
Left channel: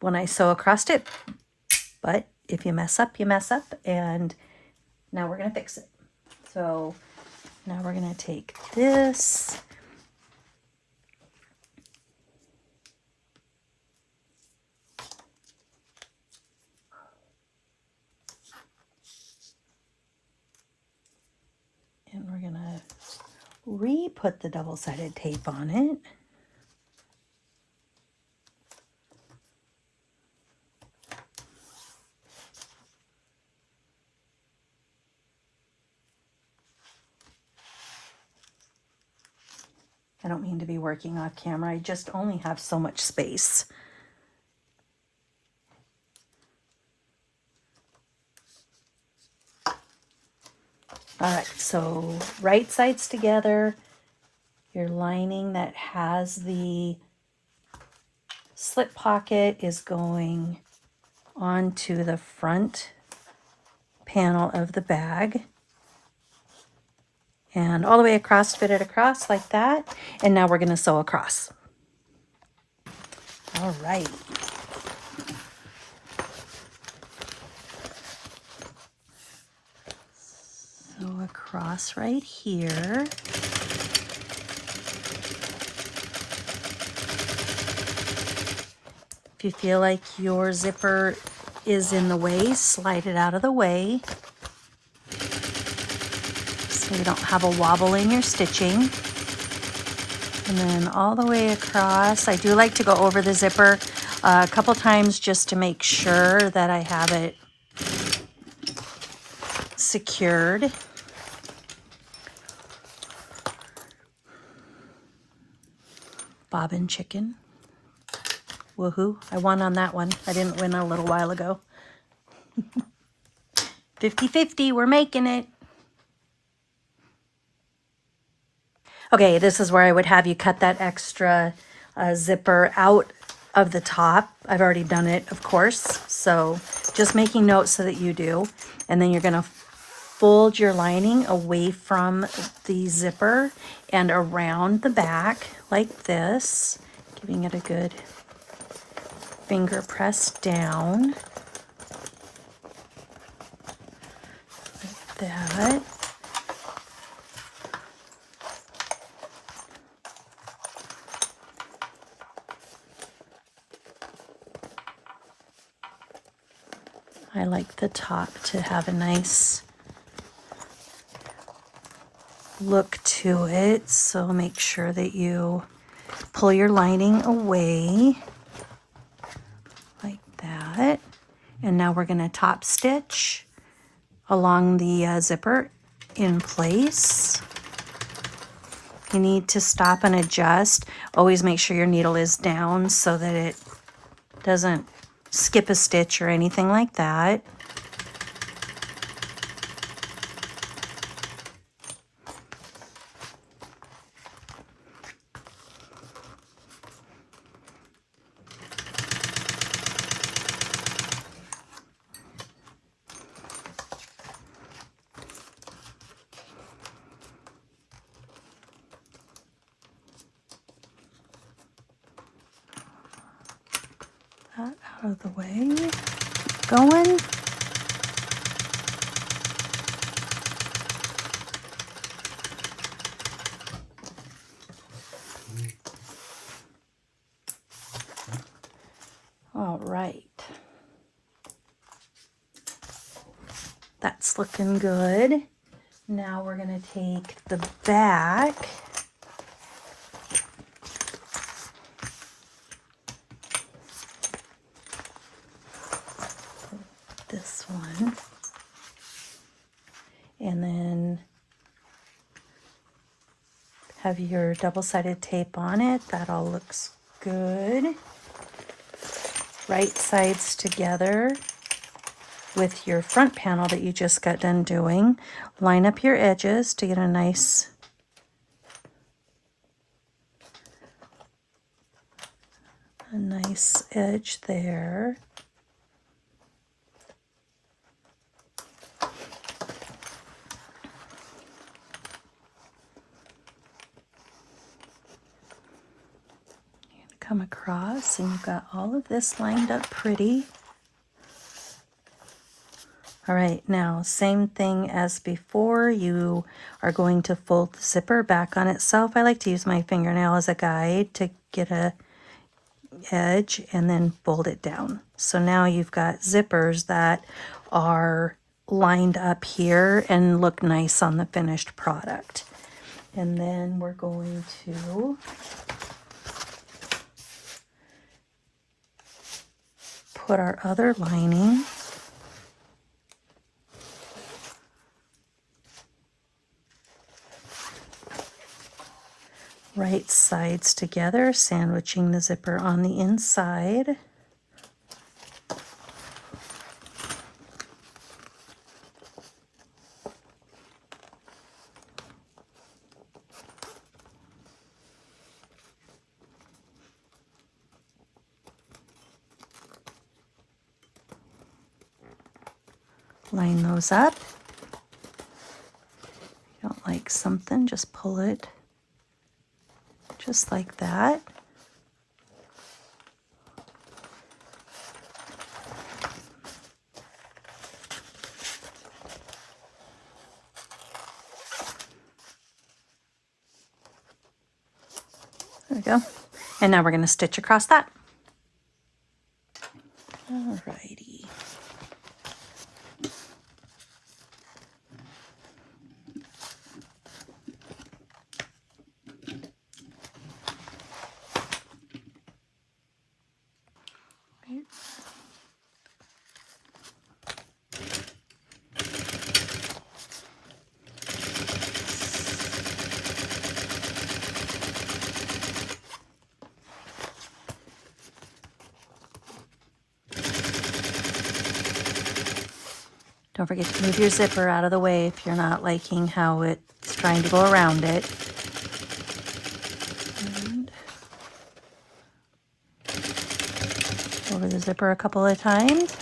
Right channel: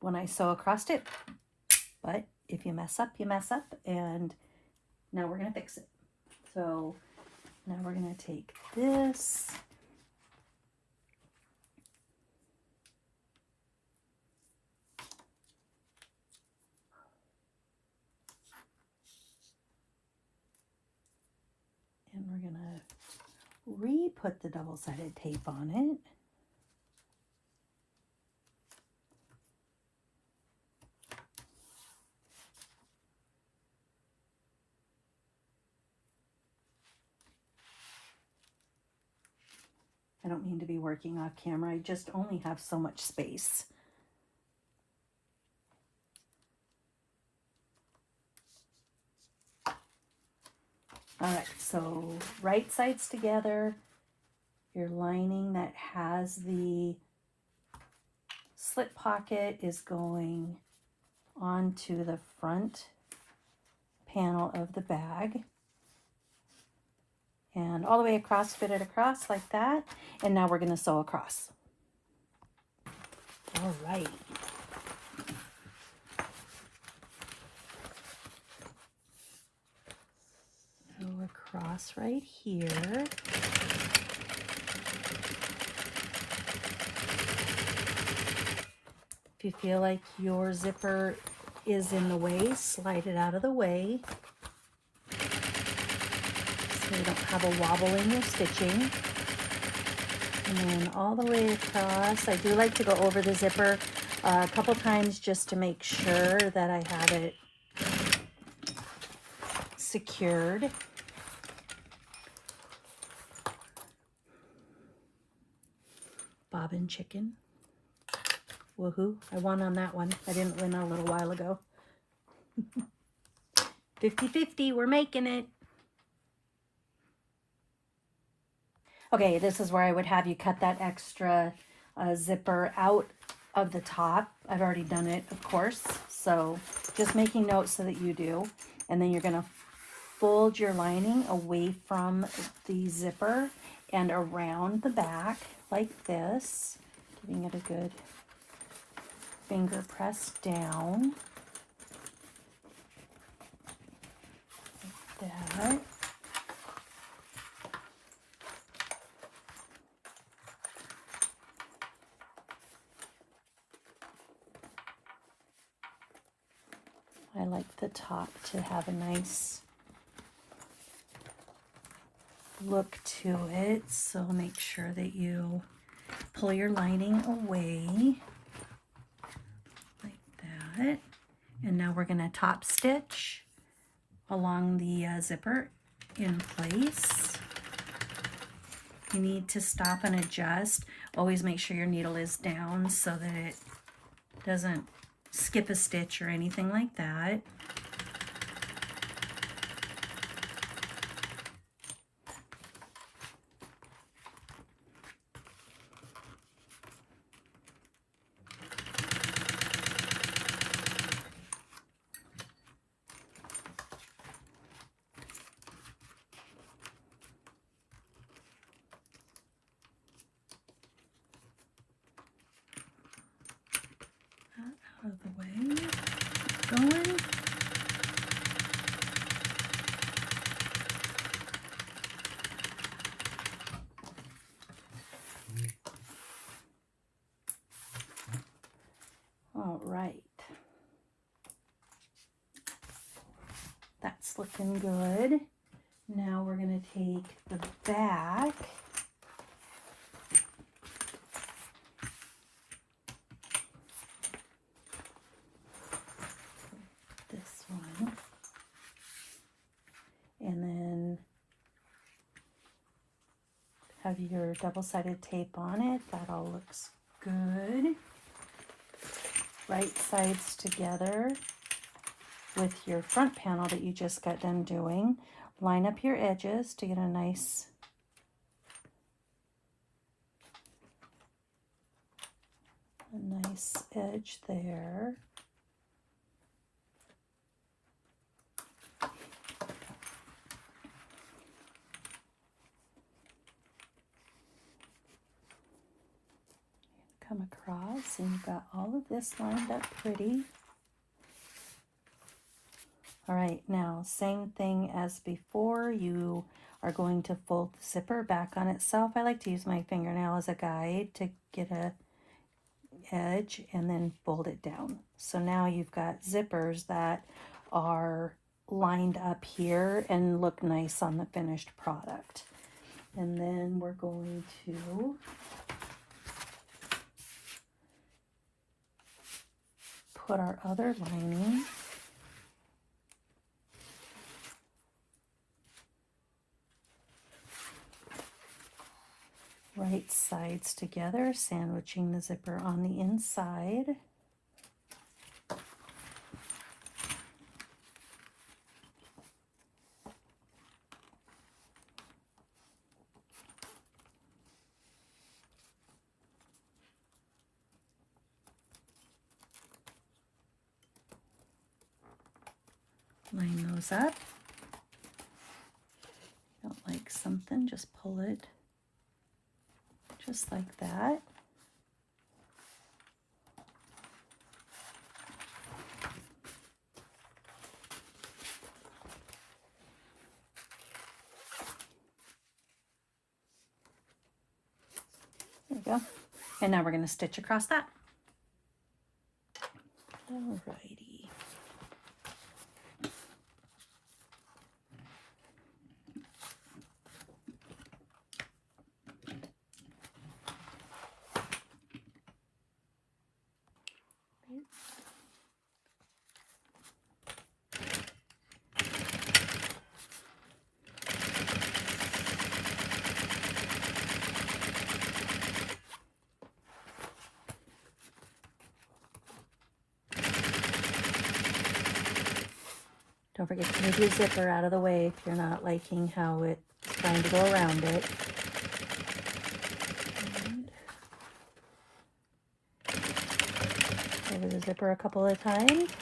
when I sew across it, but if you mess up, you mess up, and now we're gonna fix it. So now we're gonna take this, and we're gonna re-put the double-sided tape on it. I don't mean to be working off camera, I just only have so much space. All right, so right sides together, your lining that has the slip pocket is going onto the front panel of the bag. And all the way across, fit it across like that. And now we're going to sew across. All right. Sew across right here. If you feel like your zipper is in the way, slide it out of the way, so you don't have a wobble in your stitching. And then all the way across. I do like to go over the zipper a couple times just to make sure that I have it secured. Bobbin chicken. Woohoo. I won on that one. I didn't win a little while ago. 50-50, we're making it. Okay, this is where I would have you cut that extra zipper out of the top. I've already done it, of course, so just making notes so that you do. And then you're gonna fold your lining away from the zipper and around the back like this, giving it a good finger press down. Like that. I like the top to have a nice look to it, so make sure that you pull your lining away like that. And now we're going to top stitch along the zipper in place. You need to stop and adjust. Always make sure your needle is down so that it doesn't skip a stitch or anything like that. That out of the way. Going. All right. That's looking good. Now we're going to take the back this one, and then have your double-sided tape on it. That all looks good. Right sides together with your front panel that you just got done doing. Line up your edges to get a nice edge there. Come across, and you've got all of this lined up pretty. All right, now same thing as before. You are going to fold the zipper back on itself. I like to use my fingernail as a guide to get a edge and then fold it down. So now you've got zippers that are lined up here and look nice on the finished product. And then we're going to put our other lining right sides together, sandwiching the zipper on the inside. Line those up. If you don't like something, just pull it just like that. There we go. And now we're going to stitch across that. All righty. Don't forget to move your zipper out of the way if you're not liking how it's trying to go around it. And over the zipper a couple of times.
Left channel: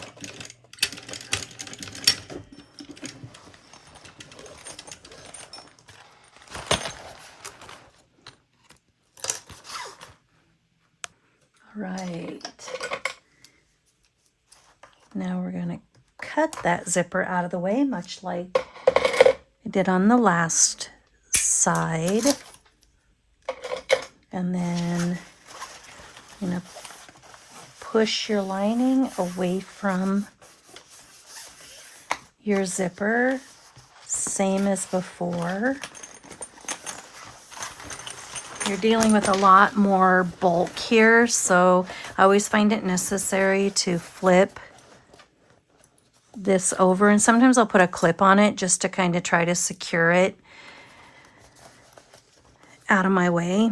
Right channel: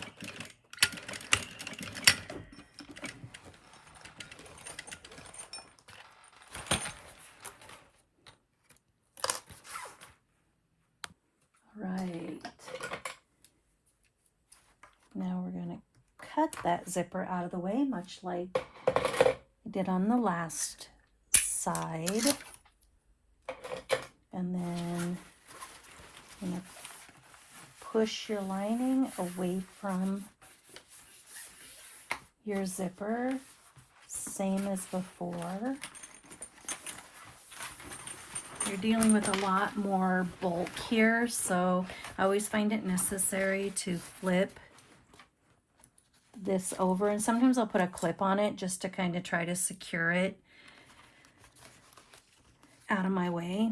All right. Now we're going to cut that zipper out of the way, much like I did on the last side. And then I'm going to push your lining away from your zipper, same as before. You're dealing with a lot more bulk here, so I always find it necessary to flip this over, and sometimes I'll put a clip on it just to kind of try to secure it out of my way.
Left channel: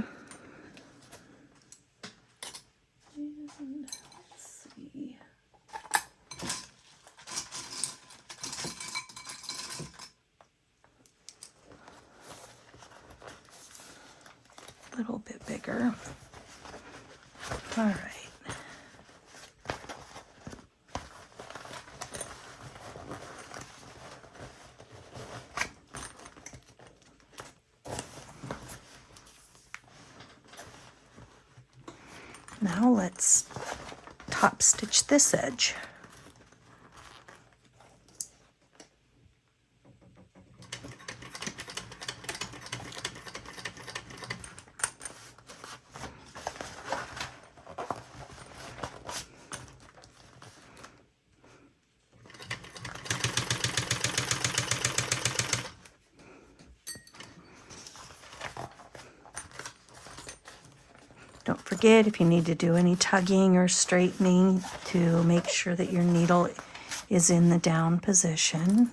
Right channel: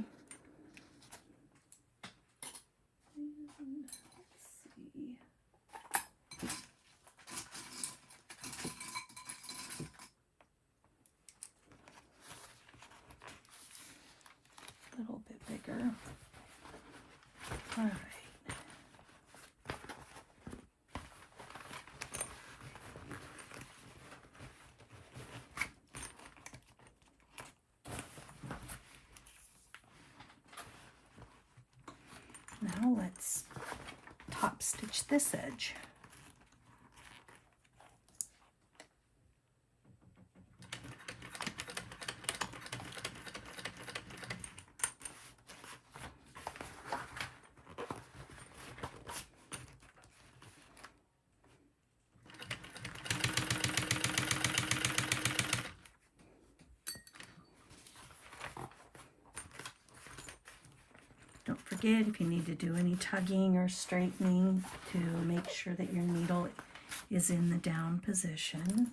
Let's see. A little bit bigger. All right. Now let's top stitch this edge. Don't forget, if you need to do any tugging or straightening, to make sure that your needle is in the down position.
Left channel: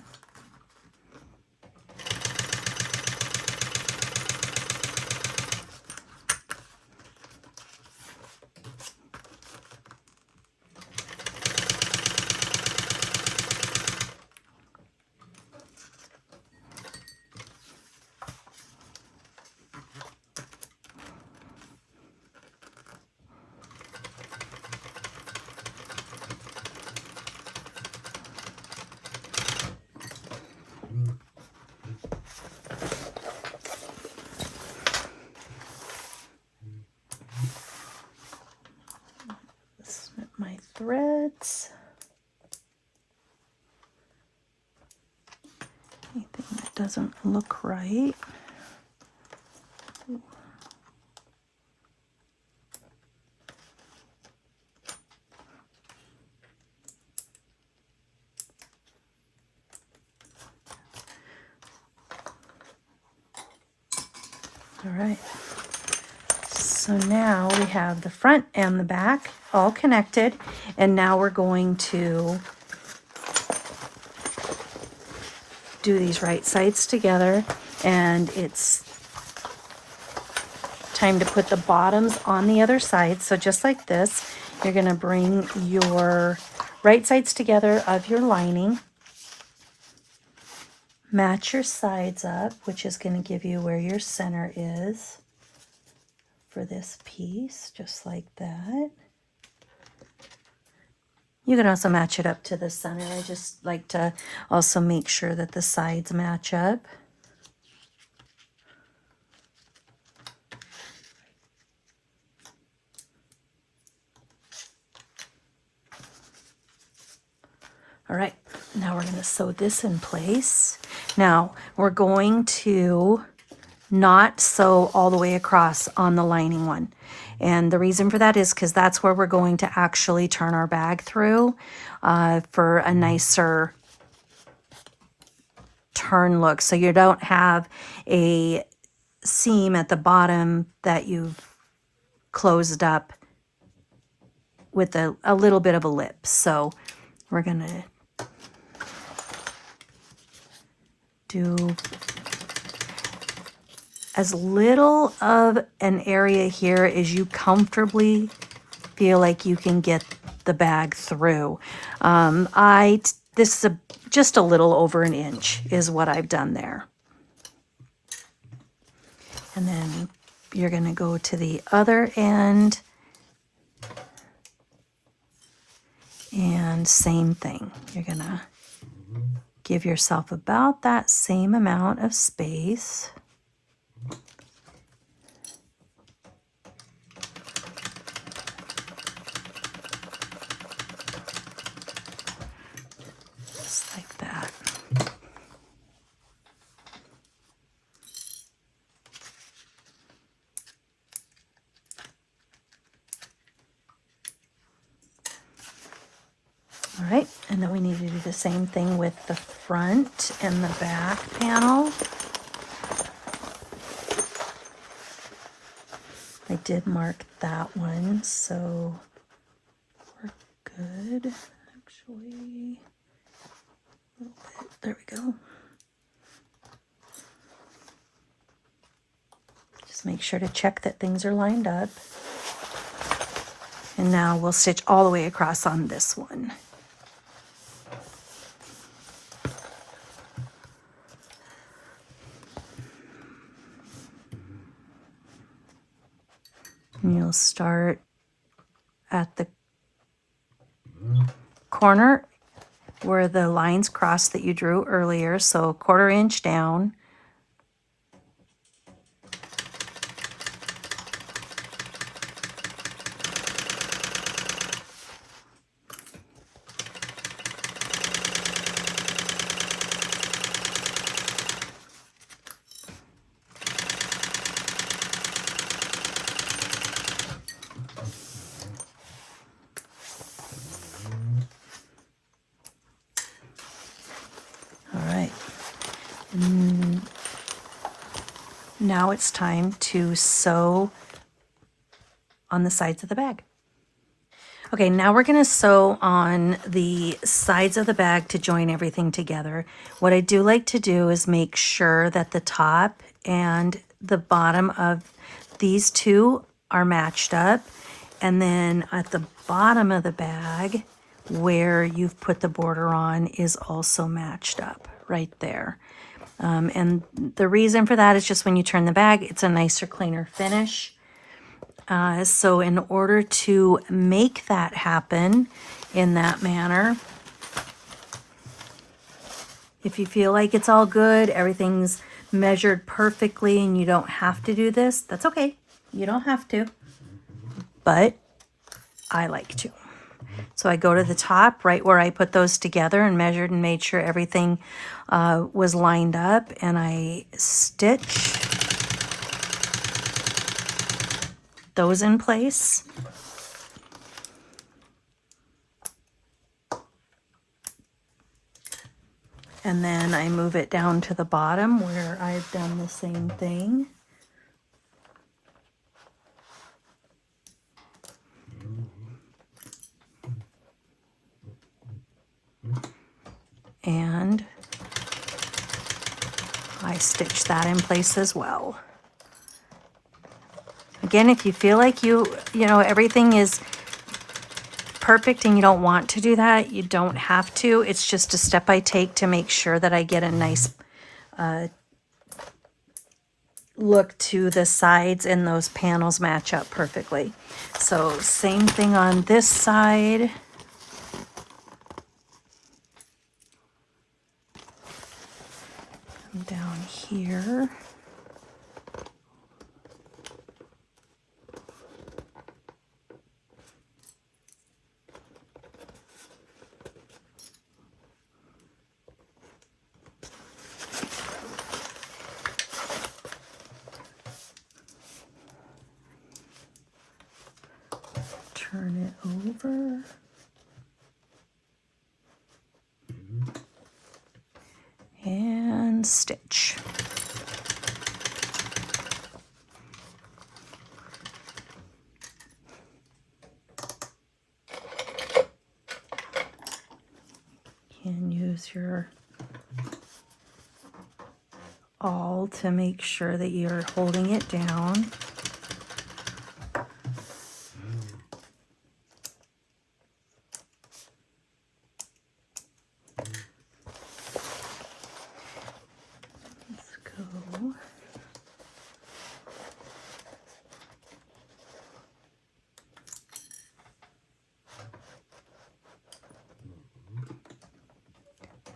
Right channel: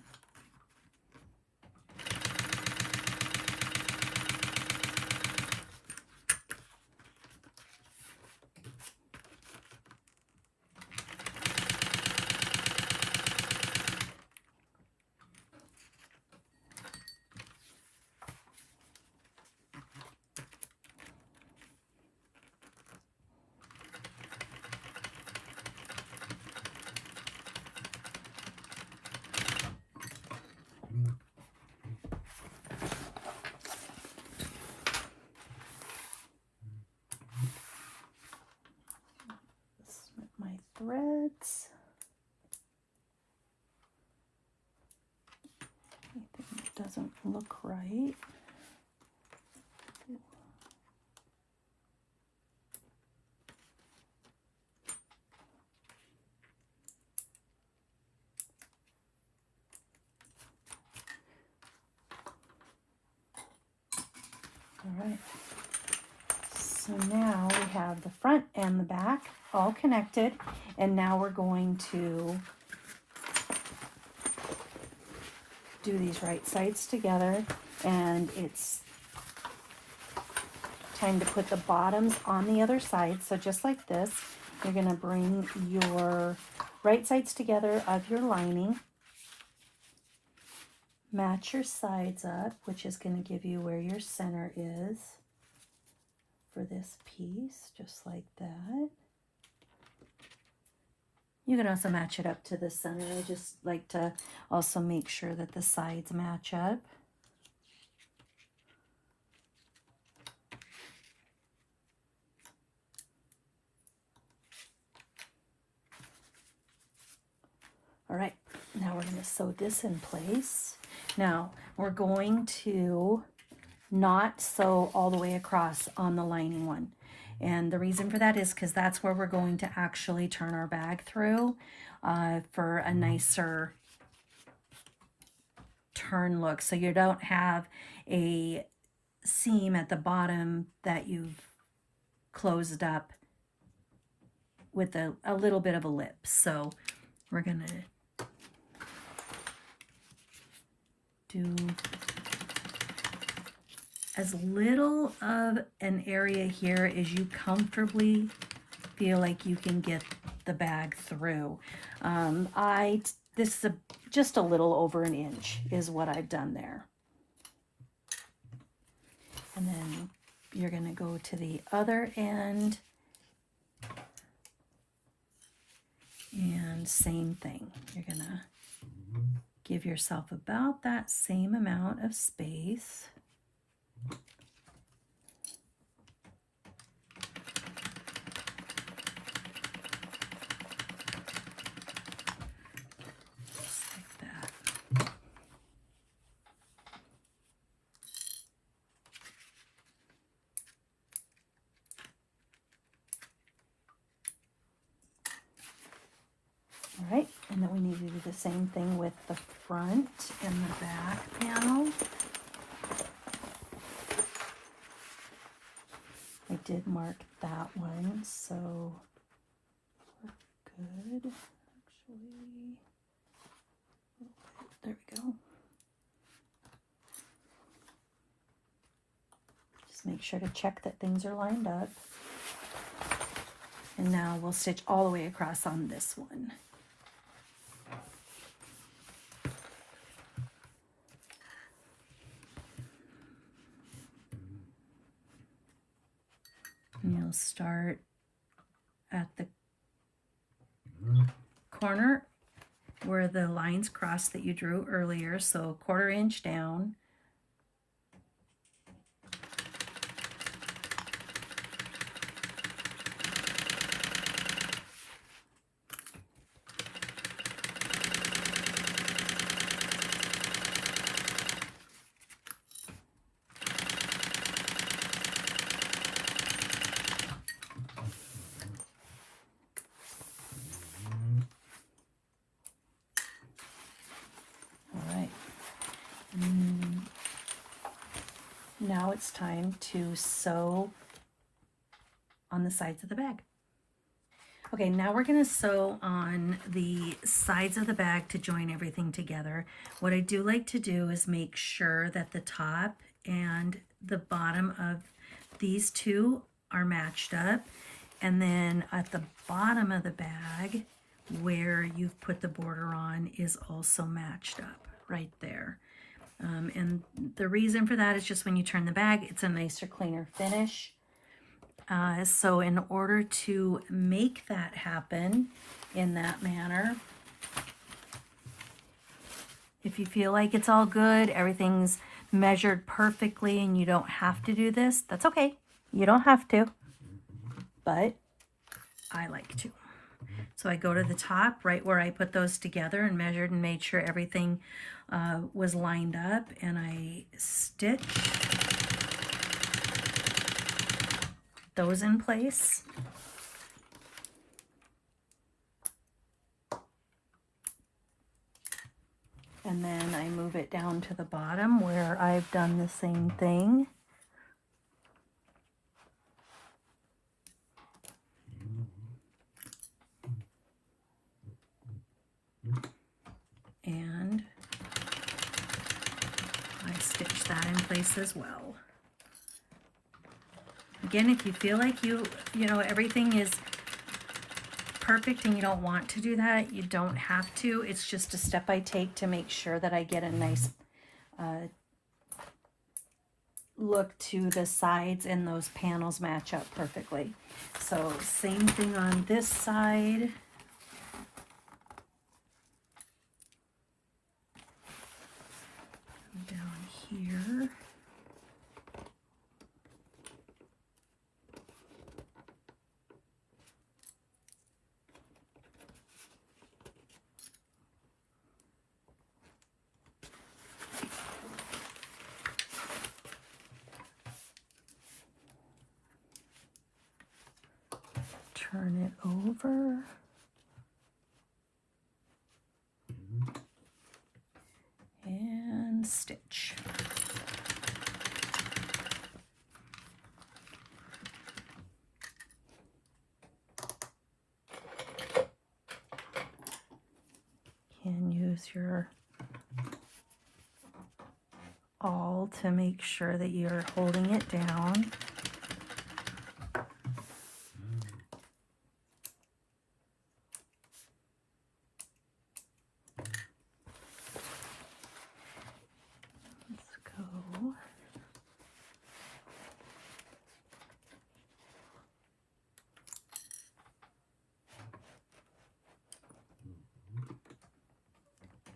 Snip my threads. Anything that doesn't look right. All right, so now we have the front and the back all connected, and now we're going to do these right sides together, and it's time to put the bottoms on the other side. So just like this, you're going to bring your right sides together of your lining, match your sides up, which is going to give you where your center is for this piece, just like that. You can also match it up to the center. I just like to also make sure that the sides match up. All right, now we're going to sew this in place. Now we're going to not sew all the way across on the lining one. And the reason for that is because that's where we're going to actually turn our bag through for a nicer turn look. So you don't have a seam at the bottom that you've closed up with a little bit of a lip. So we're going to do as little of an area here as you comfortably feel like you can get the bag through. This is just a little over an inch is what I've done there. And then you're going to go to the other end and same thing. You're going to give yourself about that same amount of space. Just like that. All right, and then we need to do the same thing with the front and the back panel. I did mark that one, so we're good. Actually, a little bit. There we go. Just make sure to check that things are lined up. And now we'll stitch all the way across on this one. And you'll start at the corner where the lines cross that you drew earlier, so a 1/4 inch down. Now it's time to sew on the sides of the bag. Okay, now we're gonna sew on the sides of the bag to join everything together. What I do like to do is make sure that the top and the bottom of these two are matched up. And then at the bottom of the bag, where you've put the border on, is also matched up right there. And the reason for that is just when you turn the bag, it's a nicer, cleaner finish. So in order to make that happen in that manner, if you feel like it's all good, everything's measured perfectly, and you don't have to do this, that's okay. You don't have to, but I like to. So I go to the top right where I put those together and measured and made sure everything was lined up, and I stitch those in place. And then I move it down to the bottom where I've done the same thing. And I stitch that in place as well. Again, if you feel like you know, everything is perfect and you don't want to do that, you don't have to. It's just a step I take to make sure that I get a nice look to the sides and those panels match up perfectly. So same thing on this side. Down here. Turn it over. And stitch. Can use your awl to make sure that you're holding it down.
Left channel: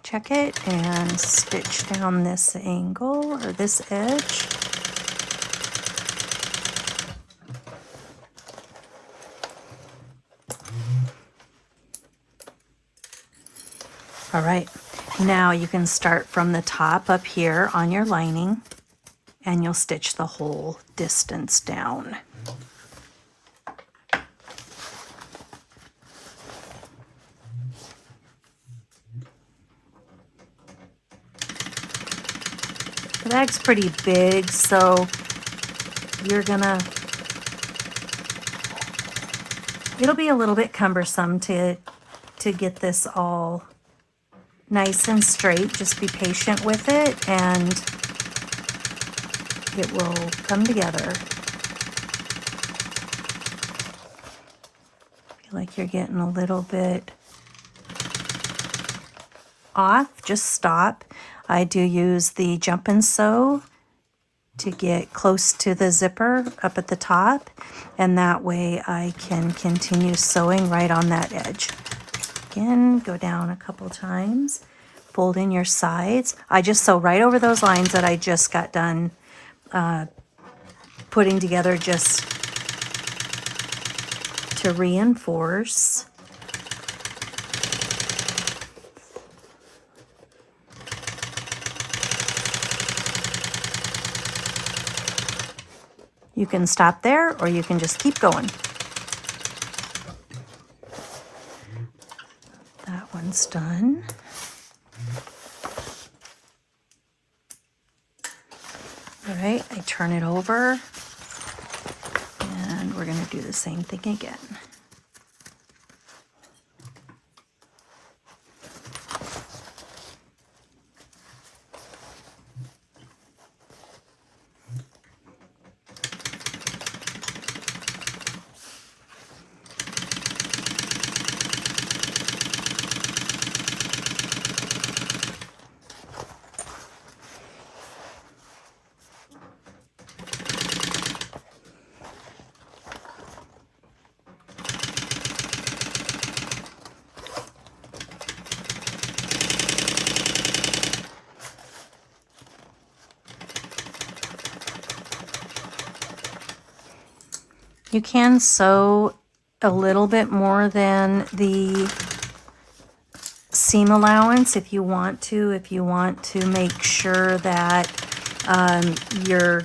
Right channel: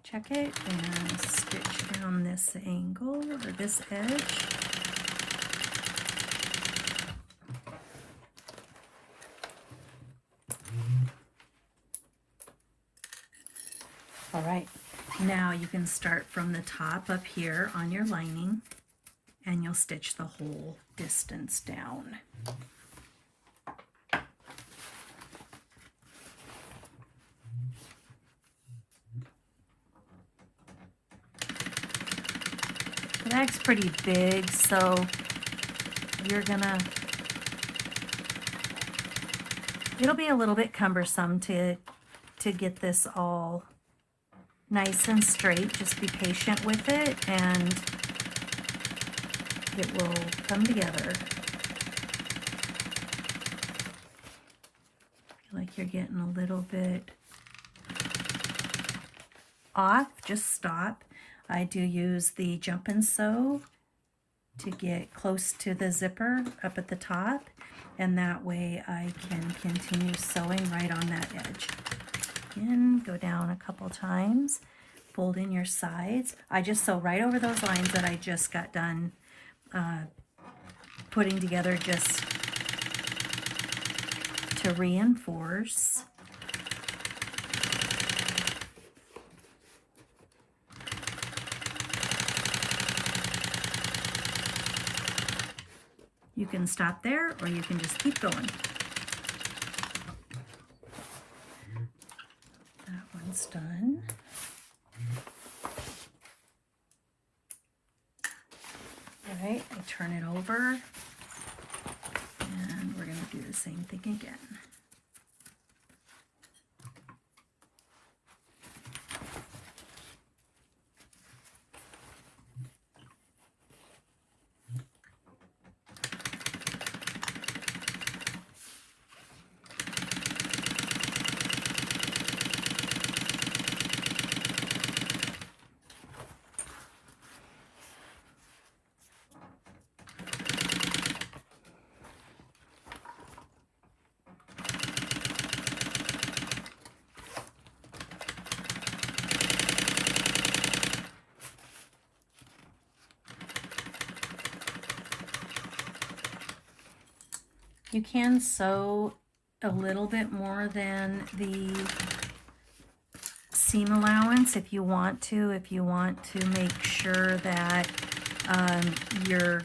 Check it and stitch down this angle or this edge. All right, now you can start from the top up here on your lining, and you'll stitch the whole distance down. The bag's pretty big, so it'll be a little bit cumbersome to get this all nice and straight. Just be patient with it and it will come together. Feel like you're getting a little bit off, just stop. I do use the jump and sew to get close to the zipper up at the top, and that way I can continue sewing right on that edge. Again, go down a couple times, fold in your sides. I just sew right over those lines that I just got done putting together, just to reinforce. You can stop there or you can just keep going. That one's done. All right, I turn it over and And we're going to do the same thing again. You can sew a little bit more than the seam allowance if you want to. If you want to make sure that your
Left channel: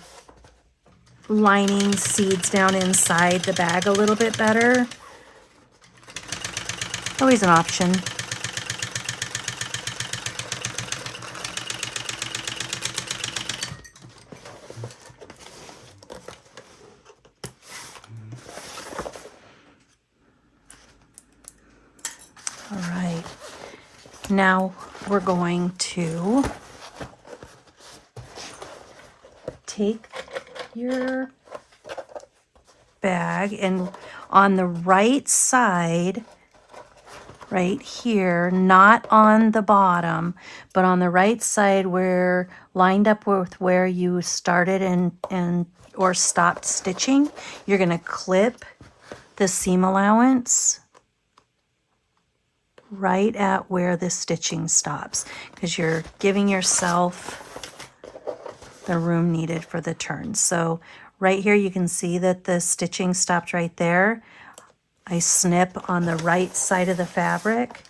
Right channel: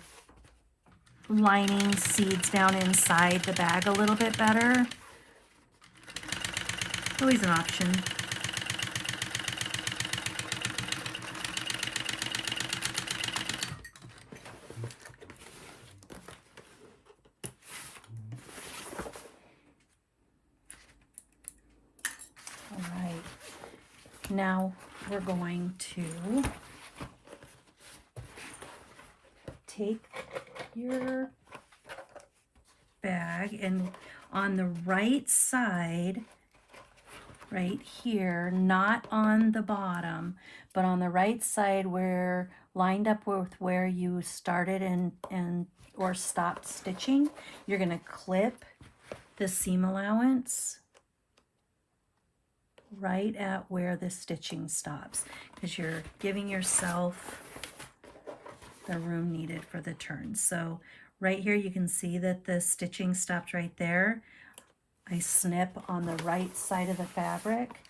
lining seeds down inside the bag a little bit better. Always an option. All right, now we're going to take your bag and on the right side, right here, not on the bottom, but on the right side where lined up with where you started and or stopped stitching, you're going to clip the seam allowance right at where the stitching stops, because you're giving yourself the room needed for the turn. So right here you can see that the stitching stopped right there. I snip on the right side of the fabric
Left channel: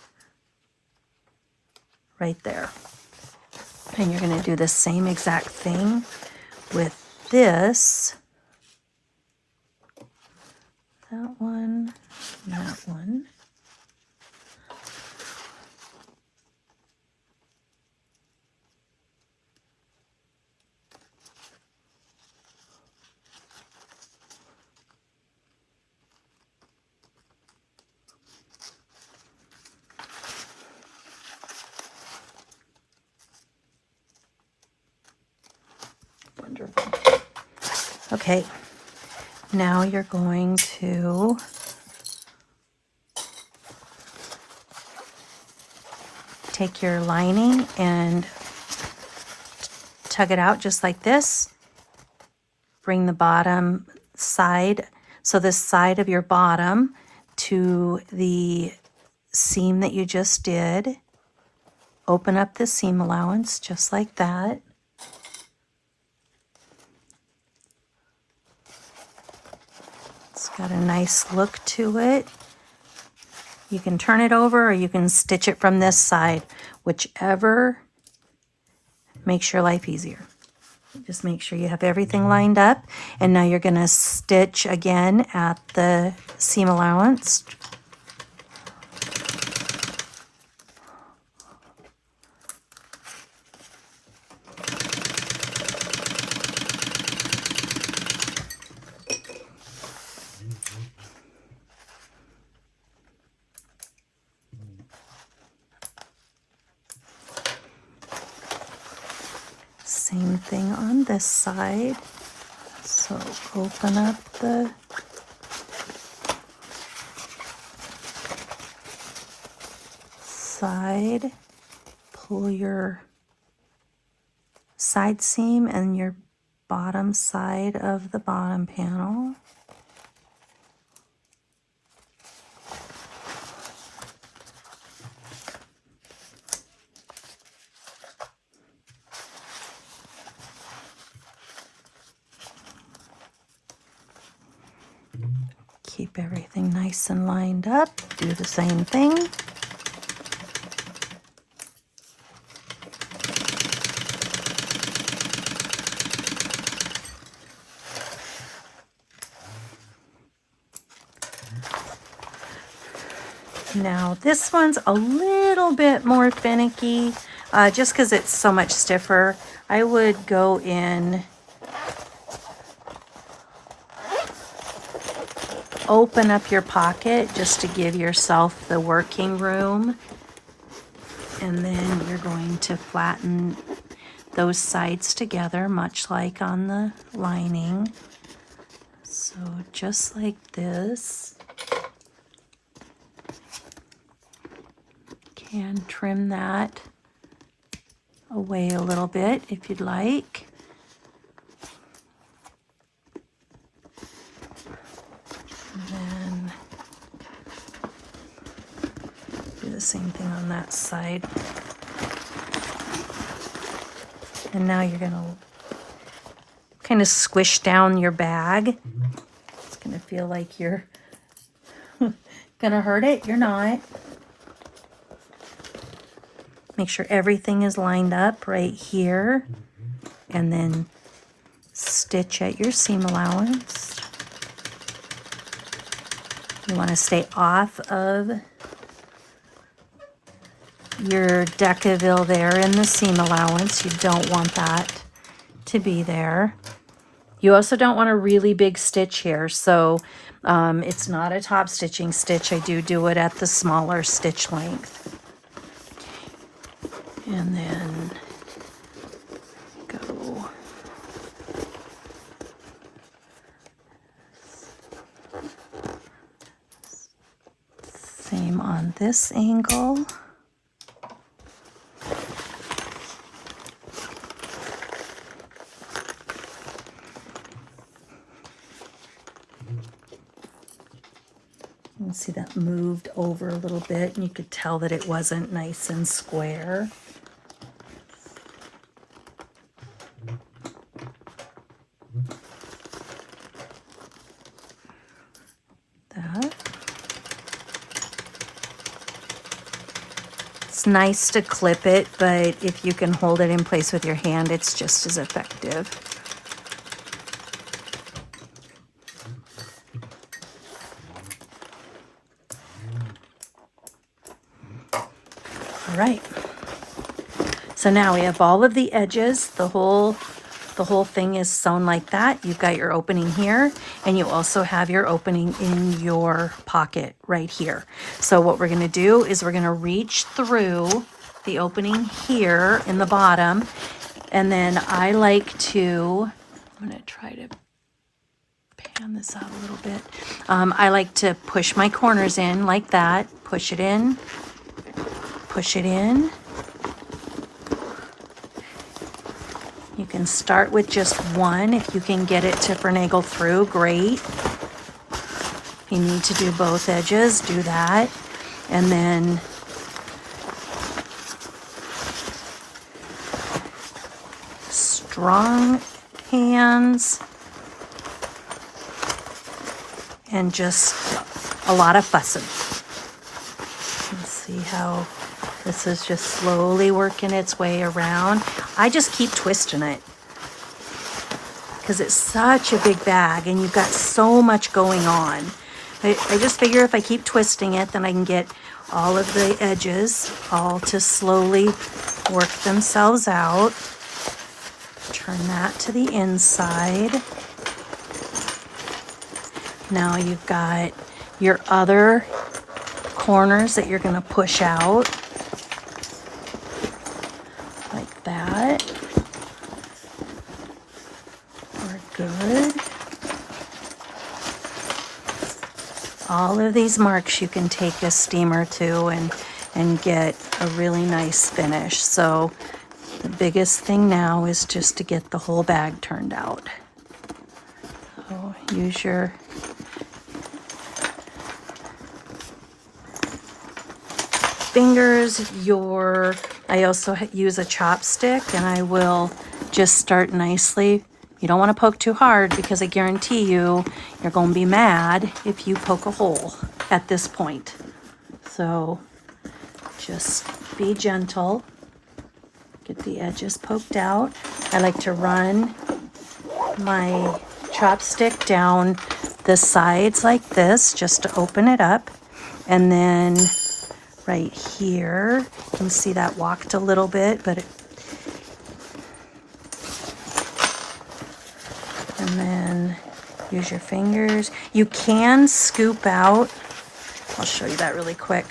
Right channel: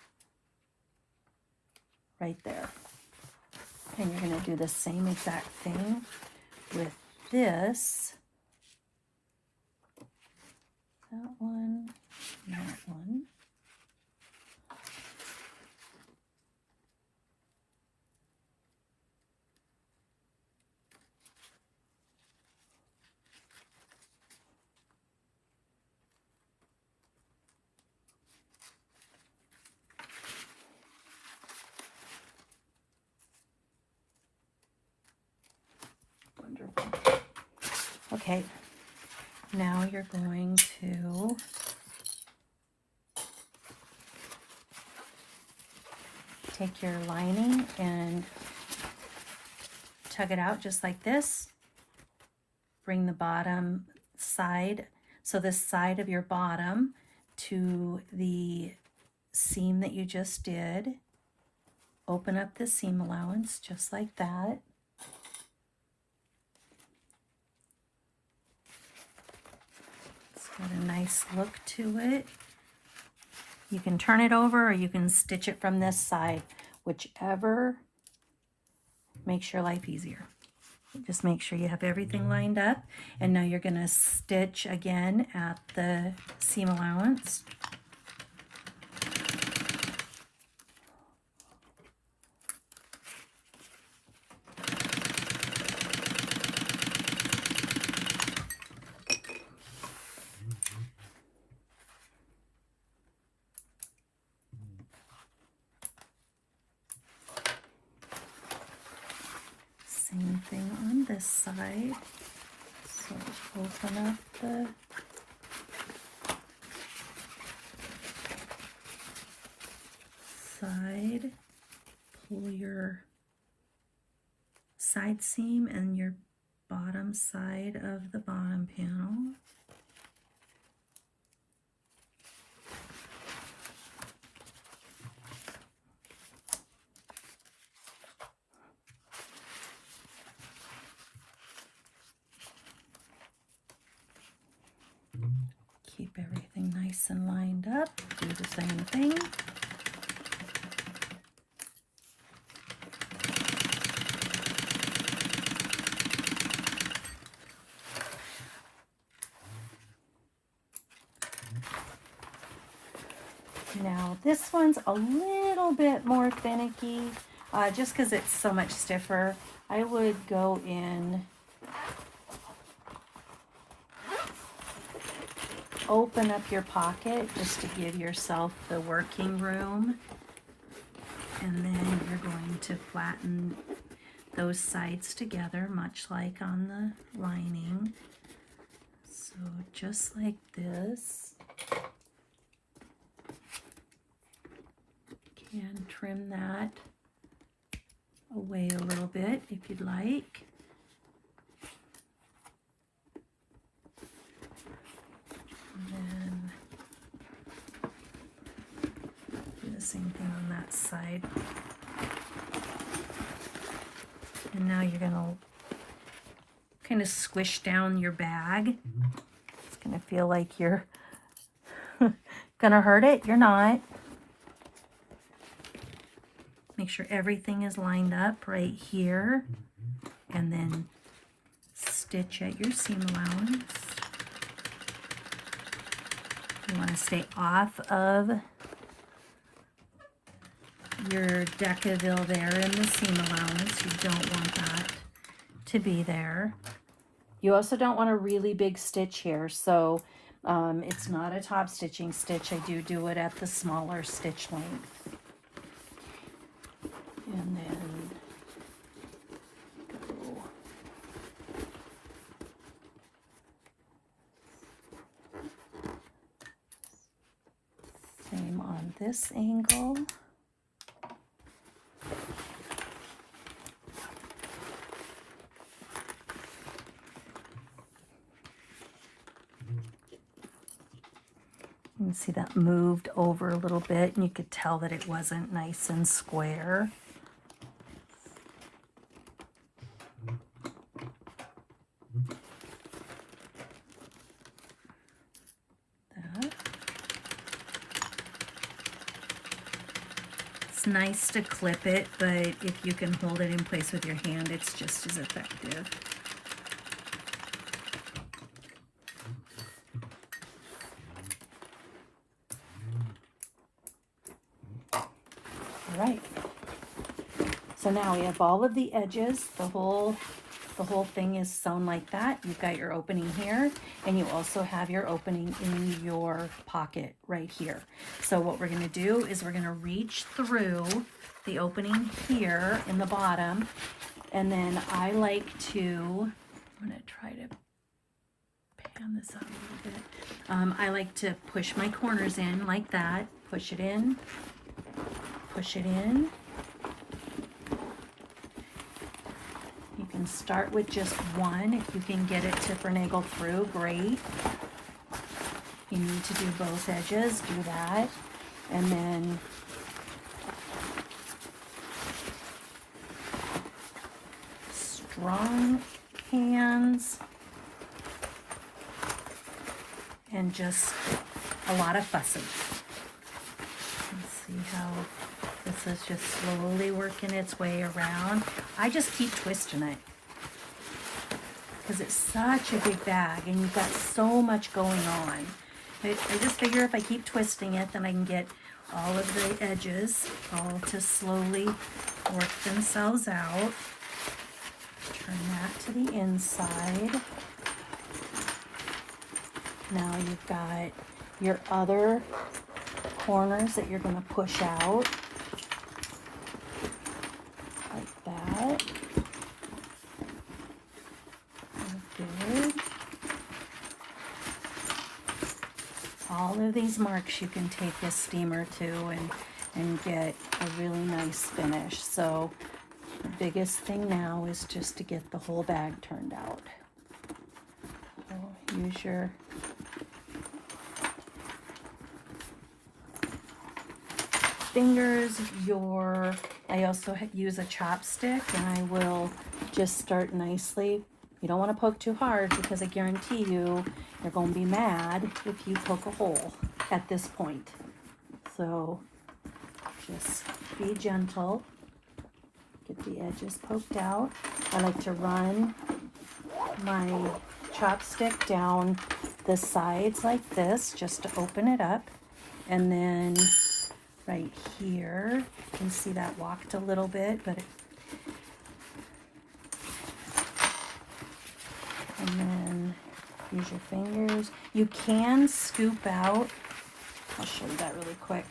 right there. And you're going to do the same exact thing with this. That one, that one. Wonderful. Okay, now you're going to take your lining and tug it out just like this. Bring the bottom side, so this side of your bottom, to the seam that you just did. Open up the seam allowance just like that. It's got a nice look to it. You can turn it over or you can stitch it from this side, whichever makes your life easier. Just make sure you have everything lined up. And now you're going to stitch again at the seam allowance. Same thing on this side. So open up the side, pull your side seam and your bottom side of the bottom panel. Keep everything nice and lined up. Do the same thing. Now this one's a little bit more finicky, just because it's so much stiffer. I would go in open up your pocket just to give yourself the working room. And then you're going to flatten those sides together, much like on the lining. So just like this. Can trim that away a little bit if you'd like. And then do the same thing on that side. And now you're going to kind of squish down your bag. It's going to feel like you're going to hurt it. You're not. Make sure everything is lined up right here. And then stitch at your seam allowance. You want to stay off of your Decaville there in the seam allowance. You don't want that to be there. You also don't want a really big stitch here, so it's not a top stitching stitch. I do it at the smaller stitch length. And then go same on this angle. You can see that moved over a little bit, and you could tell that it wasn't nice and square. That. It's nice to clip it, but if you can hold it in place with your hand, it's just as effective. All right, so now we have all of the edges. The whole thing is sewn like that. You've got your opening here, and you also have your opening in your pocket right here. So what we're going to do is we're going to reach through the opening here in the bottom, and then I like to, I'm going to try to pan this out a little bit. I like to push my corners in like that, push it in, push it in. You can start with just one. If you can get it to finagle through, great. If you need to do both edges, do that. And then strong hands and just a lot of fussing. Let's see how this is just slowly working its way around. I just keep twisting it because it's such a big bag and you've got so much going on. I just figure if I keep twisting it, then I can get all of the edges all to slowly work themselves out. Turn that to the inside. Now you've got your other corners that you're going to push out. That. We're good. All of these marks you can take a steamer to and get a really nice finish. So the biggest thing now is just to get the whole bag turned out. So use your fingers, I also use a chopstick, and I will just start nicely. You don't want to poke too hard because I guarantee you're going to be mad if you poke a hole at this point. So just be gentle. Get the edges poked out. I like to run my chopstick down the sides like this just to open it up, and then right here, you can see that walked a little bit, but and then Use your fingers. You can scoop out. I'll show you that really quick.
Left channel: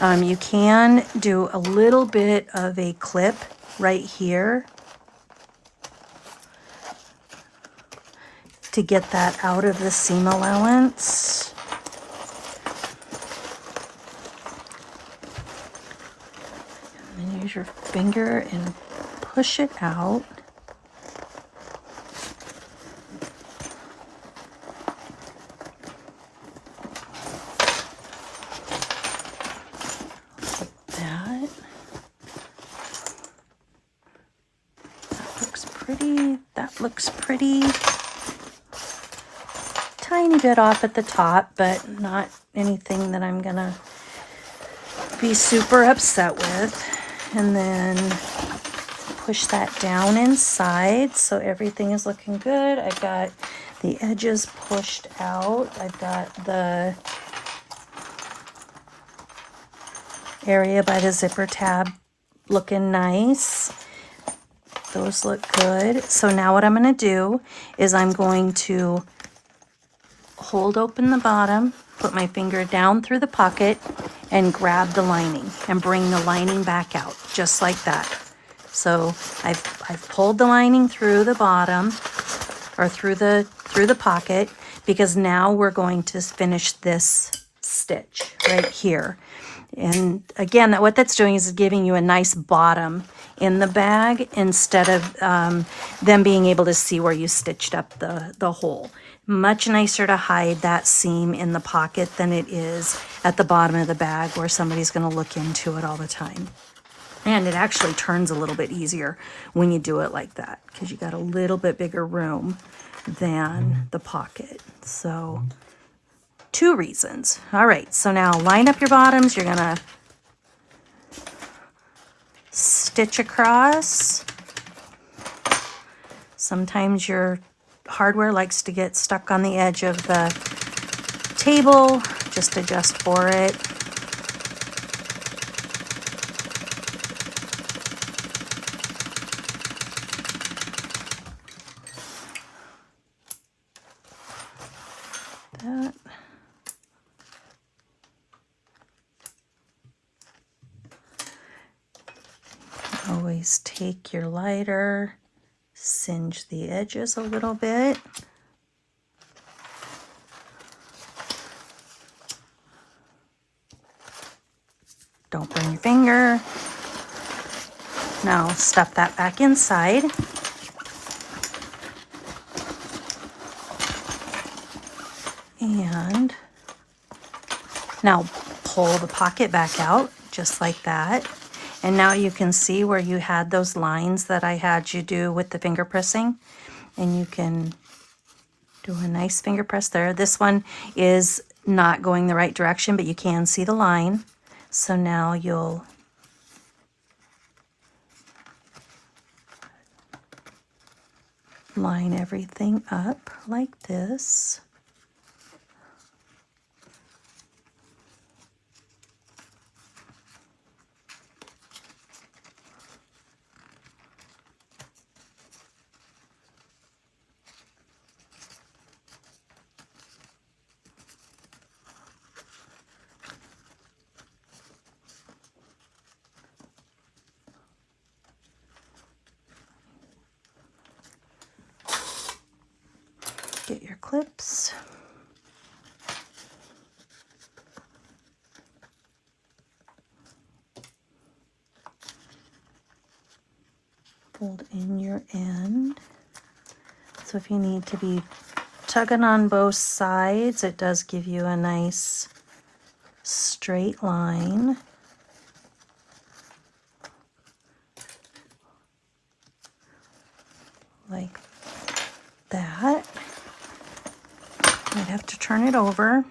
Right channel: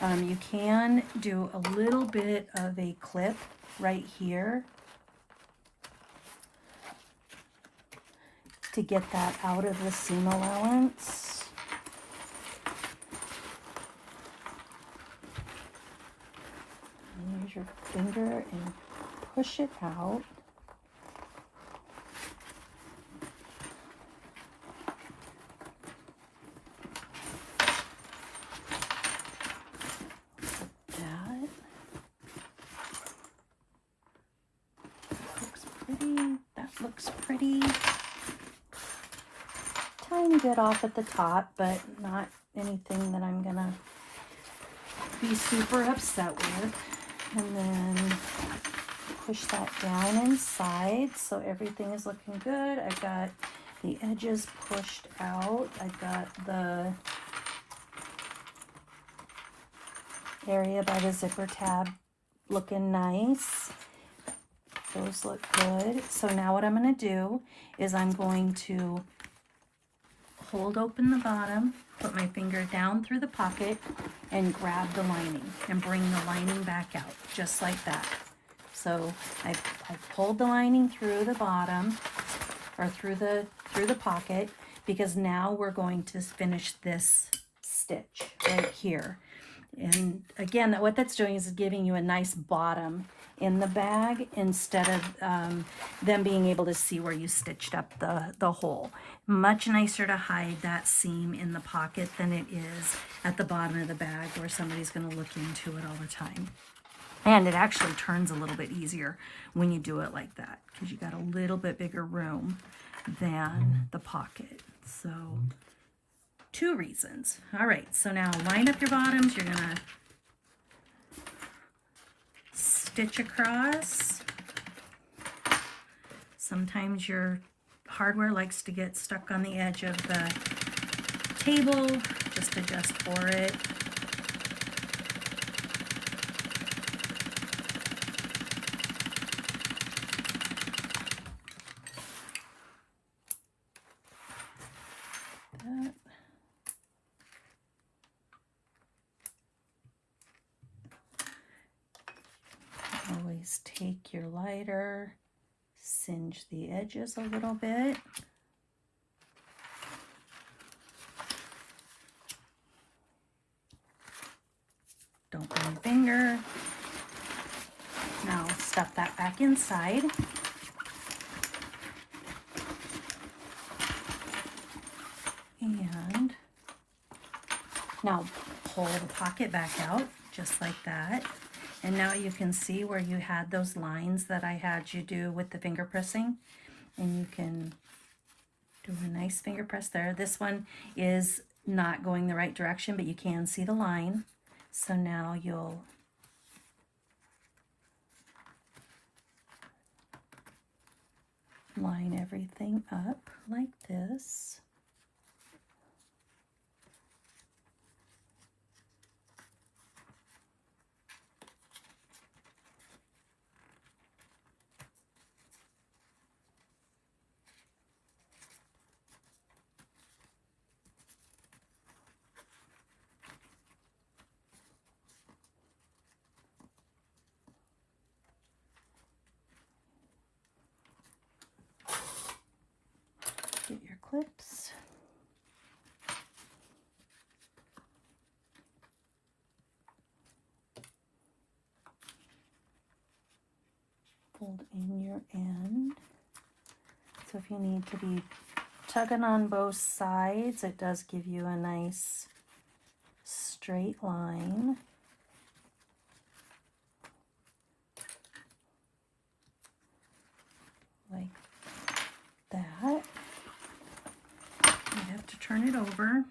You can do a little bit of a clip right here to get that out of the seam allowance. And then use your finger and push it out. That looks pretty. Tiny bit off at the top, but not anything that I'm gonna be super upset with. And then push that down inside so everything is looking good. I've got the edges pushed out. I've got the area by the zipper tab looking nice. Those look good. So now what I'm going to do is I'm going to hold open the bottom, put my finger down through the pocket, and grab the lining and bring the lining back out just like that. So I've pulled the lining through the bottom or through the pocket, because now we're going to finish this stitch right here. And again, what that's doing is giving you a nice bottom in the bag instead of them being able to see where you stitched up the hole. Much nicer to hide that seam in the pocket than it is at the bottom of the bag where somebody's going to look into it all the time. And it actually turns a little bit easier when you do it like that, because you got a little bit bigger room than the pocket. So 2 reasons. All right, so now line up your bottoms. You're gonna stitch across. Sometimes your hardware likes to get stuck on the edge of the table. Just adjust for it. That. Always take your lighter, singe the edges a little bit. Don't burn your finger. Now stuff that back inside. And now pull the pocket back out just like that. And now you can see where you had those lines that I had you do with the finger pressing. And you can do a nice finger press there. This one is not going the right direction, but you can see the line. So now you'll line everything up like this. Get your clips. Fold in your end. So if you need to be tugging on both sides, it does give you a nice straight line. Like that. I'd have to turn it over.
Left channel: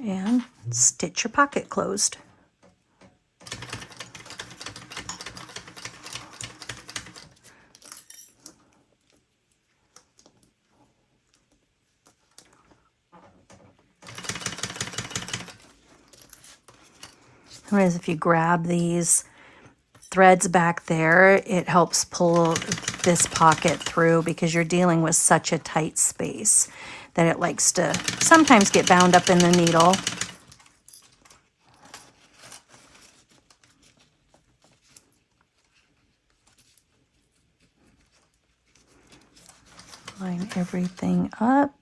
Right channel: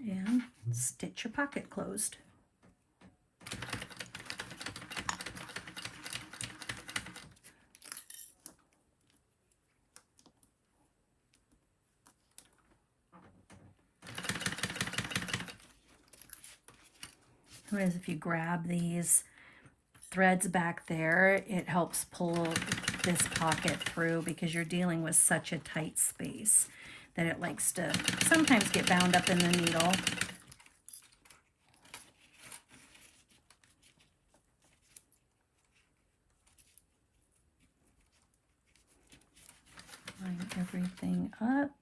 And stitch your pocket closed. Whereas if you grab these threads back there, it helps pull this pocket through because you're dealing with such a tight space that it likes to sometimes get bound up in the needle. Line everything up.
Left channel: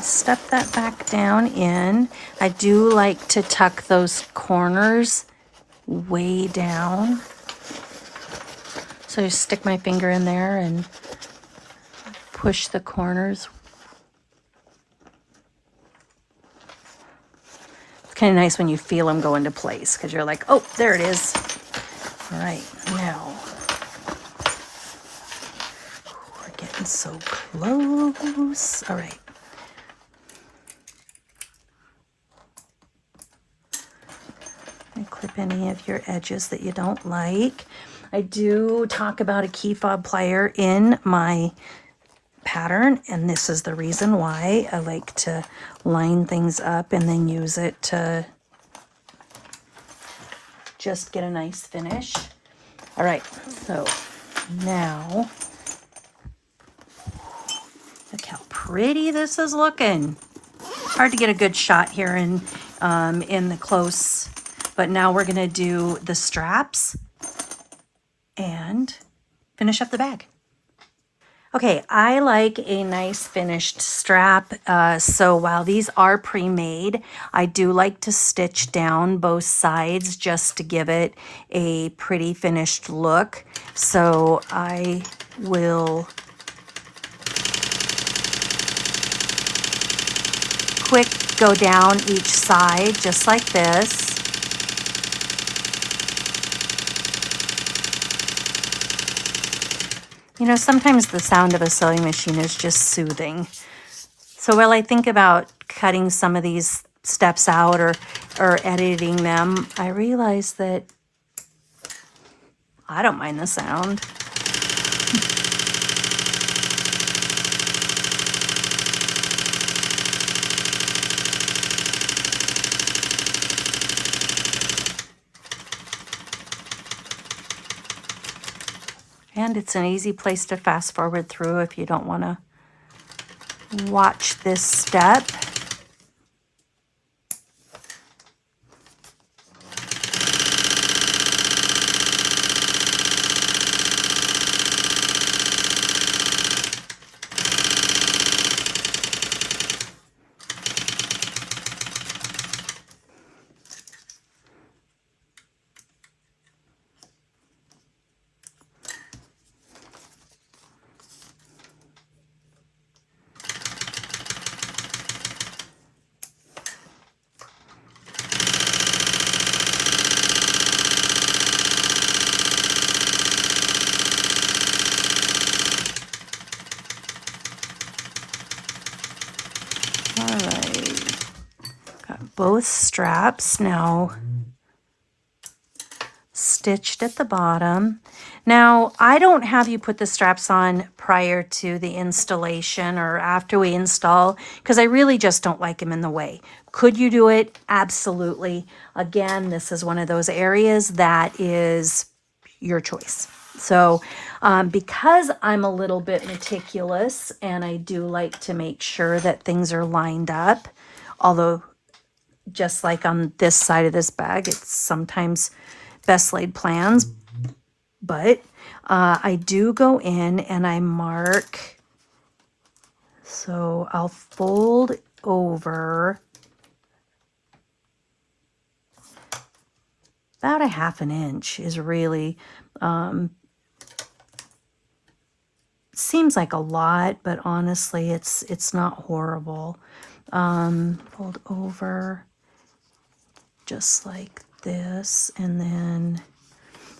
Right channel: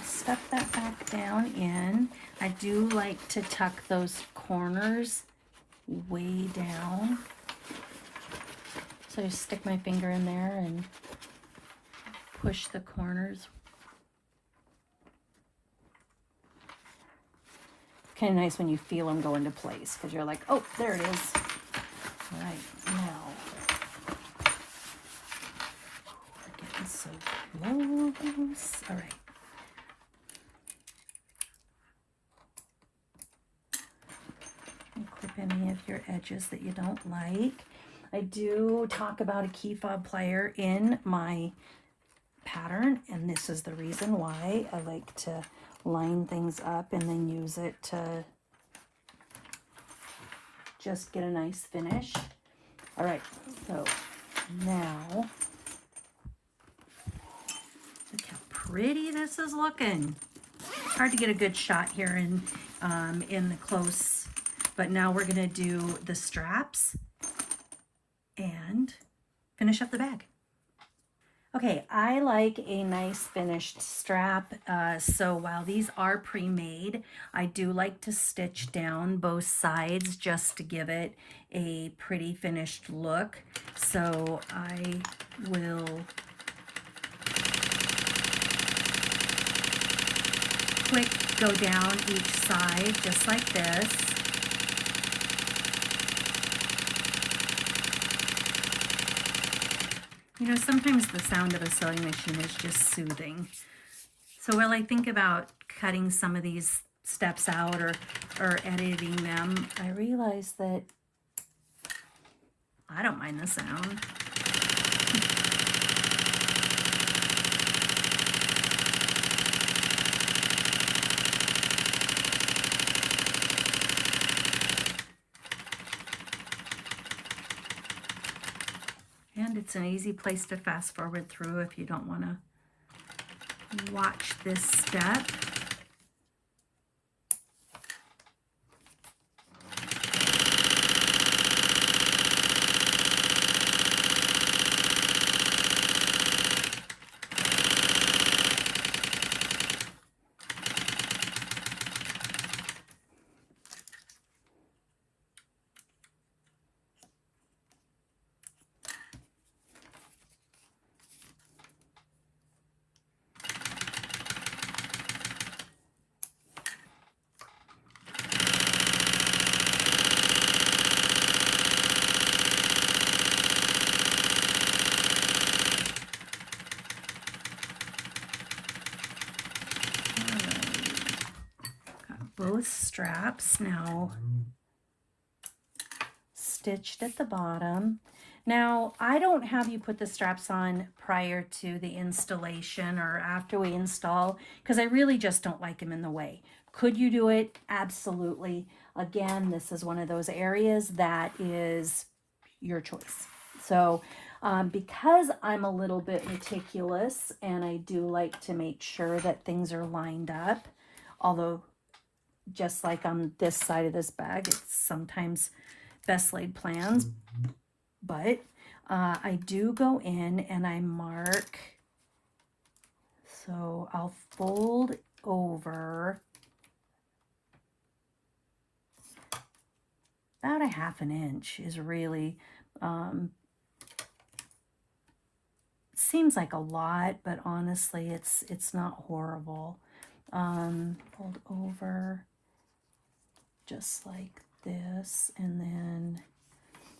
Step that back down in. I do like to tuck those corners way down. So I just stick my finger in there and push the corners. It's kind of nice when you feel them go into place because you're like, oh, there it is. All right, now we're getting so close. All right. And clip any of your edges that you don't like. I do talk about a key fob plier in my pattern, and this is the reason why I like to line things up and then use it to just get a nice finish. All right, so now look how pretty this is looking. Hard to get a good shot here in the close, but now we're gonna do the straps and finish up the bag. Okay, I like a nice finished strap, so while these are pre-made, I do like to stitch down both sides just to give it a pretty finished look. So I will quick go down each side just like this. You know, sometimes the sound of a sewing machine is just soothing. So while I think about cutting some of these steps out or editing them, I realize that I don't mind the sound. And it's an easy place to fast forward through if you don't want to watch this step. Both straps now stitched at the bottom. Now, I don't have you put the straps on prior to the installation or after we install because I really just don't like them in the way. Could you do it? Absolutely. Again, this is one of those areas that is your choice. So because I'm a little bit meticulous and I do like to make sure that things are lined up, although just like on this side of this bag, it's sometimes best laid plans, but I do go in and I mark. So I'll fold over about a ½ inch is really, seems like a lot, but honestly, it's not horrible. Fold over just like this, and then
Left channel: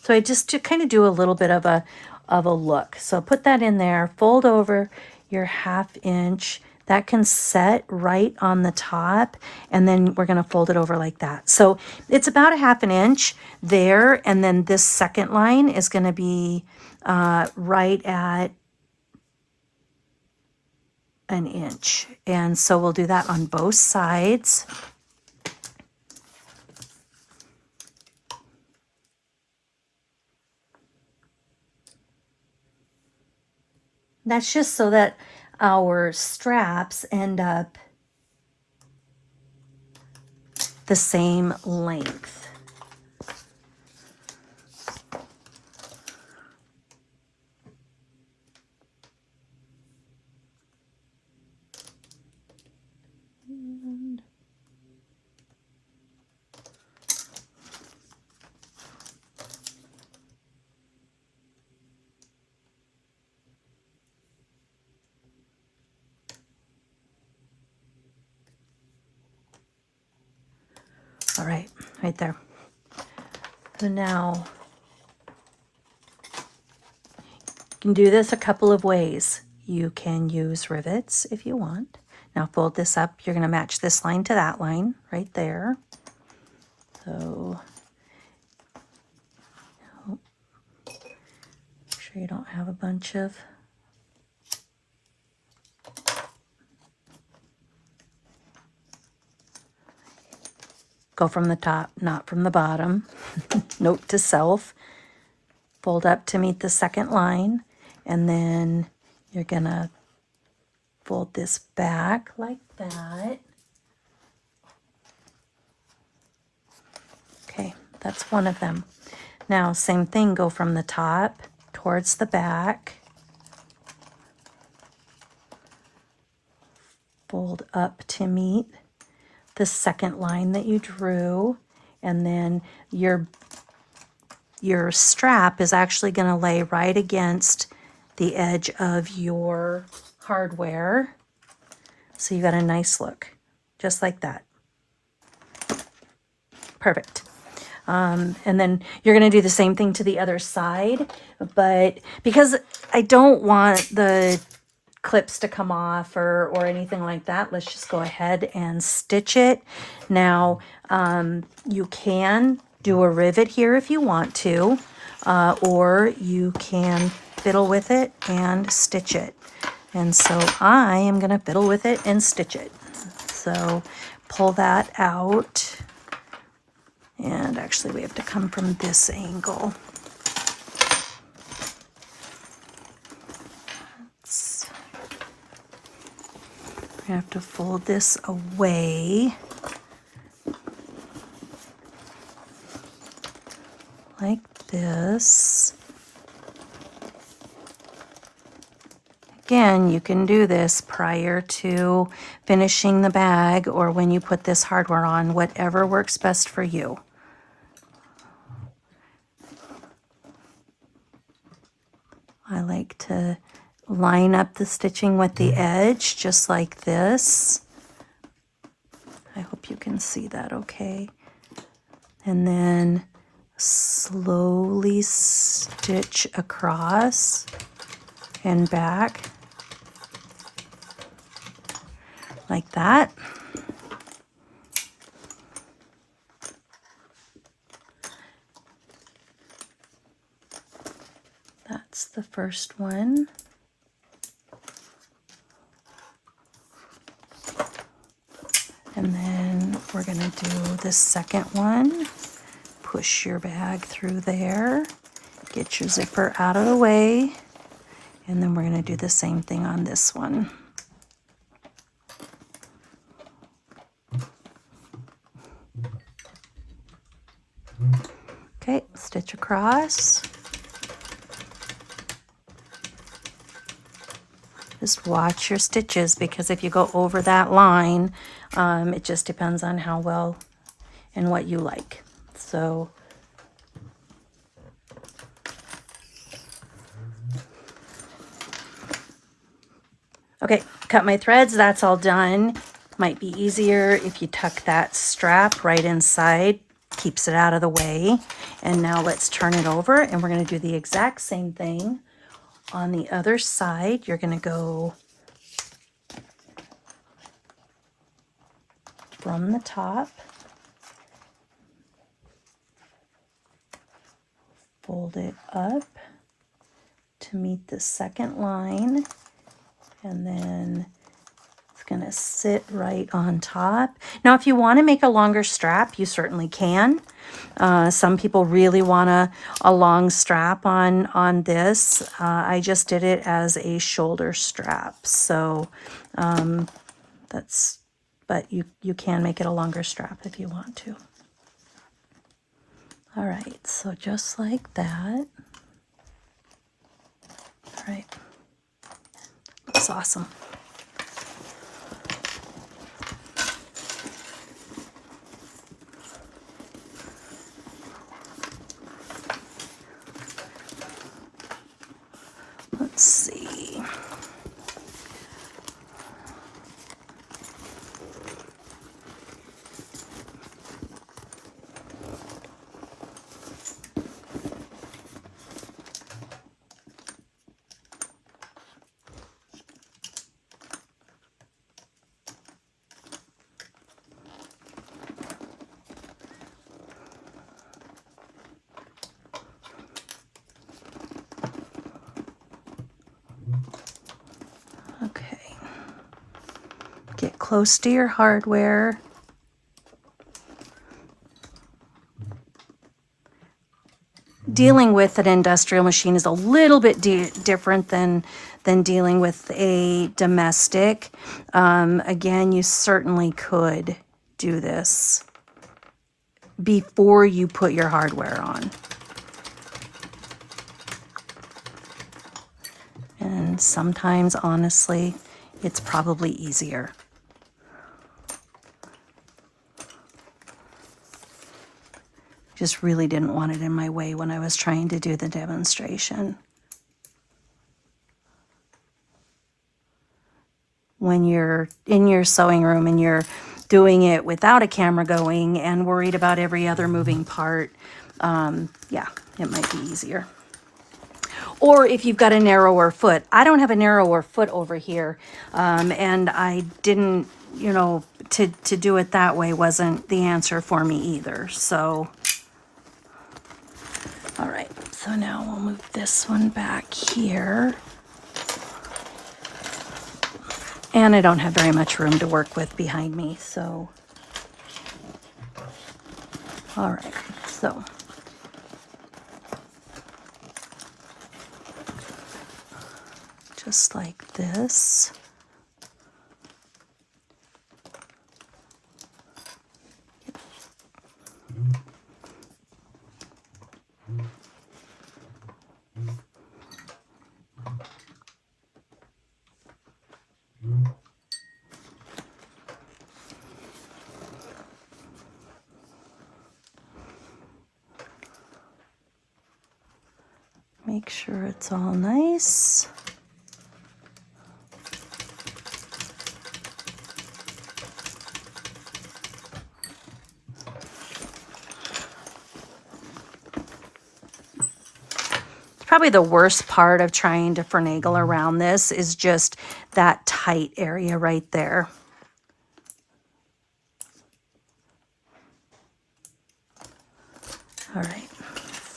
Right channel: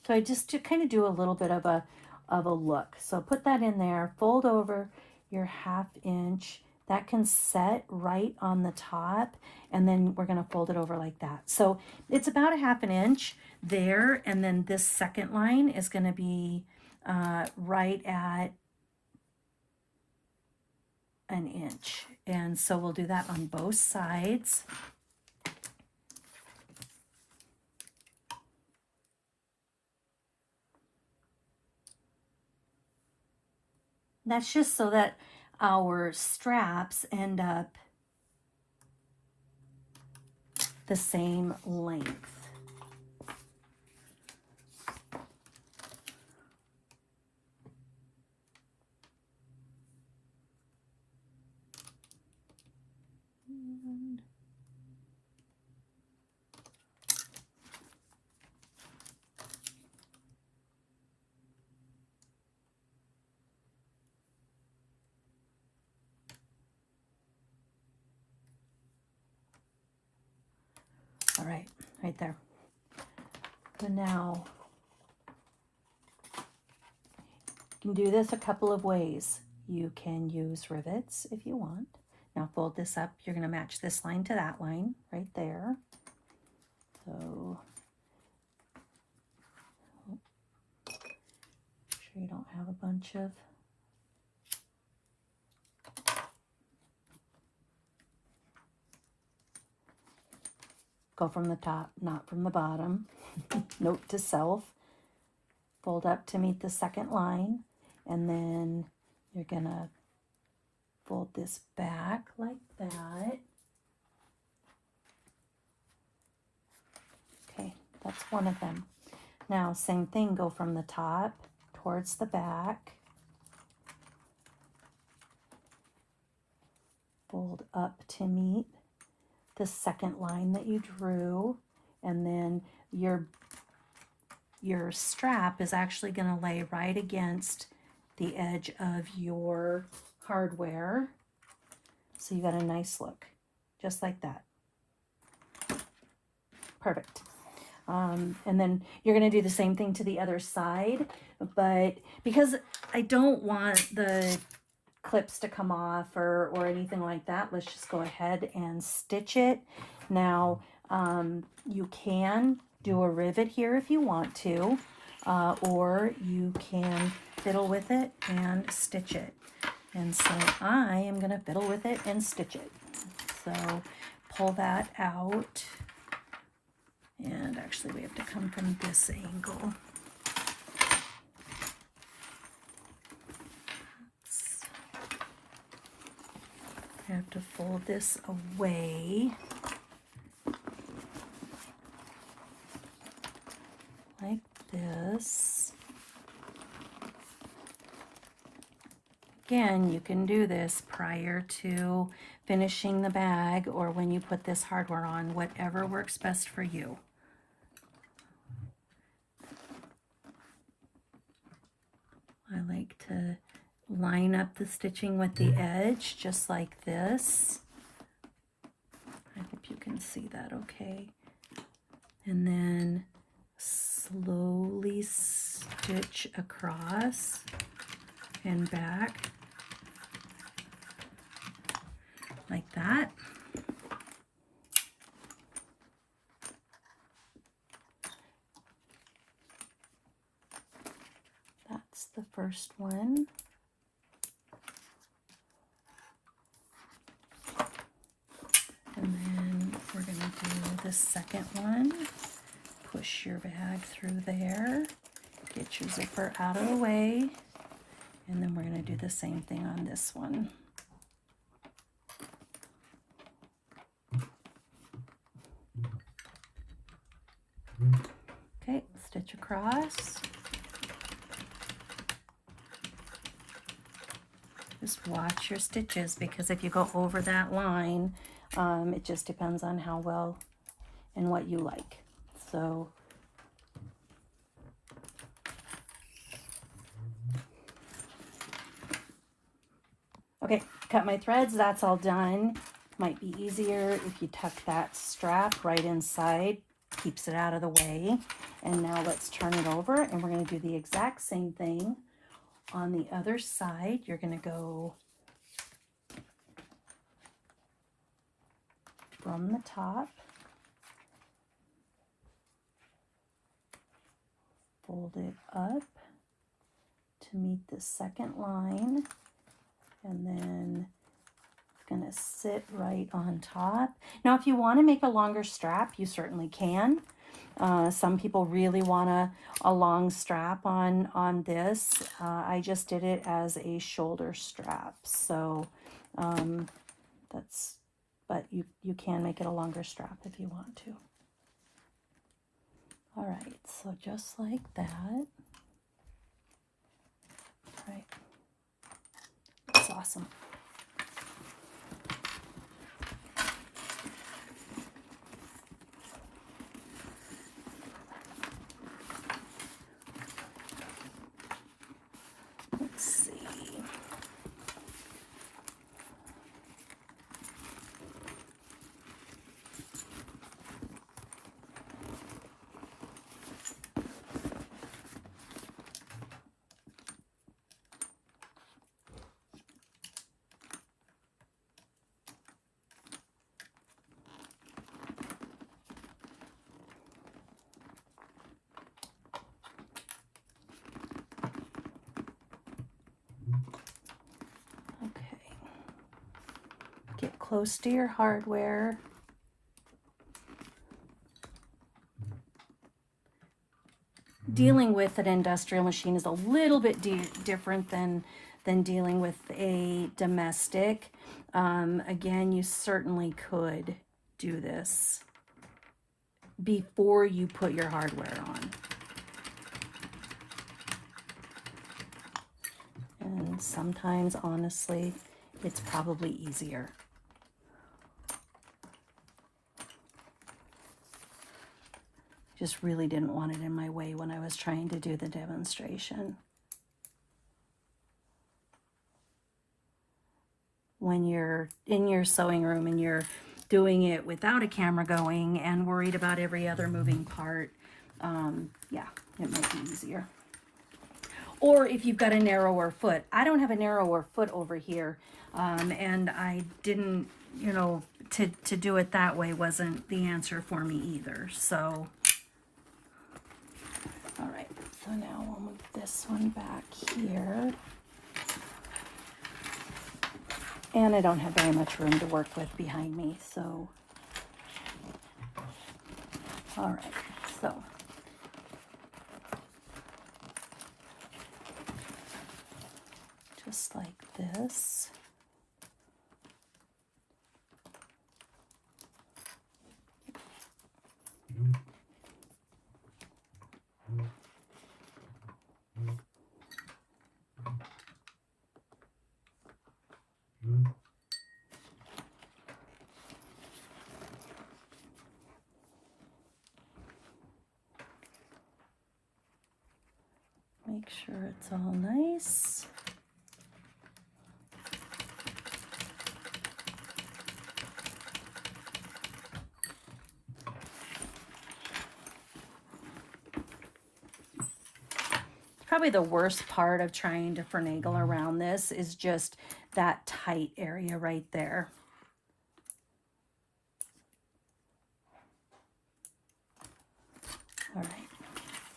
so I just to kind of do a little bit of a of a look. So put that in there, fold over your 1/2 inch. That can set right on the top, and then we're going to fold it over like that. So it's about a 1/2 inch there, and then this second line is going to be right at 1 inch. And so we'll do that on both sides. That's just so that our straps end up the same length. All right, right there. So now you can do this a couple of ways. You can use rivets if you want. Now fold this up. You're going to match this line to that line right there. So make sure you don't have a bunch of go from the top, not from the bottom. Note to self. Fold up to meet the second line, and then you're gonna fold this back like that. Okay, that's one of them. Now, same thing, go from the top towards the back. Fold up to meet the second line that you drew, and then your strap is actually going to lay right against the edge of your hardware. So you got a nice look, just like that. Perfect. And then you're going to do the same thing to the other side, but because I don't want the clips to come off or anything like that, let's just go ahead and stitch it. Now, you can do a rivet here if you want to, or you can fiddle with it and stitch it. And so I am going to fiddle with it and stitch it. So pull that out. And actually we have to come from this angle. I have to fold this away like this. Again, you can do this prior to finishing the bag or when you put this hardware on, whatever works best for you. I like to line up the stitching with the edge, just like this. I hope you can see that okay. And then slowly stitch across and back like that. That's the first one. And then we're going to do the second one. Push your bag through there. Get your zipper out of the way. And then we're going to do the same thing on this one. Okay, stitch across. Just watch your stitches, because if you go over that line, it just depends on how well and what you like. So okay, cut my threads, that's all done. Might be easier if you tuck that strap right inside, keeps it out of the way. And now let's turn it over, and we're going to do the exact same thing on the other side, you're going to go from the top, fold it up to meet the second line, and then it's going to sit right on top. Now, if you want to make a longer strap, you certainly can. Some people really want a long strap on this. I just did it as a shoulder strap. So but you can make it a longer strap if you want to. All right, so just like that. All right, looks awesome. Let's see. Okay. Get close to your hardware. Dealing with an industrial machine is a little bit different than dealing with a domestic. Again, you certainly could do this before you put your hardware on. And sometimes, honestly, it's probably easier. Just really didn't want it in my way when I was trying to do the demonstration. When you're in your sewing room and you're doing it without a camera going and worried about every other moving part, yeah, it might be easier. Or if you've got a narrower foot. I don't have a narrower foot over here, and I didn't, you know, to do it that way wasn't the answer for me either. So, all right, so now we'll move this one back here. And I don't have very much room to work with behind me, so. All right, so. Just like this. Make sure it's all nice. Probably the worst part of trying to finagle around this is just that tight area right there. All right,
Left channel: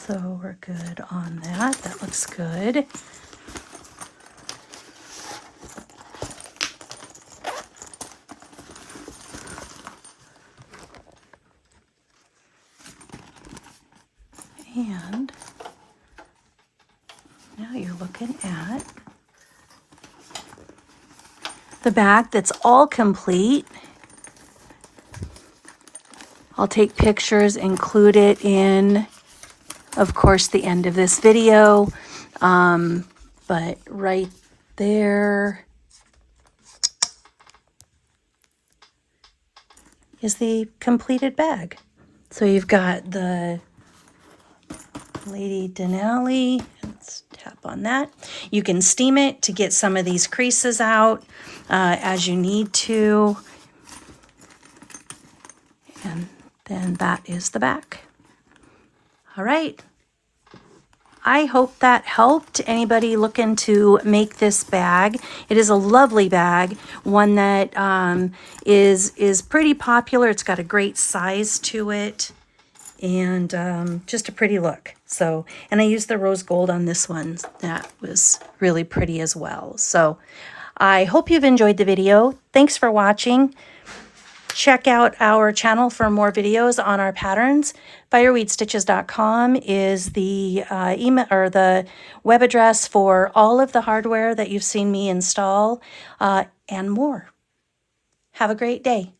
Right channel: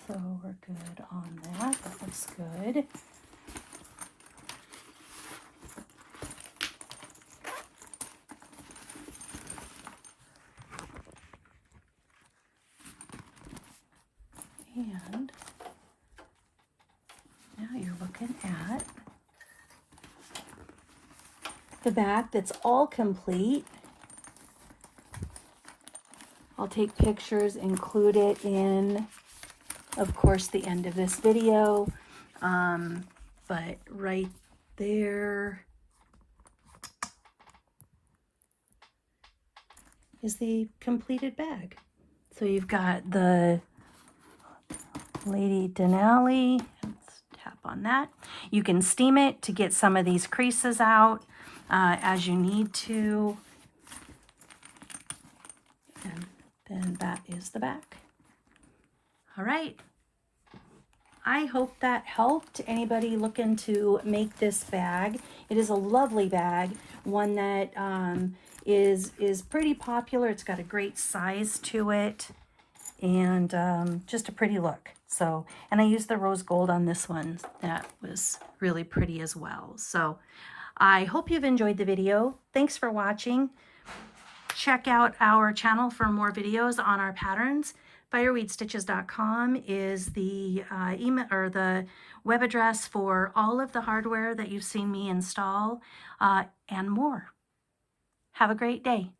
so we're good on that. That looks good. And now you're looking at the back that's all complete. I'll take pictures, include it in, of course, the end of this video. But right there is the completed bag. So you've got the Lady Denali. Let's tap on that. You can steam it to get some of these creases out as you need to. And then that is the back. All right. I hope that helped anybody looking to make this bag. It is a lovely bag, one that is pretty popular. It's got a great size to it, and just a pretty look. So, and I used the rose gold on this one. That was really pretty as well. So I hope you've enjoyed the video. Thanks for watching. Check out our channel for more videos on our patterns. Fireweedstitches.com is the email or the web address for all of the hardware that you've seen me install and more. Have a great day.